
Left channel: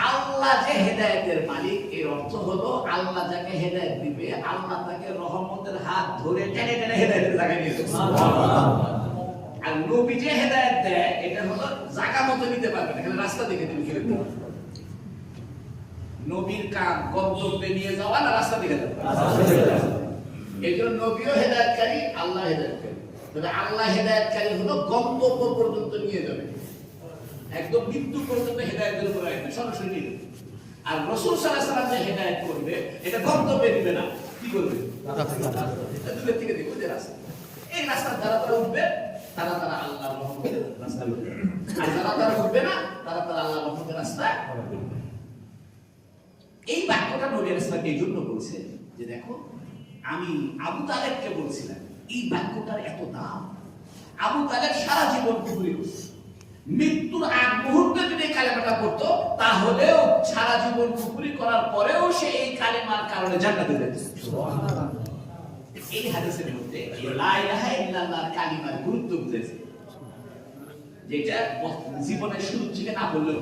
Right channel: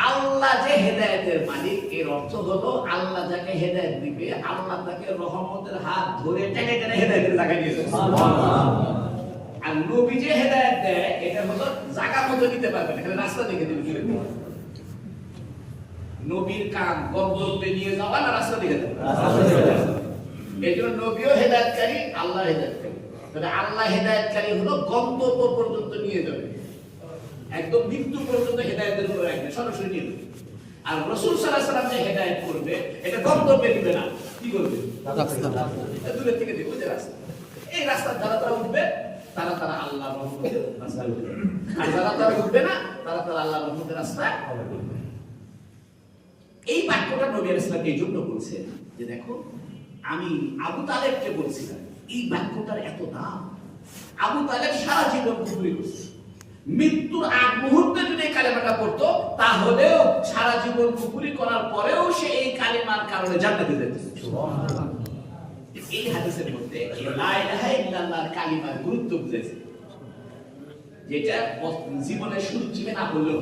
আল্লাহ যে হেদায়েতের মালিক, এর অর্থ হলো আল্লাহ যাকে হেদায়েত দিবে আল্লাহ তাকে রহমতের হাত ধরে টেনে টেনে হেদায়েতের জায়গায় নিয়ে যাবে। আর নবী যে হেদায়েত দেয় এটা হলো জায়গা মতো নিতে পারবে না, খালি রাস্তা দেখে দিবে। নবীর কাম গন্তব্যে নিয়ে যাওয়া না রাস্তা দেখে দেওয়া? এই জন্য নবীও হেদায়েতকারী, আল্লাহ হেদায়েতকারী। তবে আল্লাহ হেদায়েতকারী হলো গন্তব্য পর্যন্ত নিয়ে যাবে, একদম মৃত্যু পর্যন্ত হেদায়েতের উপর রাখবে, সরাসরি নিয়ে যাবে। আর রাসূল সাল্লাল্লাহু আলাইহি ওয়াসাল্লাম যে হেদায়েত করবে এটা গন্তব্যে দিবে না, কি করবে? দূরের থেকে দিবে যে রাস্তা, এই রাস্তা যারা তারা উঠবে তারা তারা আল্লাহর রহমতের রাস্তা উঠবে, আর যারা তারা উঠবে না তারা তারা আল্লাহর রহমতের রাস্তা উঠবে। এই বাক্যটা নবী আলাইহিস সালাম এই জন্য বলছেন যে দেখো আমি আবু তালেবকে বলছিলাম এই বাক্যটার এত দাম। আবু তালেব সারা জীবন কুফরি করছে, মৃত্যুর আগ মুহূর্তে যদি এই কালেমাটা পড়তো তাহলেও সারা জীবন কুফরি করার পরেও সে এই কালেমার কারণে জান্নাতে যেত। সুবহানাল্লাহ। এই হাদিসের মধ্যে লা ইলাহা ইল্লাল্লাহর কালিমার গুরুত্ব বুঝেছে, যেটা জীবনের শুরু থেকে না বললেও,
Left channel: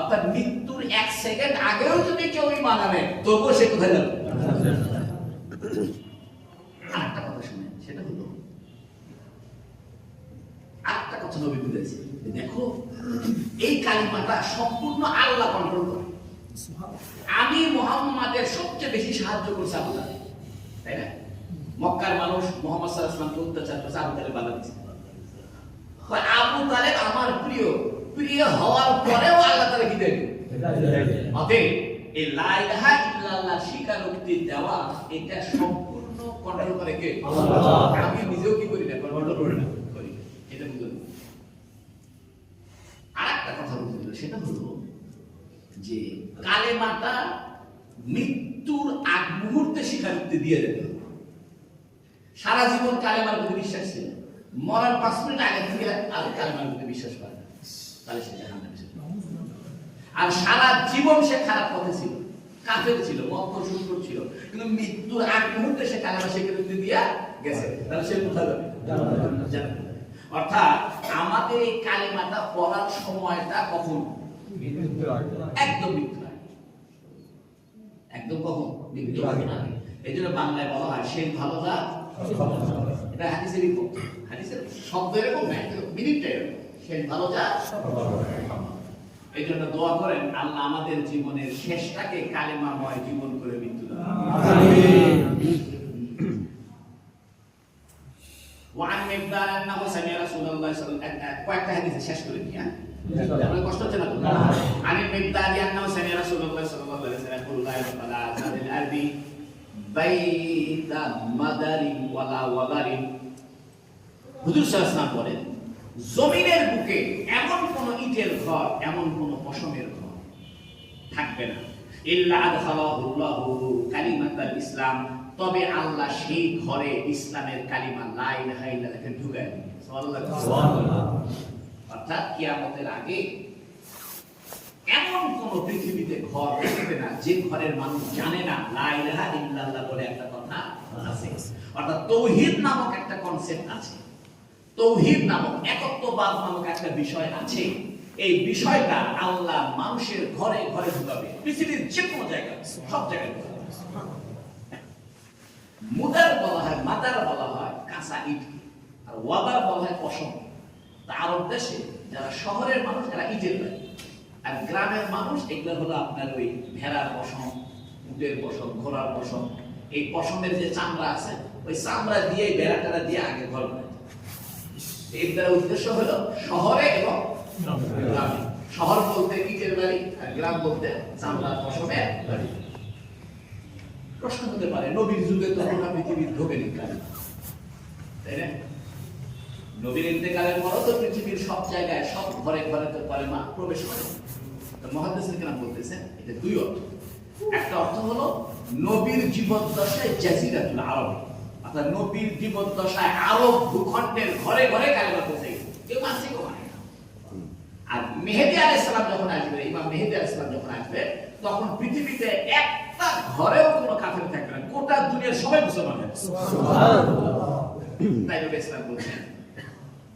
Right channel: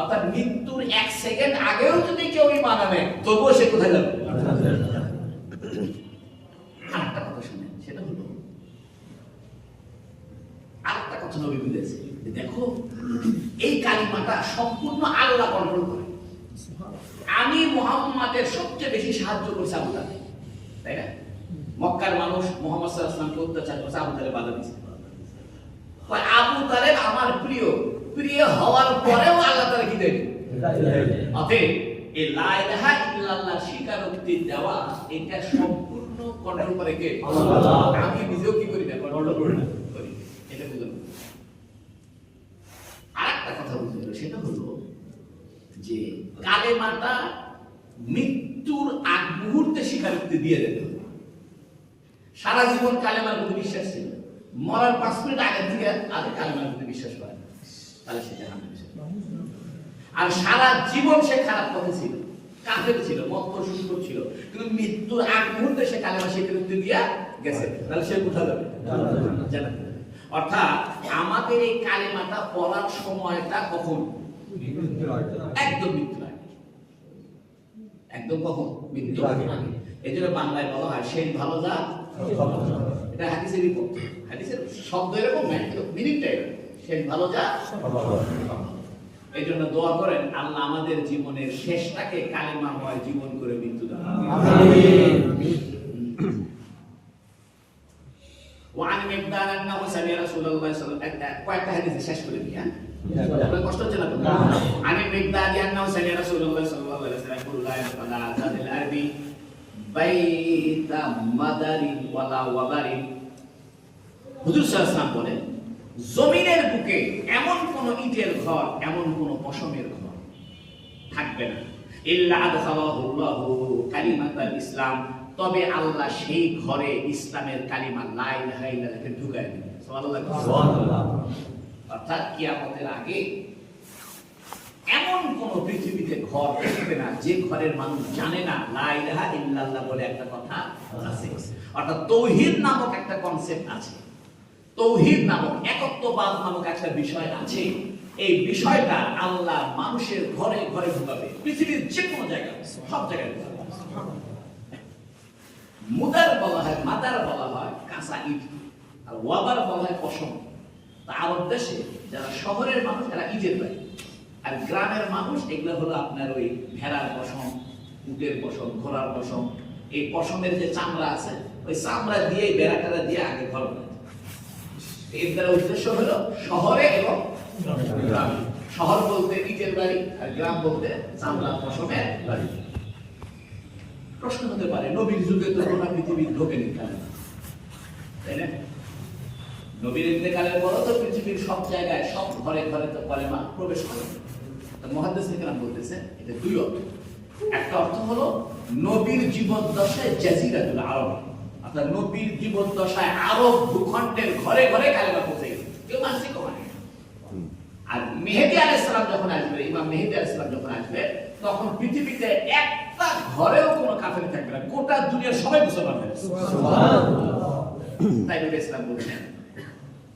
অর্থাৎ মৃত্যুর এক সেকেন্ড আগেও যদি কেউ ঈমান আনে তবুও সে কোথায় যাবে? আরেকটা কথা শুনেন, সেটা হলো আরেকটা কথা নবী বলেছেন যে দেখো এই কালিমাটা সম্পূর্ণ আল্লাহ কন্ট্রোল করে। আমি মুহাম্মাদের সবচেয়ে বেশি সাহায্য করছি আবু তালেব, তাই না? মক্কার মানুষ মুহাম্মদ সাল্লাল্লাহু আলাইহি ওয়াসাল্লামকে অত্যাচার করছে, আবু তালেব বাধা দিয়েছে। আবু তালেব আমার প্রিয় হওয়ার পরেও আল্লাহ তাআলা কি দেন? অতএব এই লা ইলাহা ইল্লাল্লাহ স্বীকারোক্তি দেওয়া এটা সম্পূর্ণ কন্ট্রোল করে কে? আল্লাহ। আমি নিজেও কি করি না, কন্ট্রোল করি না, এটা বুঝুন। আরেকটা কথা বুঝুন, সেটা হলো যে কালেমাটা মৃত্যুর আগ মুহূর্তে স্বীকারোক্তি দিয়ে দিতে হবে। সারা জীবন কালেমার প্রতি বিশ্বাস ছিল, মরার 5 মিনিট আগে থেকে আর কালেমার প্রতি বিশ্বাস পায় না, তাহলে সে জাহান্নামে। আর সারা জীবন সে খারাপ পথে ছিল, কাফের ছিল, মক্কা শুকর ছিল, কিন্তু মৃত্যুর আগ মুহূর্তে সে কালেমা স্বীকারোক্তি দিয়া গেছে, তাহলে সে কোথায় যাবে? জান্নাতে। অর্থাৎ আমাদের এই কালেমাটা পড়ার সময়টা কখন? একদম মৃত্যুর আগে। একদম কখন? মৃত্যুর আগে। এই জন্য বাংলায় বলা হয় সেই ভালো যা, এটা হাদিসের রিপোর্ট, হাদিসের শব্দ এরকম না, কিন্তু মিনিংটা এরকম, সেই ভালো যা। এই জন্য দোয়া করেন আল্লাহ আমাদের জীবনের শেষটাকে কালিমাময় জীবন করে মৃত্যু দান। আমিন। কয়েকটা হাদিস শেষ করে দিই। হ্যাঁ, আপনার কষ্ট হচ্ছে না তো? আমি মিকদাদি আন্নাহু সাল্লাল্লাহু রাসূলুল্লাহ সাল্লাল্লাহু আলাইহি ওয়াসাল্লাম কুল্লা ইয়াতালা আযানিল আরদি বাইতা মাদারিন ওয়ালা ওয়াবারিন। হুজুর সাল্লাল্লাহু আলাইহি ওয়াসাল্লাম বলেন, জমিনের বুকে এমন কোন ইটের ঘর, এমন কোন পশমের ঘর থাকবে না, ইল্লা আদখালাহুল্লাহু কালিমাতাল ইসলাম, তবে আল্লাহ সেই ঘরে ইসলামের কালিমা লা ইলাহা ইল্লাল্লাহকে ঢুকায় দিবেন। সুবহানাল্লাহ। অর্থাৎ কিয়ামতের আগে এমন কোন পৃথিবীতে ঘর থাকবে না যে ঘরের মানুষ জানে না লা ইলাহা ইল্লাল্লাহ বলে একটা কথা আছে। অর্থাৎ তাওহীদ নামক একটা কনসেপ্ট আছে, তাওহীদ নামক একত্ববাদ নামক একটা বিষয় আছে। এই বিষয়টা আল্লাহ মানুষের ঘরে ঘরে ঢুকাবে, পৃথিবীর যে কোনো জায়গায়, সব জায়গায়। মুদার বলা হয়, মাদার বলা হয় কাঁচা ইট, আর ওয়াবার বলা হয় পশম। আরব দেশে যারা শহরের মানুষ এরা ইটের বাড়ি, আর গ্রামের মানুষ এগুলো হলো আপনার ওই ভেড়ার পশম, উটের পশম, ঘোড়ার পশম। এই পশমের যে চামড়া আছে, ওই চামড়া দিয়ে বেড়াটারা দিয়ে আগে ঘর বানায়। এর উদ্দেশ্য হলো শহরে এবং গ্রামে। শহর বলতে ইটের বাড়ি, আর গ্রাম বলতে চামড়ার পশমের বাড়ি। প্রশ্ন হতে পারে, নবীর যুগে তো গোটা পৃথিবীর ঢোকেনি, তাই না? নবীর ইন্তেকালের পরও তো পৃথিবীর সব জায়গায়, সব ঘরে ঘরে তো কালেমা প্রবেশ করে। মুহাদ্দিসিন কেরাম বলতেছে এটা দুই অর্থ। একটা অর্থ হলো নবীর জীবদ্দশায় জাজিরাতুল আরব, অর্থাৎ নবীর জীবদ্দশায় আরব ভূখণ্ডের ঘরে ঘরে কালেমা পৌঁছে গেছে, কেউ মানছে কেউ মানে। আর মেহেদী আলাইহিস সালাম যখন আসবে, ইমাম মেহেদী আলাইহিস সালাম যখন আসবে, তখন পৃথিবীতে একটা ঘরেও কোনো কাফের থাকবে না, গোটা দুনিয়ার সবাই মুসলমান হবে। সুবহানাল্লাহ। তাই নবী ইসলাম বলেছেন,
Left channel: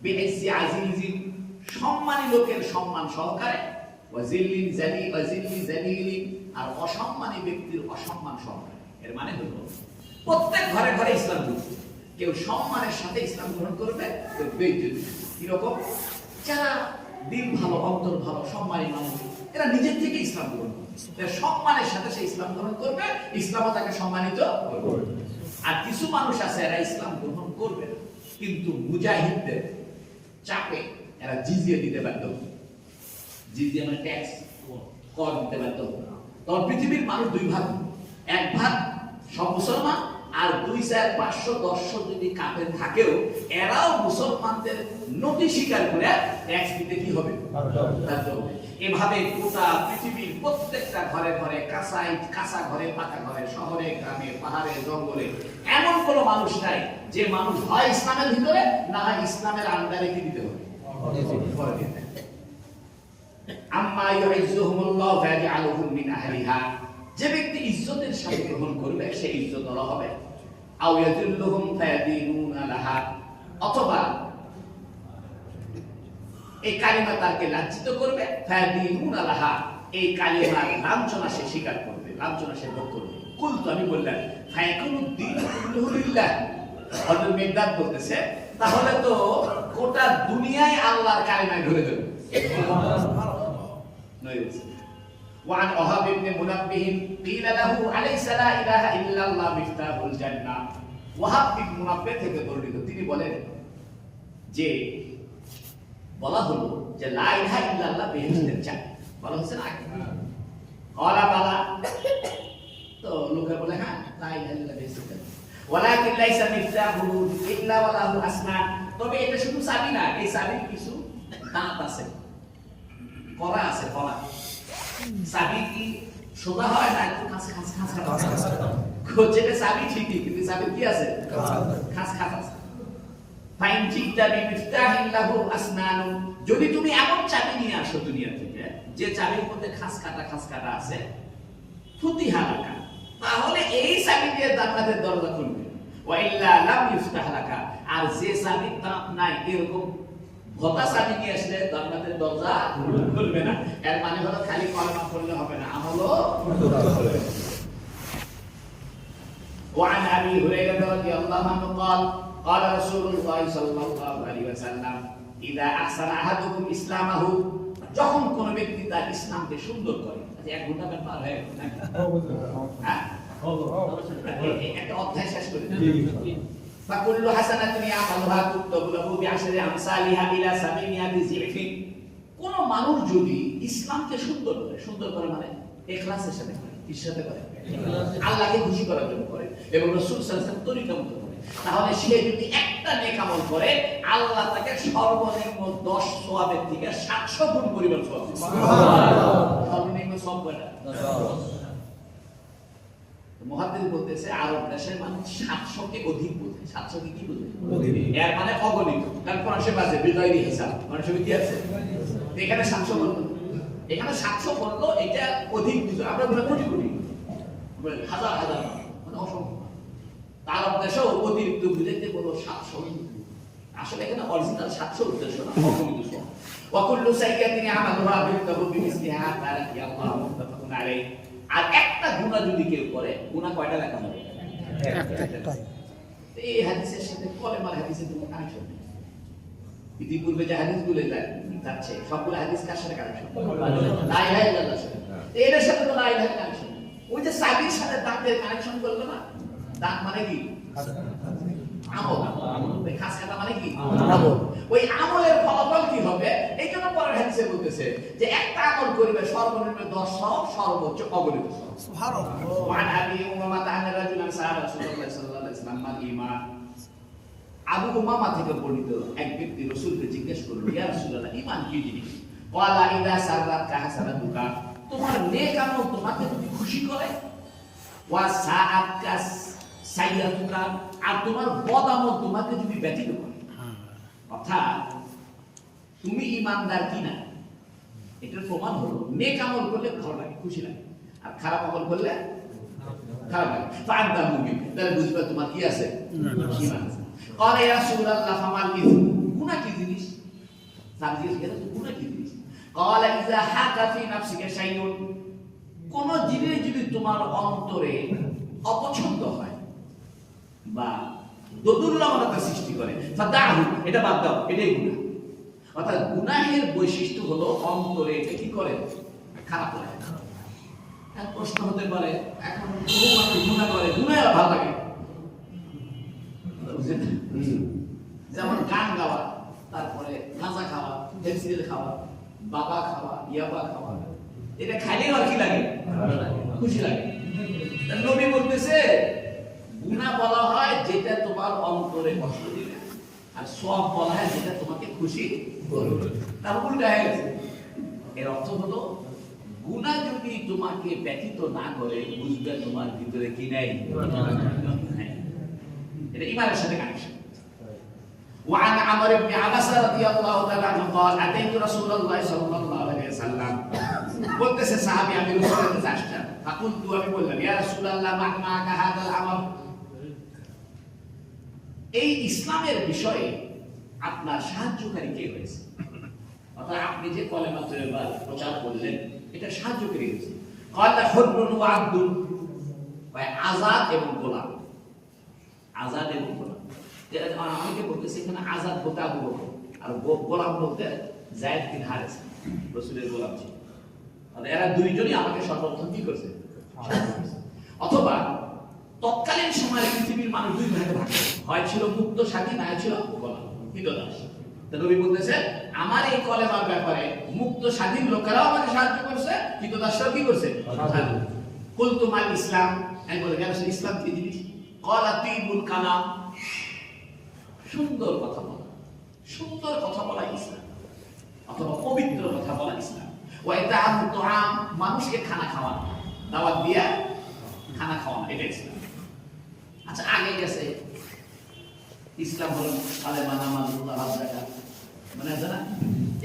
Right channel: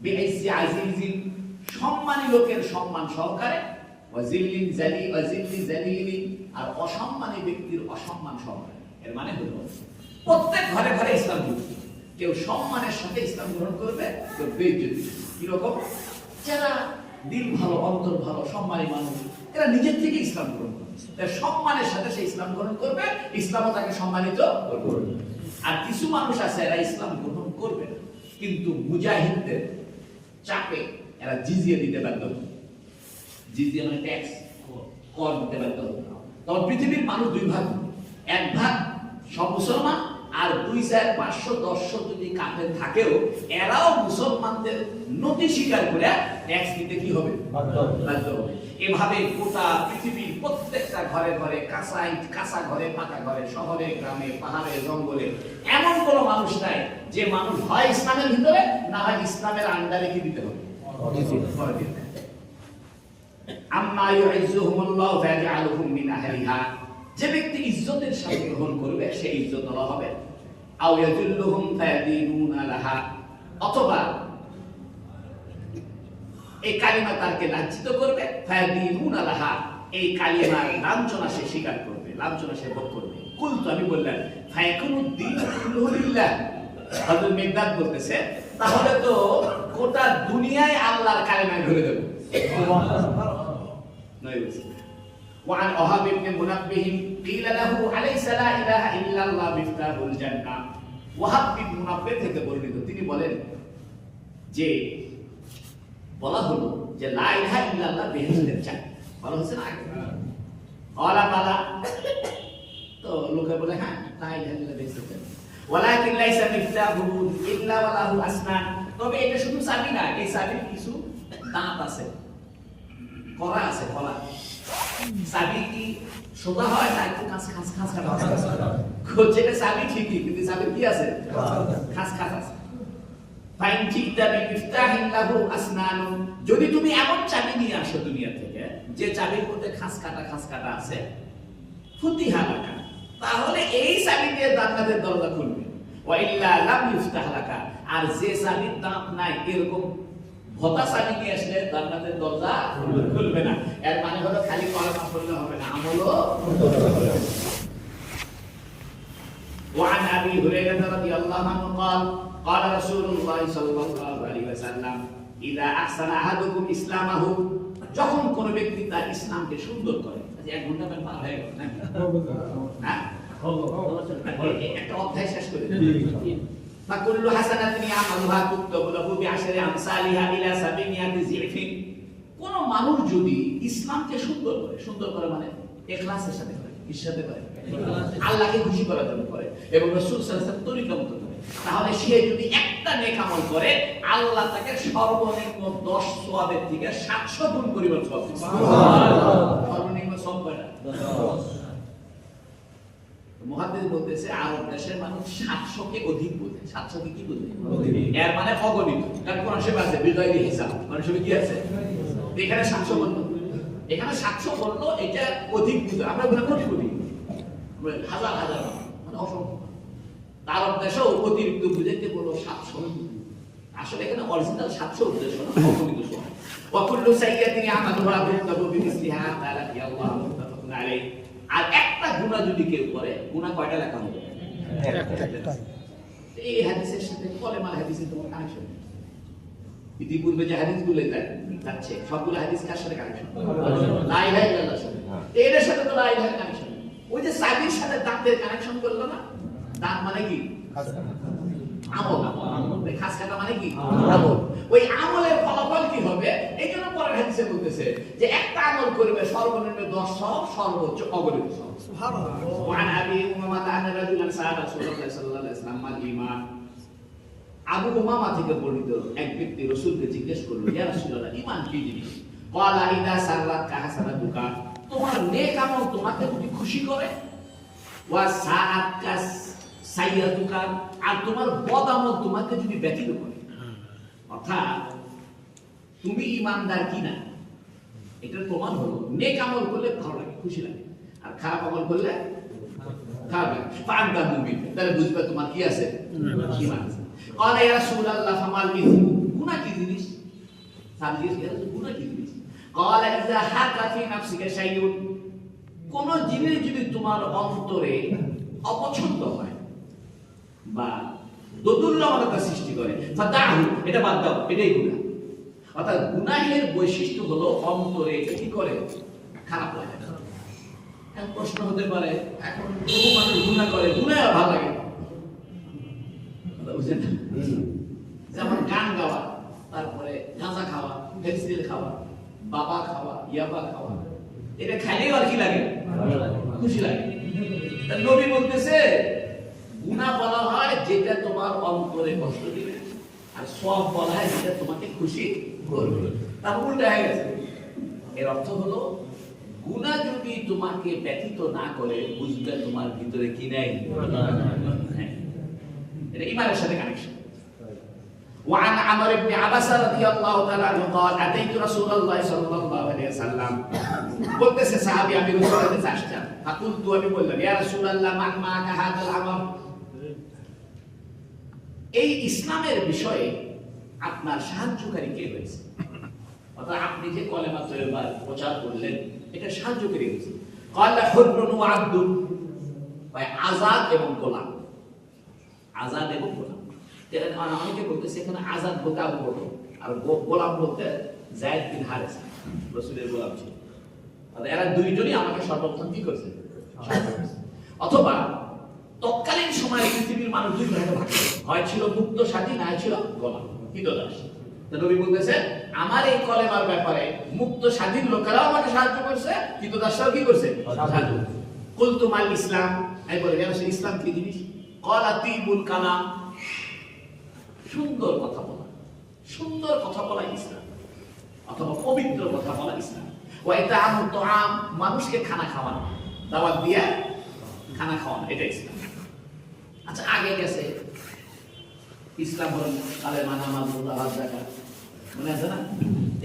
বিআইসি আজিজিন, সম্মানী লোকের সম্মান সহকারে, ওয়াজিল্লি জালি ওয়াজিল্লি জালিলি, আর অসম্মানী ব্যক্তির অসম্মান সহকারে। এর মানে হলো প্রত্যেক ঘরে ঘরে ইসলাম ঢুকবে, কেউ সম্মানের সাথে ইসলাম গ্রহণ করবে, কেউ বেইজ্জতি। কিরকম? যারা দিল ভালো, অন্তর ভালো, সম্মানী মানুষ, এরা নিজের থেকে ইসলাম গ্রহণ করবে, সম্মানের সাথে সে ইসলাম গ্রহণ করবে, ইসলামও তাকে সম্মানিত করবে। আর কিছু মানুষ আছে এরা ইসলাম গ্রহণ করবে না, কিন্তু মুজাহিদদের চাপে এরা জিজিয়া দিতে বাধ্য হবে। জিজিয়া মানে ট্যাক্স, কর দিতে বাধ্য হবে। তখন পৃথিবীর মানুষ দুই ভাগ, এক ভাগ সব মুসলমান, আর 2,500-1000 যদি কাফের থাকেও এরাও মুসলমানদের নতি স্বীকার করে ট্যাক্স দিতে কি হবে? বাধ্য হবে। এভাবে গোটা পৃথিবীর প্রত্যেকটা ঘরে ঘরে, কাঁচা ঘরে, পাকা ঘরে, শহরে, গ্রামে, পাহাড়ে, জঙ্গলে এমন কোনো মানুষ নাই যে মানুষ হয় ইসলামের ভিতরে, না হয় ইসলামের আন্ডারে কি দিতে হবে? আম্মা ইউইজুহুমুল্লাহু ফায়াজআলুহুম মিন আহলিহা, যে ব্যক্তি ইজ্জতের সাথে গ্রহণ করবে সে ইজ্জতওয়ালা হবে। আও ইয়াজুল্লুহুম ফায়াদিনুনা লাহা, অথবা এই কালিমা তাকে লাঞ্ছিত করবে, ফায়াদিনুনা লাহা, এই কালিমার লাঞ্ছনা সে স্বীকার করবে, লাঞ্ছনা সে ভোগ করবে। কুলতু, আমি বললাম, ফায়াকুনুদ্দিন কুল্লুহু লিল্লাহ। হযরত মিকদাদ বলতেছে, তাহলে তো গোটা দুনিয়ায় আল্লাহর কালিমায় ঢলে যাবে। সুবহানাল্লাহ। وعن وهب بن منبه قيل له أليس لا إله إلا الله مفتاح الجنة। ওয়াহাব বিন মুনাব্বিহ থেকে বর্ণিত, তিনি বলেন যে বলা হলো যে লা ইলাহা ইল্লাল্লাহ বেহেশতের চাবি, বলা হচ্ছে না আগে? ওয়ালা বালা, তো লোকে বলে হ্যাঁ লা ইলাহা ইল্লাল্লাহ বেহেশতের চাবি, ওয়ালাকিন লাইসা মিফতাহু ইল্লা ওয়ালাহু আসনান, তবে এটা শুধু চাবি না, এই চাবির কিছু দাঁত আছে, করা আছে, করা। চাবি কি সোজা হয় না একটু খাঁচ খাঁচ খাঁচ খাঁচ হচ্ছে? চাবি ঠিকই, কিন্তু চাবি কি আছে? খাঁচ খাঁচ আছে। ফাইন জিদা বিমিফতাহিন লাহু আসনানুন, যদি তুমি এমন চাবি নিয়ে আসো দুনিয়া থেকে যে চাবির মধ্যে খাঁচ কাটা আছে, ফুতিহা লাকা, তাহলে এই চাবি দিয়ে জান্নাতের দরজা খুলবে। ওয়া ইল্লা লাম ইফতাহ লাকা, আর যে চাবির দাঁত নাই এরকম ভোতা চাবি নিয়ে আসলে জান্নাতের দরজা খুলবে না। এর মানে হলো খালি কলেমা পড়লে হবে না, আমলও করতে হবে। وعن ابي هريره رضي الله عنه قال قال رسول الله صلى الله عليه وسلم اذا احسن احدكم اسلامه, যখন কোন ব্যক্তি তার ইসলামকে সুন্দর করে, এক ঘন্টা পার হয়ে গেল না, হ্যাঁ, একটা অধ্যায় শেষ করে দিই। ফাকুল্লু হাসানাতিন ইয়ামালুহা তুকতাবু লাহু বিআশরি আমসালিহা ইলা 700 যিফিন। কোন মানুষ যদি ইসলামকে সুন্দর করে মানে ইখলাসের সাথে করে, কিসের সাথে করে? আল্লাহকে খুশি করার জন্য করে এবং রাসূল সাল্লাল্লাহু আলাইহি ওয়াসাল্লাম তরিকা মতো করে, তাহলে সে যদি একটা নেক আমল করে আল্লাহ তাকে সর্বনিম্ন 10 সওয়াবের থেকে 700 গুণ পরিমাণ সওয়াব দিবে। সুবহানাল্লাহ। সর্বনিম্ন সওয়াব কয়টা? 10। মুহাদ্দিস বলতেছে আরব দেশের মানুষ 700 কে অধিক বোঝে। 700 কে কি বোঝে? এর মানে অগণিত। কারণ কোরআন শরীফে আছে বিগাইরি হিসাব। কোরআন শরীফে কি আছে? এখানে 700 বলতো, এখানে 700 বলতো, এটা অধিক বুঝে। আমরা বলি কোটি কোটি, হাজার হাজার, মানে অসংখ্য। আরব দেশেও অতিরিক্ত বুঝাইতে বললো 700। আসলে এখানে অরিজিনাল 700 উদ্দেশ্য না, অগণিত সব। ওয়াকুল্লু সাইয়্যাতিন ইয়ামালুহা বিকাবু বিমিসলিহা তাআলা ইয়াল্লাহু মুত্তাফাকুন আলাইহি। আর একটা গুনাহ যদি কেউ করে, গুনাহ কয়টা লেখা হবে? একটাই। এই হাদিসের সাথে কলেমার হাদিসের কোনো কানেকশন নেই। ইতিপূর্বে যে হাদিসগুলো যাচ্ছে সবগুলো হাদিস কার সাথে কানেকশন? লা ইলাহা ইল্লাল্লাহর সাথে। এর সাথে তো লা ইলাহা কানেকশন। ওই যে সাবির সাথে দাঁতের কানেকশন করলো না, দাঁত মানে কি? আমল। ওই খাস কাটা মানে কি? আমল। ওই আমলের ফলাফল কি হবে? এই জন্য পরের হাদিসে বলতেছে যে একটা আমল করবে সর্বনিম্ন 10 সওয়াব, সর্বোচ্চ অগণিত সওয়াব। সুবহানাল্লাহ। ওয়া আন আবি উমামা আন্না রাজুলান সাআলা রাসূলুল্লাহ সাল্লাল্লাহু আলাইহি ওয়াসাল্লাম মাল ঈমান। আবু উমামা থেকে বর্ণিত এক ব্যক্তি রাসূলকে জিজ্ঞেস করলো, ইয়া রাসূলুল্লাহ, ঈমান কি জিনিস? ক্বালা ইযা সাররাতকা হাসানাতুকা, তোমার নেক আমল তোমাকে যদি খুশি করে, ওয়া সাআতকা সাইয়্যাতুকা, আর তোমার বদ আমল তোমাকে যদি ব্যথিত করে। অর্থাৎ তুমি ঈমানদার কিনা এটার প্রমাণ হলো নেক আমল করলে ভালো লাগে, খুশি লাগে, আর খারাপ আমল করলে খারাপ লাগে। ফাআনতা মুমিন, তাহলে বুঝবে তোমার কি আছে? ঈমান আছে। ক্বালা ইয়া রাসূলুল্লাহ ফামাল ইসম, গুনাহ কি জিনিস? সাহাবী জিজ্ঞেস করলেন গুনাহ কি জিনিস? ক্বালা ইযা হাকা ফি নাফসিকা শাইউন, কোন জিনিস যদি তোমার অন্তরে অপছন্দ হয় বা দোদুল্যমানতা সৃষ্টি করে, ফাদাহু, এটা বাদ দাও, এটাই গুনাহ। অর্থাৎ গুনাহের বৈশিষ্ট্য হলো অন্তরে এটা কি করে? খারাপ লাগে। এখন প্রশ্ন হতে পারে, এখন বহু মানুষ গুনাহ করে, গুনাহ ভালো লাগে, বুঝছেন? যেমন গান গাওয়া, তারপরে গাঁজা খাওয়া, ফেন্সিল খাওয়া, বাবা খাওয়া, ইয়াবা খাওয়া, এটা খাইলেই আর কি লাগে? খুশি লাগে। নবী বলতেছে গুনাহ বলা হয় যেটা তোমার অন্তরে কষ্ট দিবে, আর সওয়াব বলা হয় যেটা তোমাকে খুশি করবে। তার উল্টা হয়ে গেছে। এর অর্থ হলো গুনাহ যদি তোমাকে ব্যথিত না করে, বুঝবে তোমার ভিতরে কি নাই? এটা ঈমানের সাথে কানেকশন। وعن عمرو بن عبسة رضي الله تعالى عنه قال أتيت رسول الله صلى الله عليه وسلم, বলতেছে সাহাবী আমি রাসূলের কাছে আসলাম, ফাকুলতু, আমি বললাম, ইয়া রাসূলুল্লাহ মা মাকা হাদাল আমর, এই ইসলামের বিষয়ে আপনার সাহায্যকারী কে হয়েছে? অর্থাৎ আপনি যে কলেমা তয়্যিবা প্রচার করলেন এটা সাহায্যকারী হয়েছে। ক্বালা হুররুন ওয়া আবদুন, আযাদ এবং গোলাম। আযাদ এবং গোলাম, অনেকে বলতেছে এখানে আযাদ বলতে আবু বকর, আর গোলাম বলতে যায়েদ বিন হারেস, রাসূলের গোলাম ছিল। এরা দুইজনই আমাকে সর্বপ্রথম কি করছে? অথবা তৎকালীন সময়ে পৃথিবীর মানুষ দুই ভাগে ভাগ ছিল, হয় ছিল মুক্ত স্বাধীন, না ছিল গোলাম, ক্রীতদাস। নবী বলতেছে আমার এই কলেমার ব্যাপারে মুক্ত স্বাধীন লোকেরাও আমাকে সাহায্য করছে, ক্রীতদাসরাও কি করছে? সাহায্য। কুলতু মাল ইসলাম, আমি বলি ইসলাম কি জিনিস? ক্বালা তিবুল কালাম, সুন্দর কথা বলা, সুন্দর কথা বলা ইসলাম, অথবা পবিত্র কথা বলা ইসলাম। ওয়া ইতাআমু তুআম, মানুষকে খানা খাওয়ানো, দাওয়াত দিয়া খানা খাওয়ানো, এটা ইসলাম। আচ্ছা, আগে গেছে ইসলাম হলো কালেমা, নামাজ, রোজা, হজ, যাকাত, মানে আছে না?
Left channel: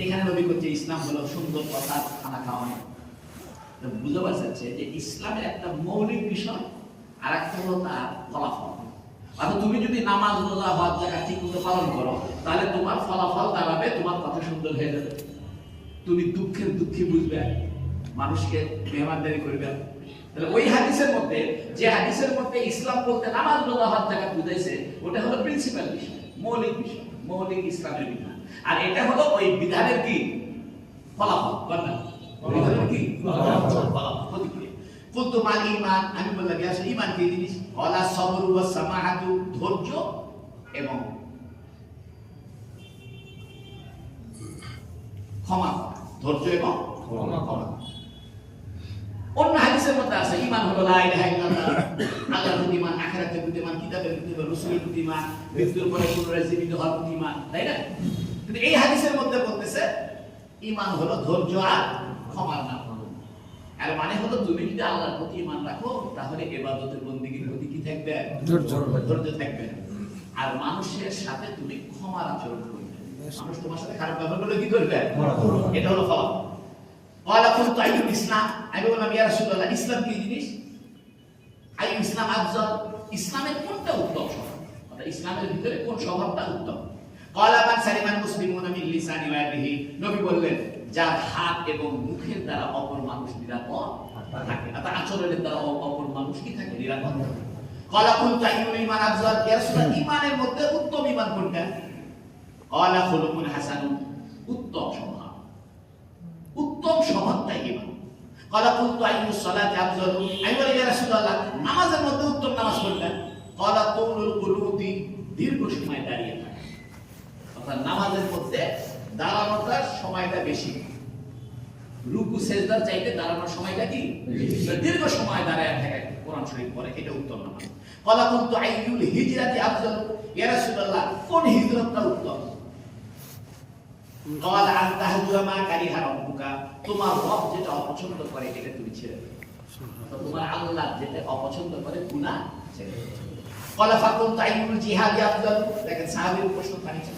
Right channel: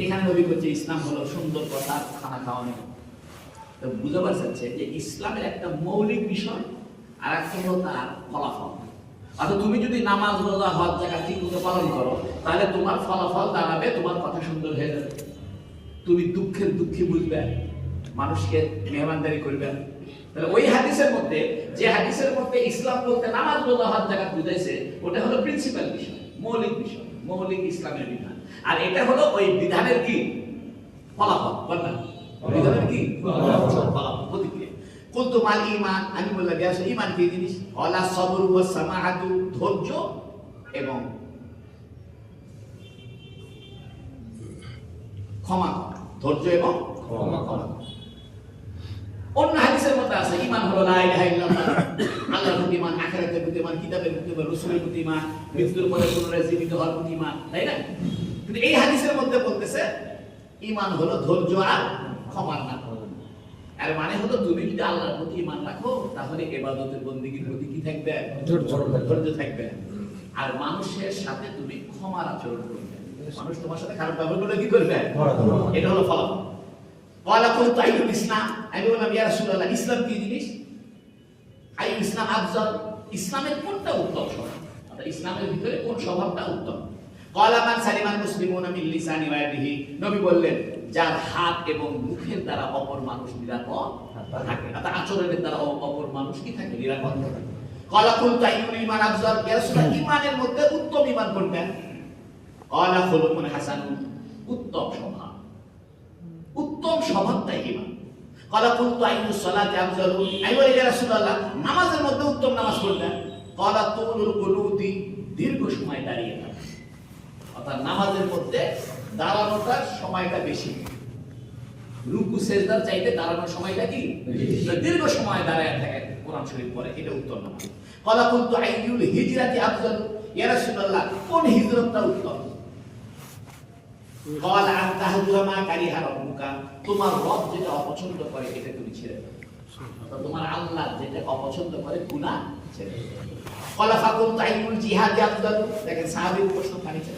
এখানে নবী বলছে ইসলাম হলো সুন্দর কথা, খানা খাওয়ানো। তো বুঝাতে চাচ্ছে যে ইসলামের একটা মৌলিক বিষয় আর একটা হলো তার ফলাফল। অর্থাৎ তুমি যদি নামাজ, রোজা, হজ, যাকাত ঠিকমতো পালন করো, তাহলে তোমার ফলাফল দাঁড়াবে, তোমার কথা সুন্দর হয়ে যাবে, তুমি দুঃখের দুঃখী বুঝবে, মানুষকে মেহমানদারি করবে। তাহলে ওই হাদিসের মধ্যে, যে হাদিসের মধ্যে ইসলাম বলতে নামাজ, রোজা, হজ, যাকাত বুঝাইছে, ওটা হলো প্রিন্সিপাল বিষয়, মৌলিক বিষয়, মৌলিক ইসলামের বিধান। আর এটা হলো ওই বিধানের কি? ফলাফল। বিধানের কি? ফলাফল, প্রতিক্রিয়া। কুলতু মাল ঈমান, আমি বললাম ইয়া ঈমান কি জিনিস? ক্বালা সাবরু ওয়াস সামাহাতু, ধৈর্য এবং ক্ষমা করা, ধৈর্য এবং ক্ষমা। অন্য হাদিসের মধ্যে আছে ঈমান হলো লা ইলাহা ইল্লাল্লাহ, আল্লাহর প্রতি ঈমান, আখিরাতের প্রতি ঈমান, কিতাবের প্রতি ঈমান, রাসূলের প্রতি ঈমান, মৃত্যুর পরে পুনরায় জীবিত হওয়ার প্রতি ঈমান, তাই না? কিন্তু এই হাদিসের মধ্যে বলতেছে ঈমান হলো ধৈর্য আর ক্ষমার নাম। এর মানে হলো তুমি যদি আল্লাহর প্রতি ঈমান রাখো তাহলে ইবাদতের বন্দেগীর প্রতি কি থাকবে? ধৈর্য থাকবে। আর মানুষের সাথে তুমি ক্ষমার আচরণ করবে। মানুষ তোমার সাথে খারাপ ব্যবহার করলে কি করবে? এটা হলো ফল। قال قلت أي الإسلام আমি বললাম ইয়া রাসূলুল্লাহ ইসলাম কি জিনিস? আই ইসলাম আফজাল, ইসলামের কোনটা উত্তম স্বভাব, অর্থাৎ ইসলামের ভিতরে কোন স্বভাবটা উত্তম? قال من سلم المسلمون من لسانه ويده, নবী বললেন যার হাত এবং মুখের দ্বারা অপর মানুষ নিরাপদ থাকে, অর্থাৎ আচরণের দ্বারা অপর মানুষ কি থাকে? নিরাপদ থাকে। قال قلت أي الإيمان أفضل ইয়া রাসূলুল্লাহ ঈমানের মধ্যে উত্তম ঈমান কোনটা? قال خلق حسن, উত্তম স্বভাব, উত্তম স্বভাবটাই ঈমান। قال قلت أي الصلاة أفضل, আমি বলি ইয়া রাসূলুল্লাহ নামাজের মধ্যে উত্তম নামাজ কোনটা? قال طول القنوت, দীর্ঘ সময় দাঁড়িয়ে থাকা, অর্থাৎ নামাজের মধ্যে দাঁড়ানোটার সময়টা বেশি, রুকু সেজদার চাইতে দাঁড়ানোর সময়টা কি বেশি, দীর্ঘ সময় দাঁড়ায় থাকা কোরআন শরীফ পড়ে, এটা উত্তম নামাজ। قال قلت أي الهجرة أفضل, ইয়া রাসূলুল্লাহ কোন হিজরতটা উত্তম? قال أن تهجر ما كره ربك, তোমার রব যেটা অপছন্দ করে এটা তুমি ছেড়ে দাও, অর্থাৎ তোমার আল্লাহ যেটা অপছন্দ করে গুনাহ ছেড়ে দাও। قال فقلت أي الجهاد أفضل, দেখেন সাহাবীর প্রশ্ন কানিছে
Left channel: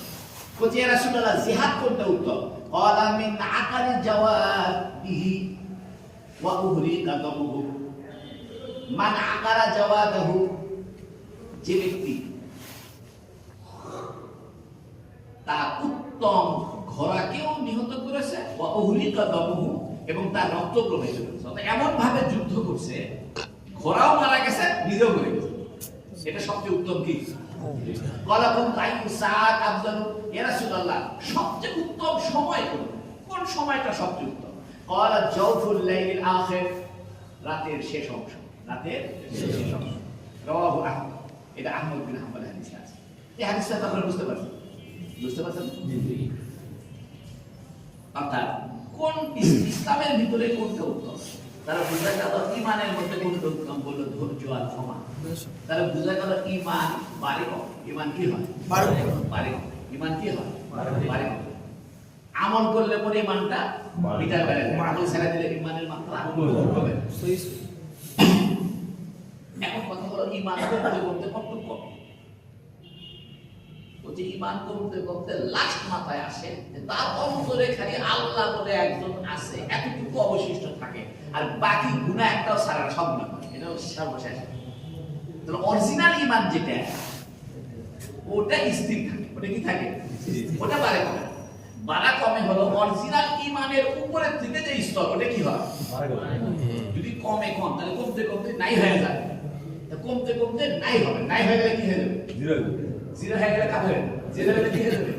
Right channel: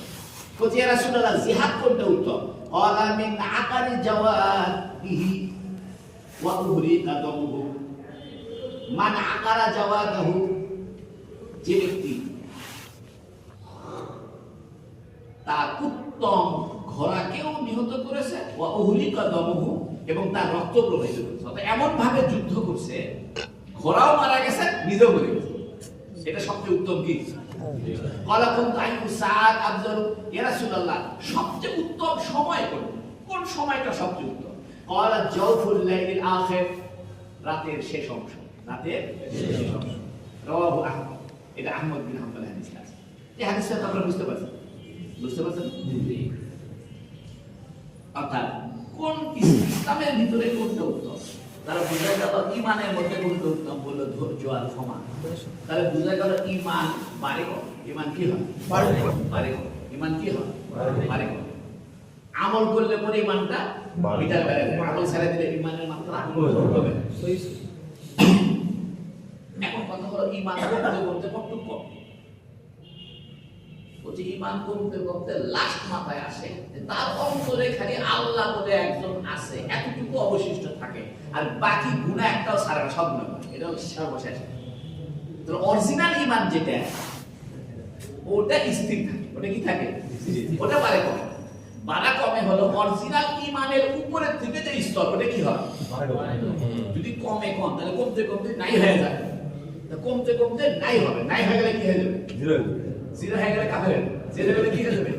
কোথা ইয়া রাসূলুল্লাহ জিহাদ কোনটা উত্তম? قال من عقر جواده وأهريق دمه, মান আকারা জাওয়াদাহু, যে ব্যক্তি তার উত্তম ঘোড়াকেও নিহত করেছে, ওয়া উহলিকা দমহু, এবং তার রক্ত প্রবাহিত করেছে, অর্থাৎ এমন ভাবে যুদ্ধ করছে ঘোড়াও মারা গেছে নিজেও মরে গেছে, এটা সবচেয়ে উত্তম কি? ক্বালা কুনতু আইয়ু সাআত আফজালু, ইয়া রাসূলুল্লাহ সবচেয়ে উত্তম সময় কোনটা? কোন সময়টা সবচেয়ে উত্তম? ক্বালা জাওফুল লাইলিল আখির, রাতের শেষ অংশ, রাতের শেষ অংশ। রাওয়াহু আহমদ, এটা আহমদ বিন হাম্বল হাদিস আছে। এই হাদিসটা আপনারা বুঝতে পারছেন? বুঝতে পারছেন? জি। অর্থাৎ কোন ইসলামের ভিতরে কোনটা উত্তম? তারা বুঝা গেল ঈমানের মধ্যে কোনটা উত্তম, বলল ধৈর্য আর ক্ষমা। তারা বুঝা গেল ঈমান বাড়ে কম, ঈমান কি হয়? বাড়ে কম। ঈমান কি হয়? বাড়ে কম। আমল করলে পরে ঈমানটা বিটা বেড়ে যায়, আমল ছেড়ে দিলে ঈমানের মাত্রা কমবে। এখন কথা হলো ঈমান করতে করতে কতটুকু কম? যে ঈমান করতে করতে লাস্ট মাথায় আসে তার অন্তরে খালি আল্লাহ বলে একজন আছে, এতটুকু অবশিষ্ট থাকে, আর বাকি গুনাহ একটাও ছাড়া না, সব গুনাহ, এটা হচ্ছে সর্বশেষ। তো অরিজিনাল ঈমান যেটা ওটা স্থির থাকে, ওটা কি থাকে? ওটা বাড়ে কমে। বাড়া কমে হলো অরিজিনাল ঈমানের উপরের থেকে যে স্তর, ওটা কি হয়? যদি কমে কম, তাহলে কমতে কমতে নাই হয়ে যায়, কমতে কমতে নাই হবে, নাই হয়ে গেলে কি হয়ে যাবে? জিরো হয়ে গেলে কাফের, জিরো হয়ে গেলে কি হয়ে যাবে?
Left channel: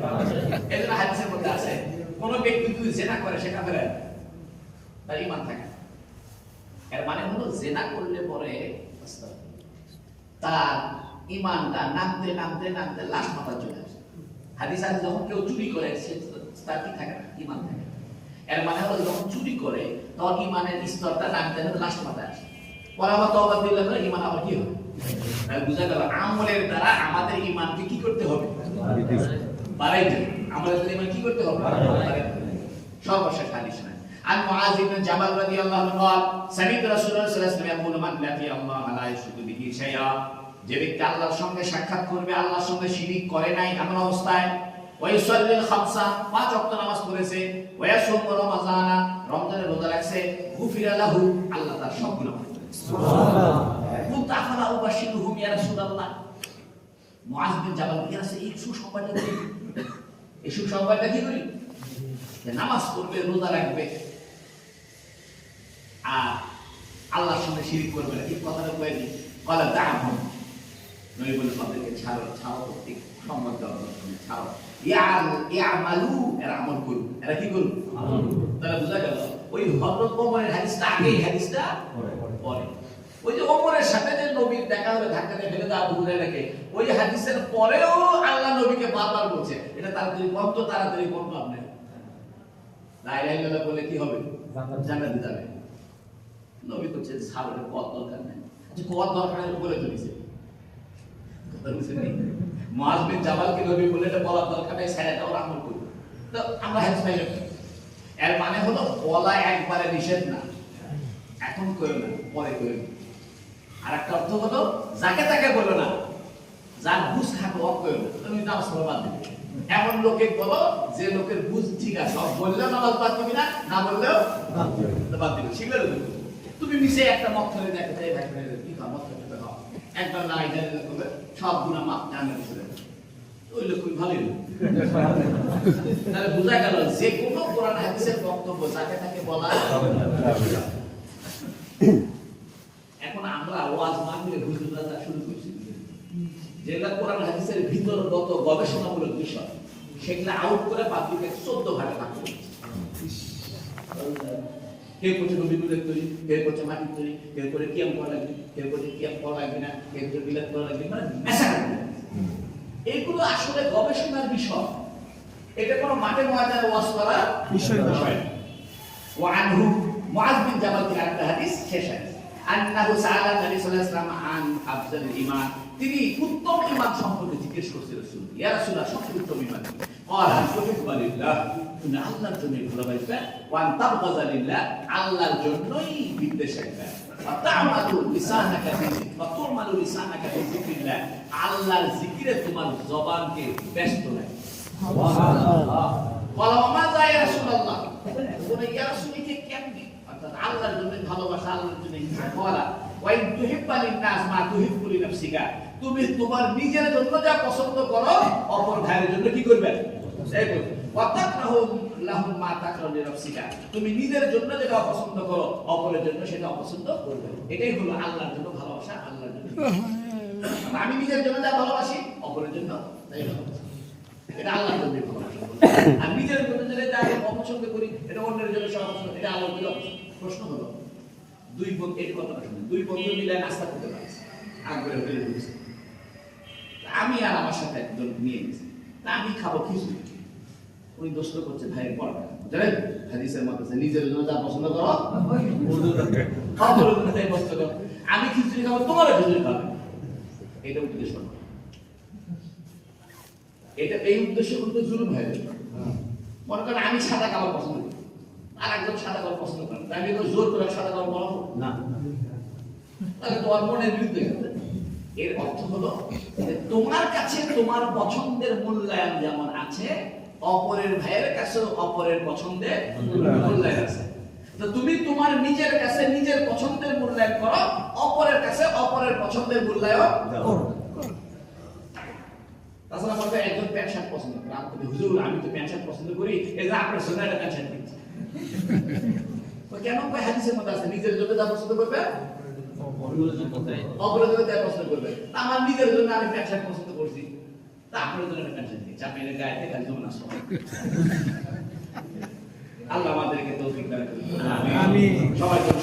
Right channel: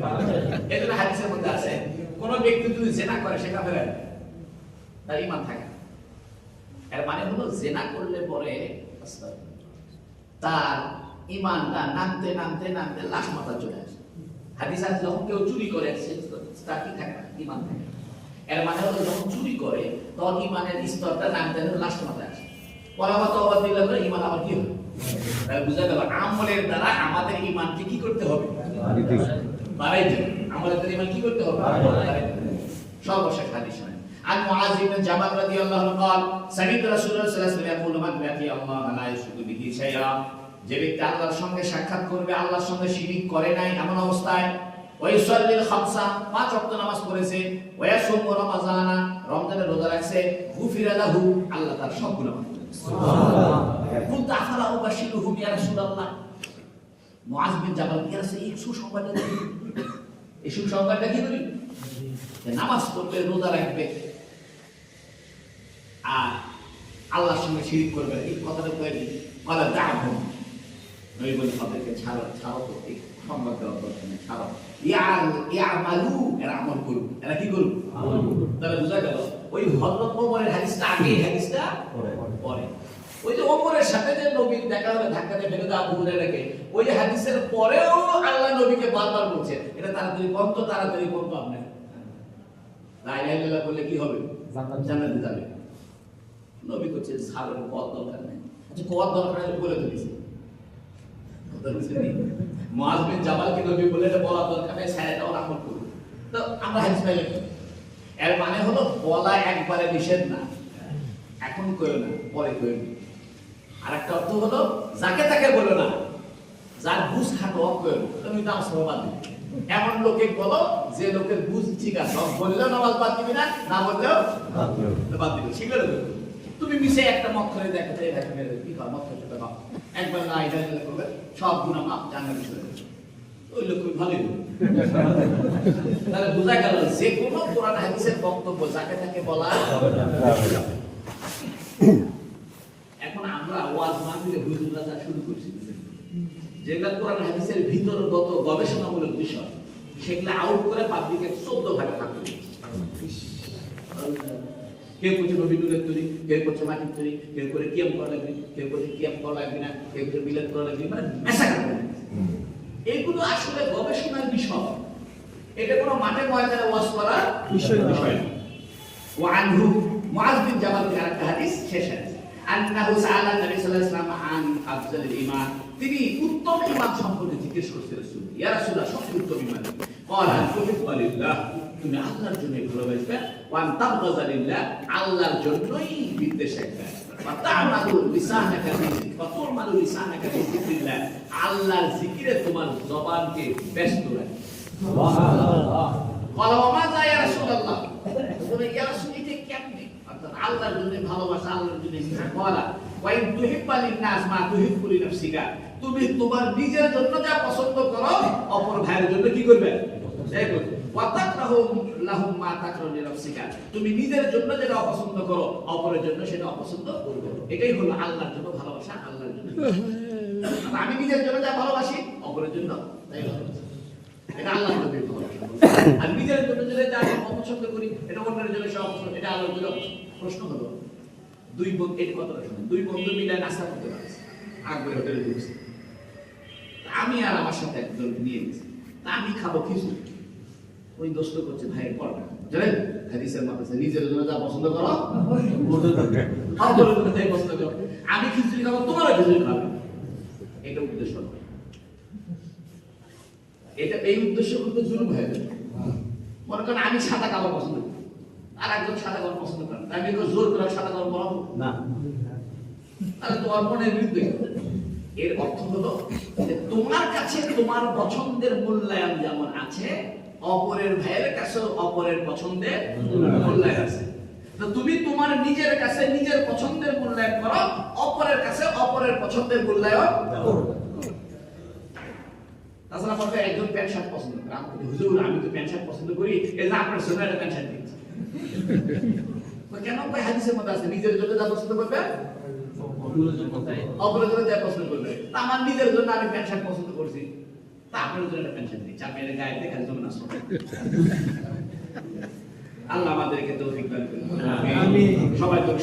এই জন্য হাদিসের মধ্যে আছে কোন ব্যক্তি যদি জিনা করে সে কাফের, তার ঈমান থাকে। এর মানে হলো জিনা করলে পরে তার ঈমানটা নামতে নামতে নামতে লাস্ট মাথা চলে আসে। হাদিস আছে যখন কেউ চুরি করে সে তার কি থাকে না? ঈমান থাকে। এর মানে হলো যখন চুরি করে তখন ঈমানের স্তরটা নামতে নামতে লাস্ট মাথায় আসে। পরামত অবাদ দিলে ঈমান আবার কি হবে? বুঝা গেল আমলের দ্বারা আমাদের ঈমানকে কি করতে হবে? বাড়াইতে হবে। আমলের দ্বারা ঈমান কি করতে হবে? সর্বশেষ হাদিস হয় আন মুআয ইবনে জাবাল রাদিয়াল্লাহু আনহু قال سمعت رسول الله صلى الله عليه وسلم يقول من لقي الله لا يشرك به شيئا, যে ব্যক্তি আল্লাহর সঙ্গে সাক্ষাৎ করবে, আল্লাহর সঙ্গে শিরিক করে নাই এমন অবস্থায়, ওয়া ইসাল্লিল খামসা, পাঁচ ওয়াক্ত নামাজ পড়েছে, ওয়া ইয়াসুমু রমাযানা, রমজানের রোজা রাখছে, গুফিরা লাহু, আল্লাহ তার সব গুনাহ মাফ করে। সুবহানাল্লাহ। কুনতু আফালা উবাশিরুহুম ইয়া রাসূলুল্লাহ, মুআয বিন জাবাল কি আছে এই সুসংবাদটা কি? এই সুসংবাদটা কি করি? নামাজ পড়বে, রোজা রাখবে, আর আল্লাহর সঙ্গে শিরিক করবে না, এই কথাটা কয়ে দিই। কলা দা'হুম, নবী বলেন তাদেরকে ছাড়ো, ছাড়ো, করতে সংবাদ দেওয়ার দরকার নেই, ছাড়ো। ইয়ামালু, এরা আমল করুক। এরা কি করুক? আমল করুক। তাহলে বোঝা গেল ওই হযরত ওমরের হাদিসটা আগে, হাদিসটা পরে। ওই যে ওমরের সাথে যে নবীর দেখা হলে ধাক্কা দিয়ে ফেলে দেওয়া আবু হুরায়রাকে, ওই হাদিসের পরেও আল্লাহ নবীকে বারবার বলছে এটা তাড়াতাড়ি বন্ধ, তাড়াতাড়ি বন্ধ। আপনি লা ইলাহা ইল্লাল্লাহ বলে কি হবে? জান্নাতে যাবে। নবী বলছে সাহাবাদের পথ দরকার নেই। আচ্ছা পথ দরকার নেই বলে দিয়েছে। কথা বুঝলেন? মুআয বিন জাবালকে নবী বলে এটা বলা দরকার নেই, সাইয়েদটা ওর আমল করুন। তো আমরা হাদিস পাই এর মানে হলো বলা একবারে নিষেধ না, এখন করো না, পরে করো। আর একটা অর্থ হলো যাকে তাকে বলো না, যার বুঝ খাটো অফ করো, তুমি নামাজ বাদ দিবে। এমন লোকে বলো যে লোকের বুঝ ঠিক আছে, সব বললেও নামাজ বাদ দিবি না, না বললেও বাদ দিবি। ঠিক আছে? তুমি মিশে একটা মত করে দেখো, এই ভাই কি খাও, মত করতে দাও, একবার না এটা বলে সব গুনাহ মাফ, জান্নাতে চলে যাবে। ওই লোক ভালোই তাহলে বোঝা গেল যে কোনো কোরআন হাদিসের বক্তব্য যাকে তাকে বলা যাবে না। এখন আমরা ওয়াজ মাহফিলে হুজুররা শুরু করছি, যেগুলা কোরআন হাদিসের ভিতরগত গবেষণামূলক বিষয়, সেগুলা আউট করে পাবলিকে 14 ভাগে ভাগ করে কেউ করছে নবীদের তৈরি, কেউ করছে মাটির তৈরি, কেউ করে কিয়াম করা লাগবে, কেউ করছে কিয়াম করা লাগবে না, কেউ করে বিলাত করা লাগবে, মানে মেশাকার করে। এইগুলো আসলে গবেষণার বিষয়, এটা কোনো মাঠের ময়দানে ওয়াজ করা বিষয় নয়। ওয়ানহু মুআয বিন জাবাল থেকে একটা হাদিস শেষ হাদিস, আন্নাহু সাআলা নবী সাল্লাল্লাহু আলাইহি ওয়াসাল্লাম আন আফজালিল ঈমান, তিনি উত্তম ঈমান সম্পর্কে জিজ্ঞেস করতে রাসূল, ইয়া রাসূলুল্লাহ সবচেয়ে উত্তম ঈমান কি? ক্বালা তুহিব্বু লিল্লাহ, তুমি আল্লাহর জন্য ভালোবাসবে, ওয়া তাবগাযু লিল্লাহ, আল্লাহর জন্যই বিদ্বেষ রাখবে, ওয়া তা'মালু লিসানাকা ওয়া তু'মালু লিসানাকা বিযিকরিল্লাহ, আল্লাহর জিকিরে তোমার জবানকে ব্যস্ত রাখবে। সুবহানাল্লাহ। ক্বালা ওয়া মাযা ইয়া রাসূলুল্লাহ, তুমি ইয়া রাসূল এটা কেমনে? অর্থাৎ আল্লাহর জন্য ভালোবাসা, আল্লাহর জন্য ক্বালা ওয়া ইন তুহিব্বু লিন-নাস মা তুহিব্বু লিনাফসিকা, তুমি তোমার নিজের জন্য যা পছন্দ করো অপর ভাইয়ের জন্য কি করবে? সেই করবে। ওয়া তাকরাহু লাহুম মা তাকরাহু লিনাফসিকা, তুমি নিজের জন্য যেটা অপছন্দ করো অপরের জন্য সেটা অপছন্দ করবে। এটাই হলো আল্লাহর জন্য ভালোবাসা, আল্লাহর জন্য। আমি নিজের জন্য যা ভালোবাসি অপরের জন্য তাই ভালোবাসি, এটা আল্লাহর জন্য ভালোবাসা। আর নিজের জন্য যেটা যা অপছন্দ করি এটা অন্যের জন্য সব অপছন্দ, এটা আল্লাহর জন্য অপছন্দ। প্রশ্ন হলো দুই বন্ধু, এই কথাটা শুনুন, দুই বন্ধু মিলে নাস্তা করতে পারছে, আকবরে হোটেলে ঢুকছে, আমি আর আমার সাথে একজন নিয়ে গেছি, তা আমি খাবো খিচুড়ি, ওই দোস্ত করছে ভাইয়ের পড়া জানেন হাদিসের মাঝে নিজের জন্য যা পছন্দ করো অপরের জন্য তাই পছন্দ করো, আমি খিচুড়ি খাবো তোমারও খিচুড়ি খাবে, এটা উদ্দেশ্য নয়। এটা এই উদ্দেশ্য করতে জুলুম হয়ে যাবে। মনে করেন আমি সাদা কালার পছন্দ করি, আর একজন সাদা কালার পছন্দ করেন, আমি তো জোর করে সাদা কালার বলাবো না, তাহলে তোমার মনের বিরুদ্ধে। এর অর্থ হলো যে তোমার কাছে তোমার পছন্দের মূল্যায়ন যেমন আছে, অপরের ভাইয়ের কাছে অপরের পছন্দের মূল্যায়ন আছে। তো তুমি তোমার নিজের কাছে নিজের পছন্দের মূল্যায়ন করো, অপরের কাছে অপরের পছন্দের মূল্যায়ন করো। তাছাড়া আমাকে একজন প্যান্ট শার্ট পছন্দ করে, আমি বলি হুজুর আমি তো প্যান্ট শার্ট পছন্দ করি, এই যে আপনার জন্য একটা প্যান্ট শার্ট কিনছি। কেন ভাই? হাদিসের মধ্যে আছে নিজের জন্য যা পছন্দ করবে অপরের জন্য যা পছন্দ করবে। আমার নিজের জন্য আমি প্যান্ট শার্ট পছন্দ করছি, তা আপনার জন্য একটা প্যান্ট শার্ট দিচ্ছি, আপনি এর গায়ে খালি জমে না। আল্লাহ আমাদেরকে তৌফিক দান করুন। আমিন। সবাই জোরে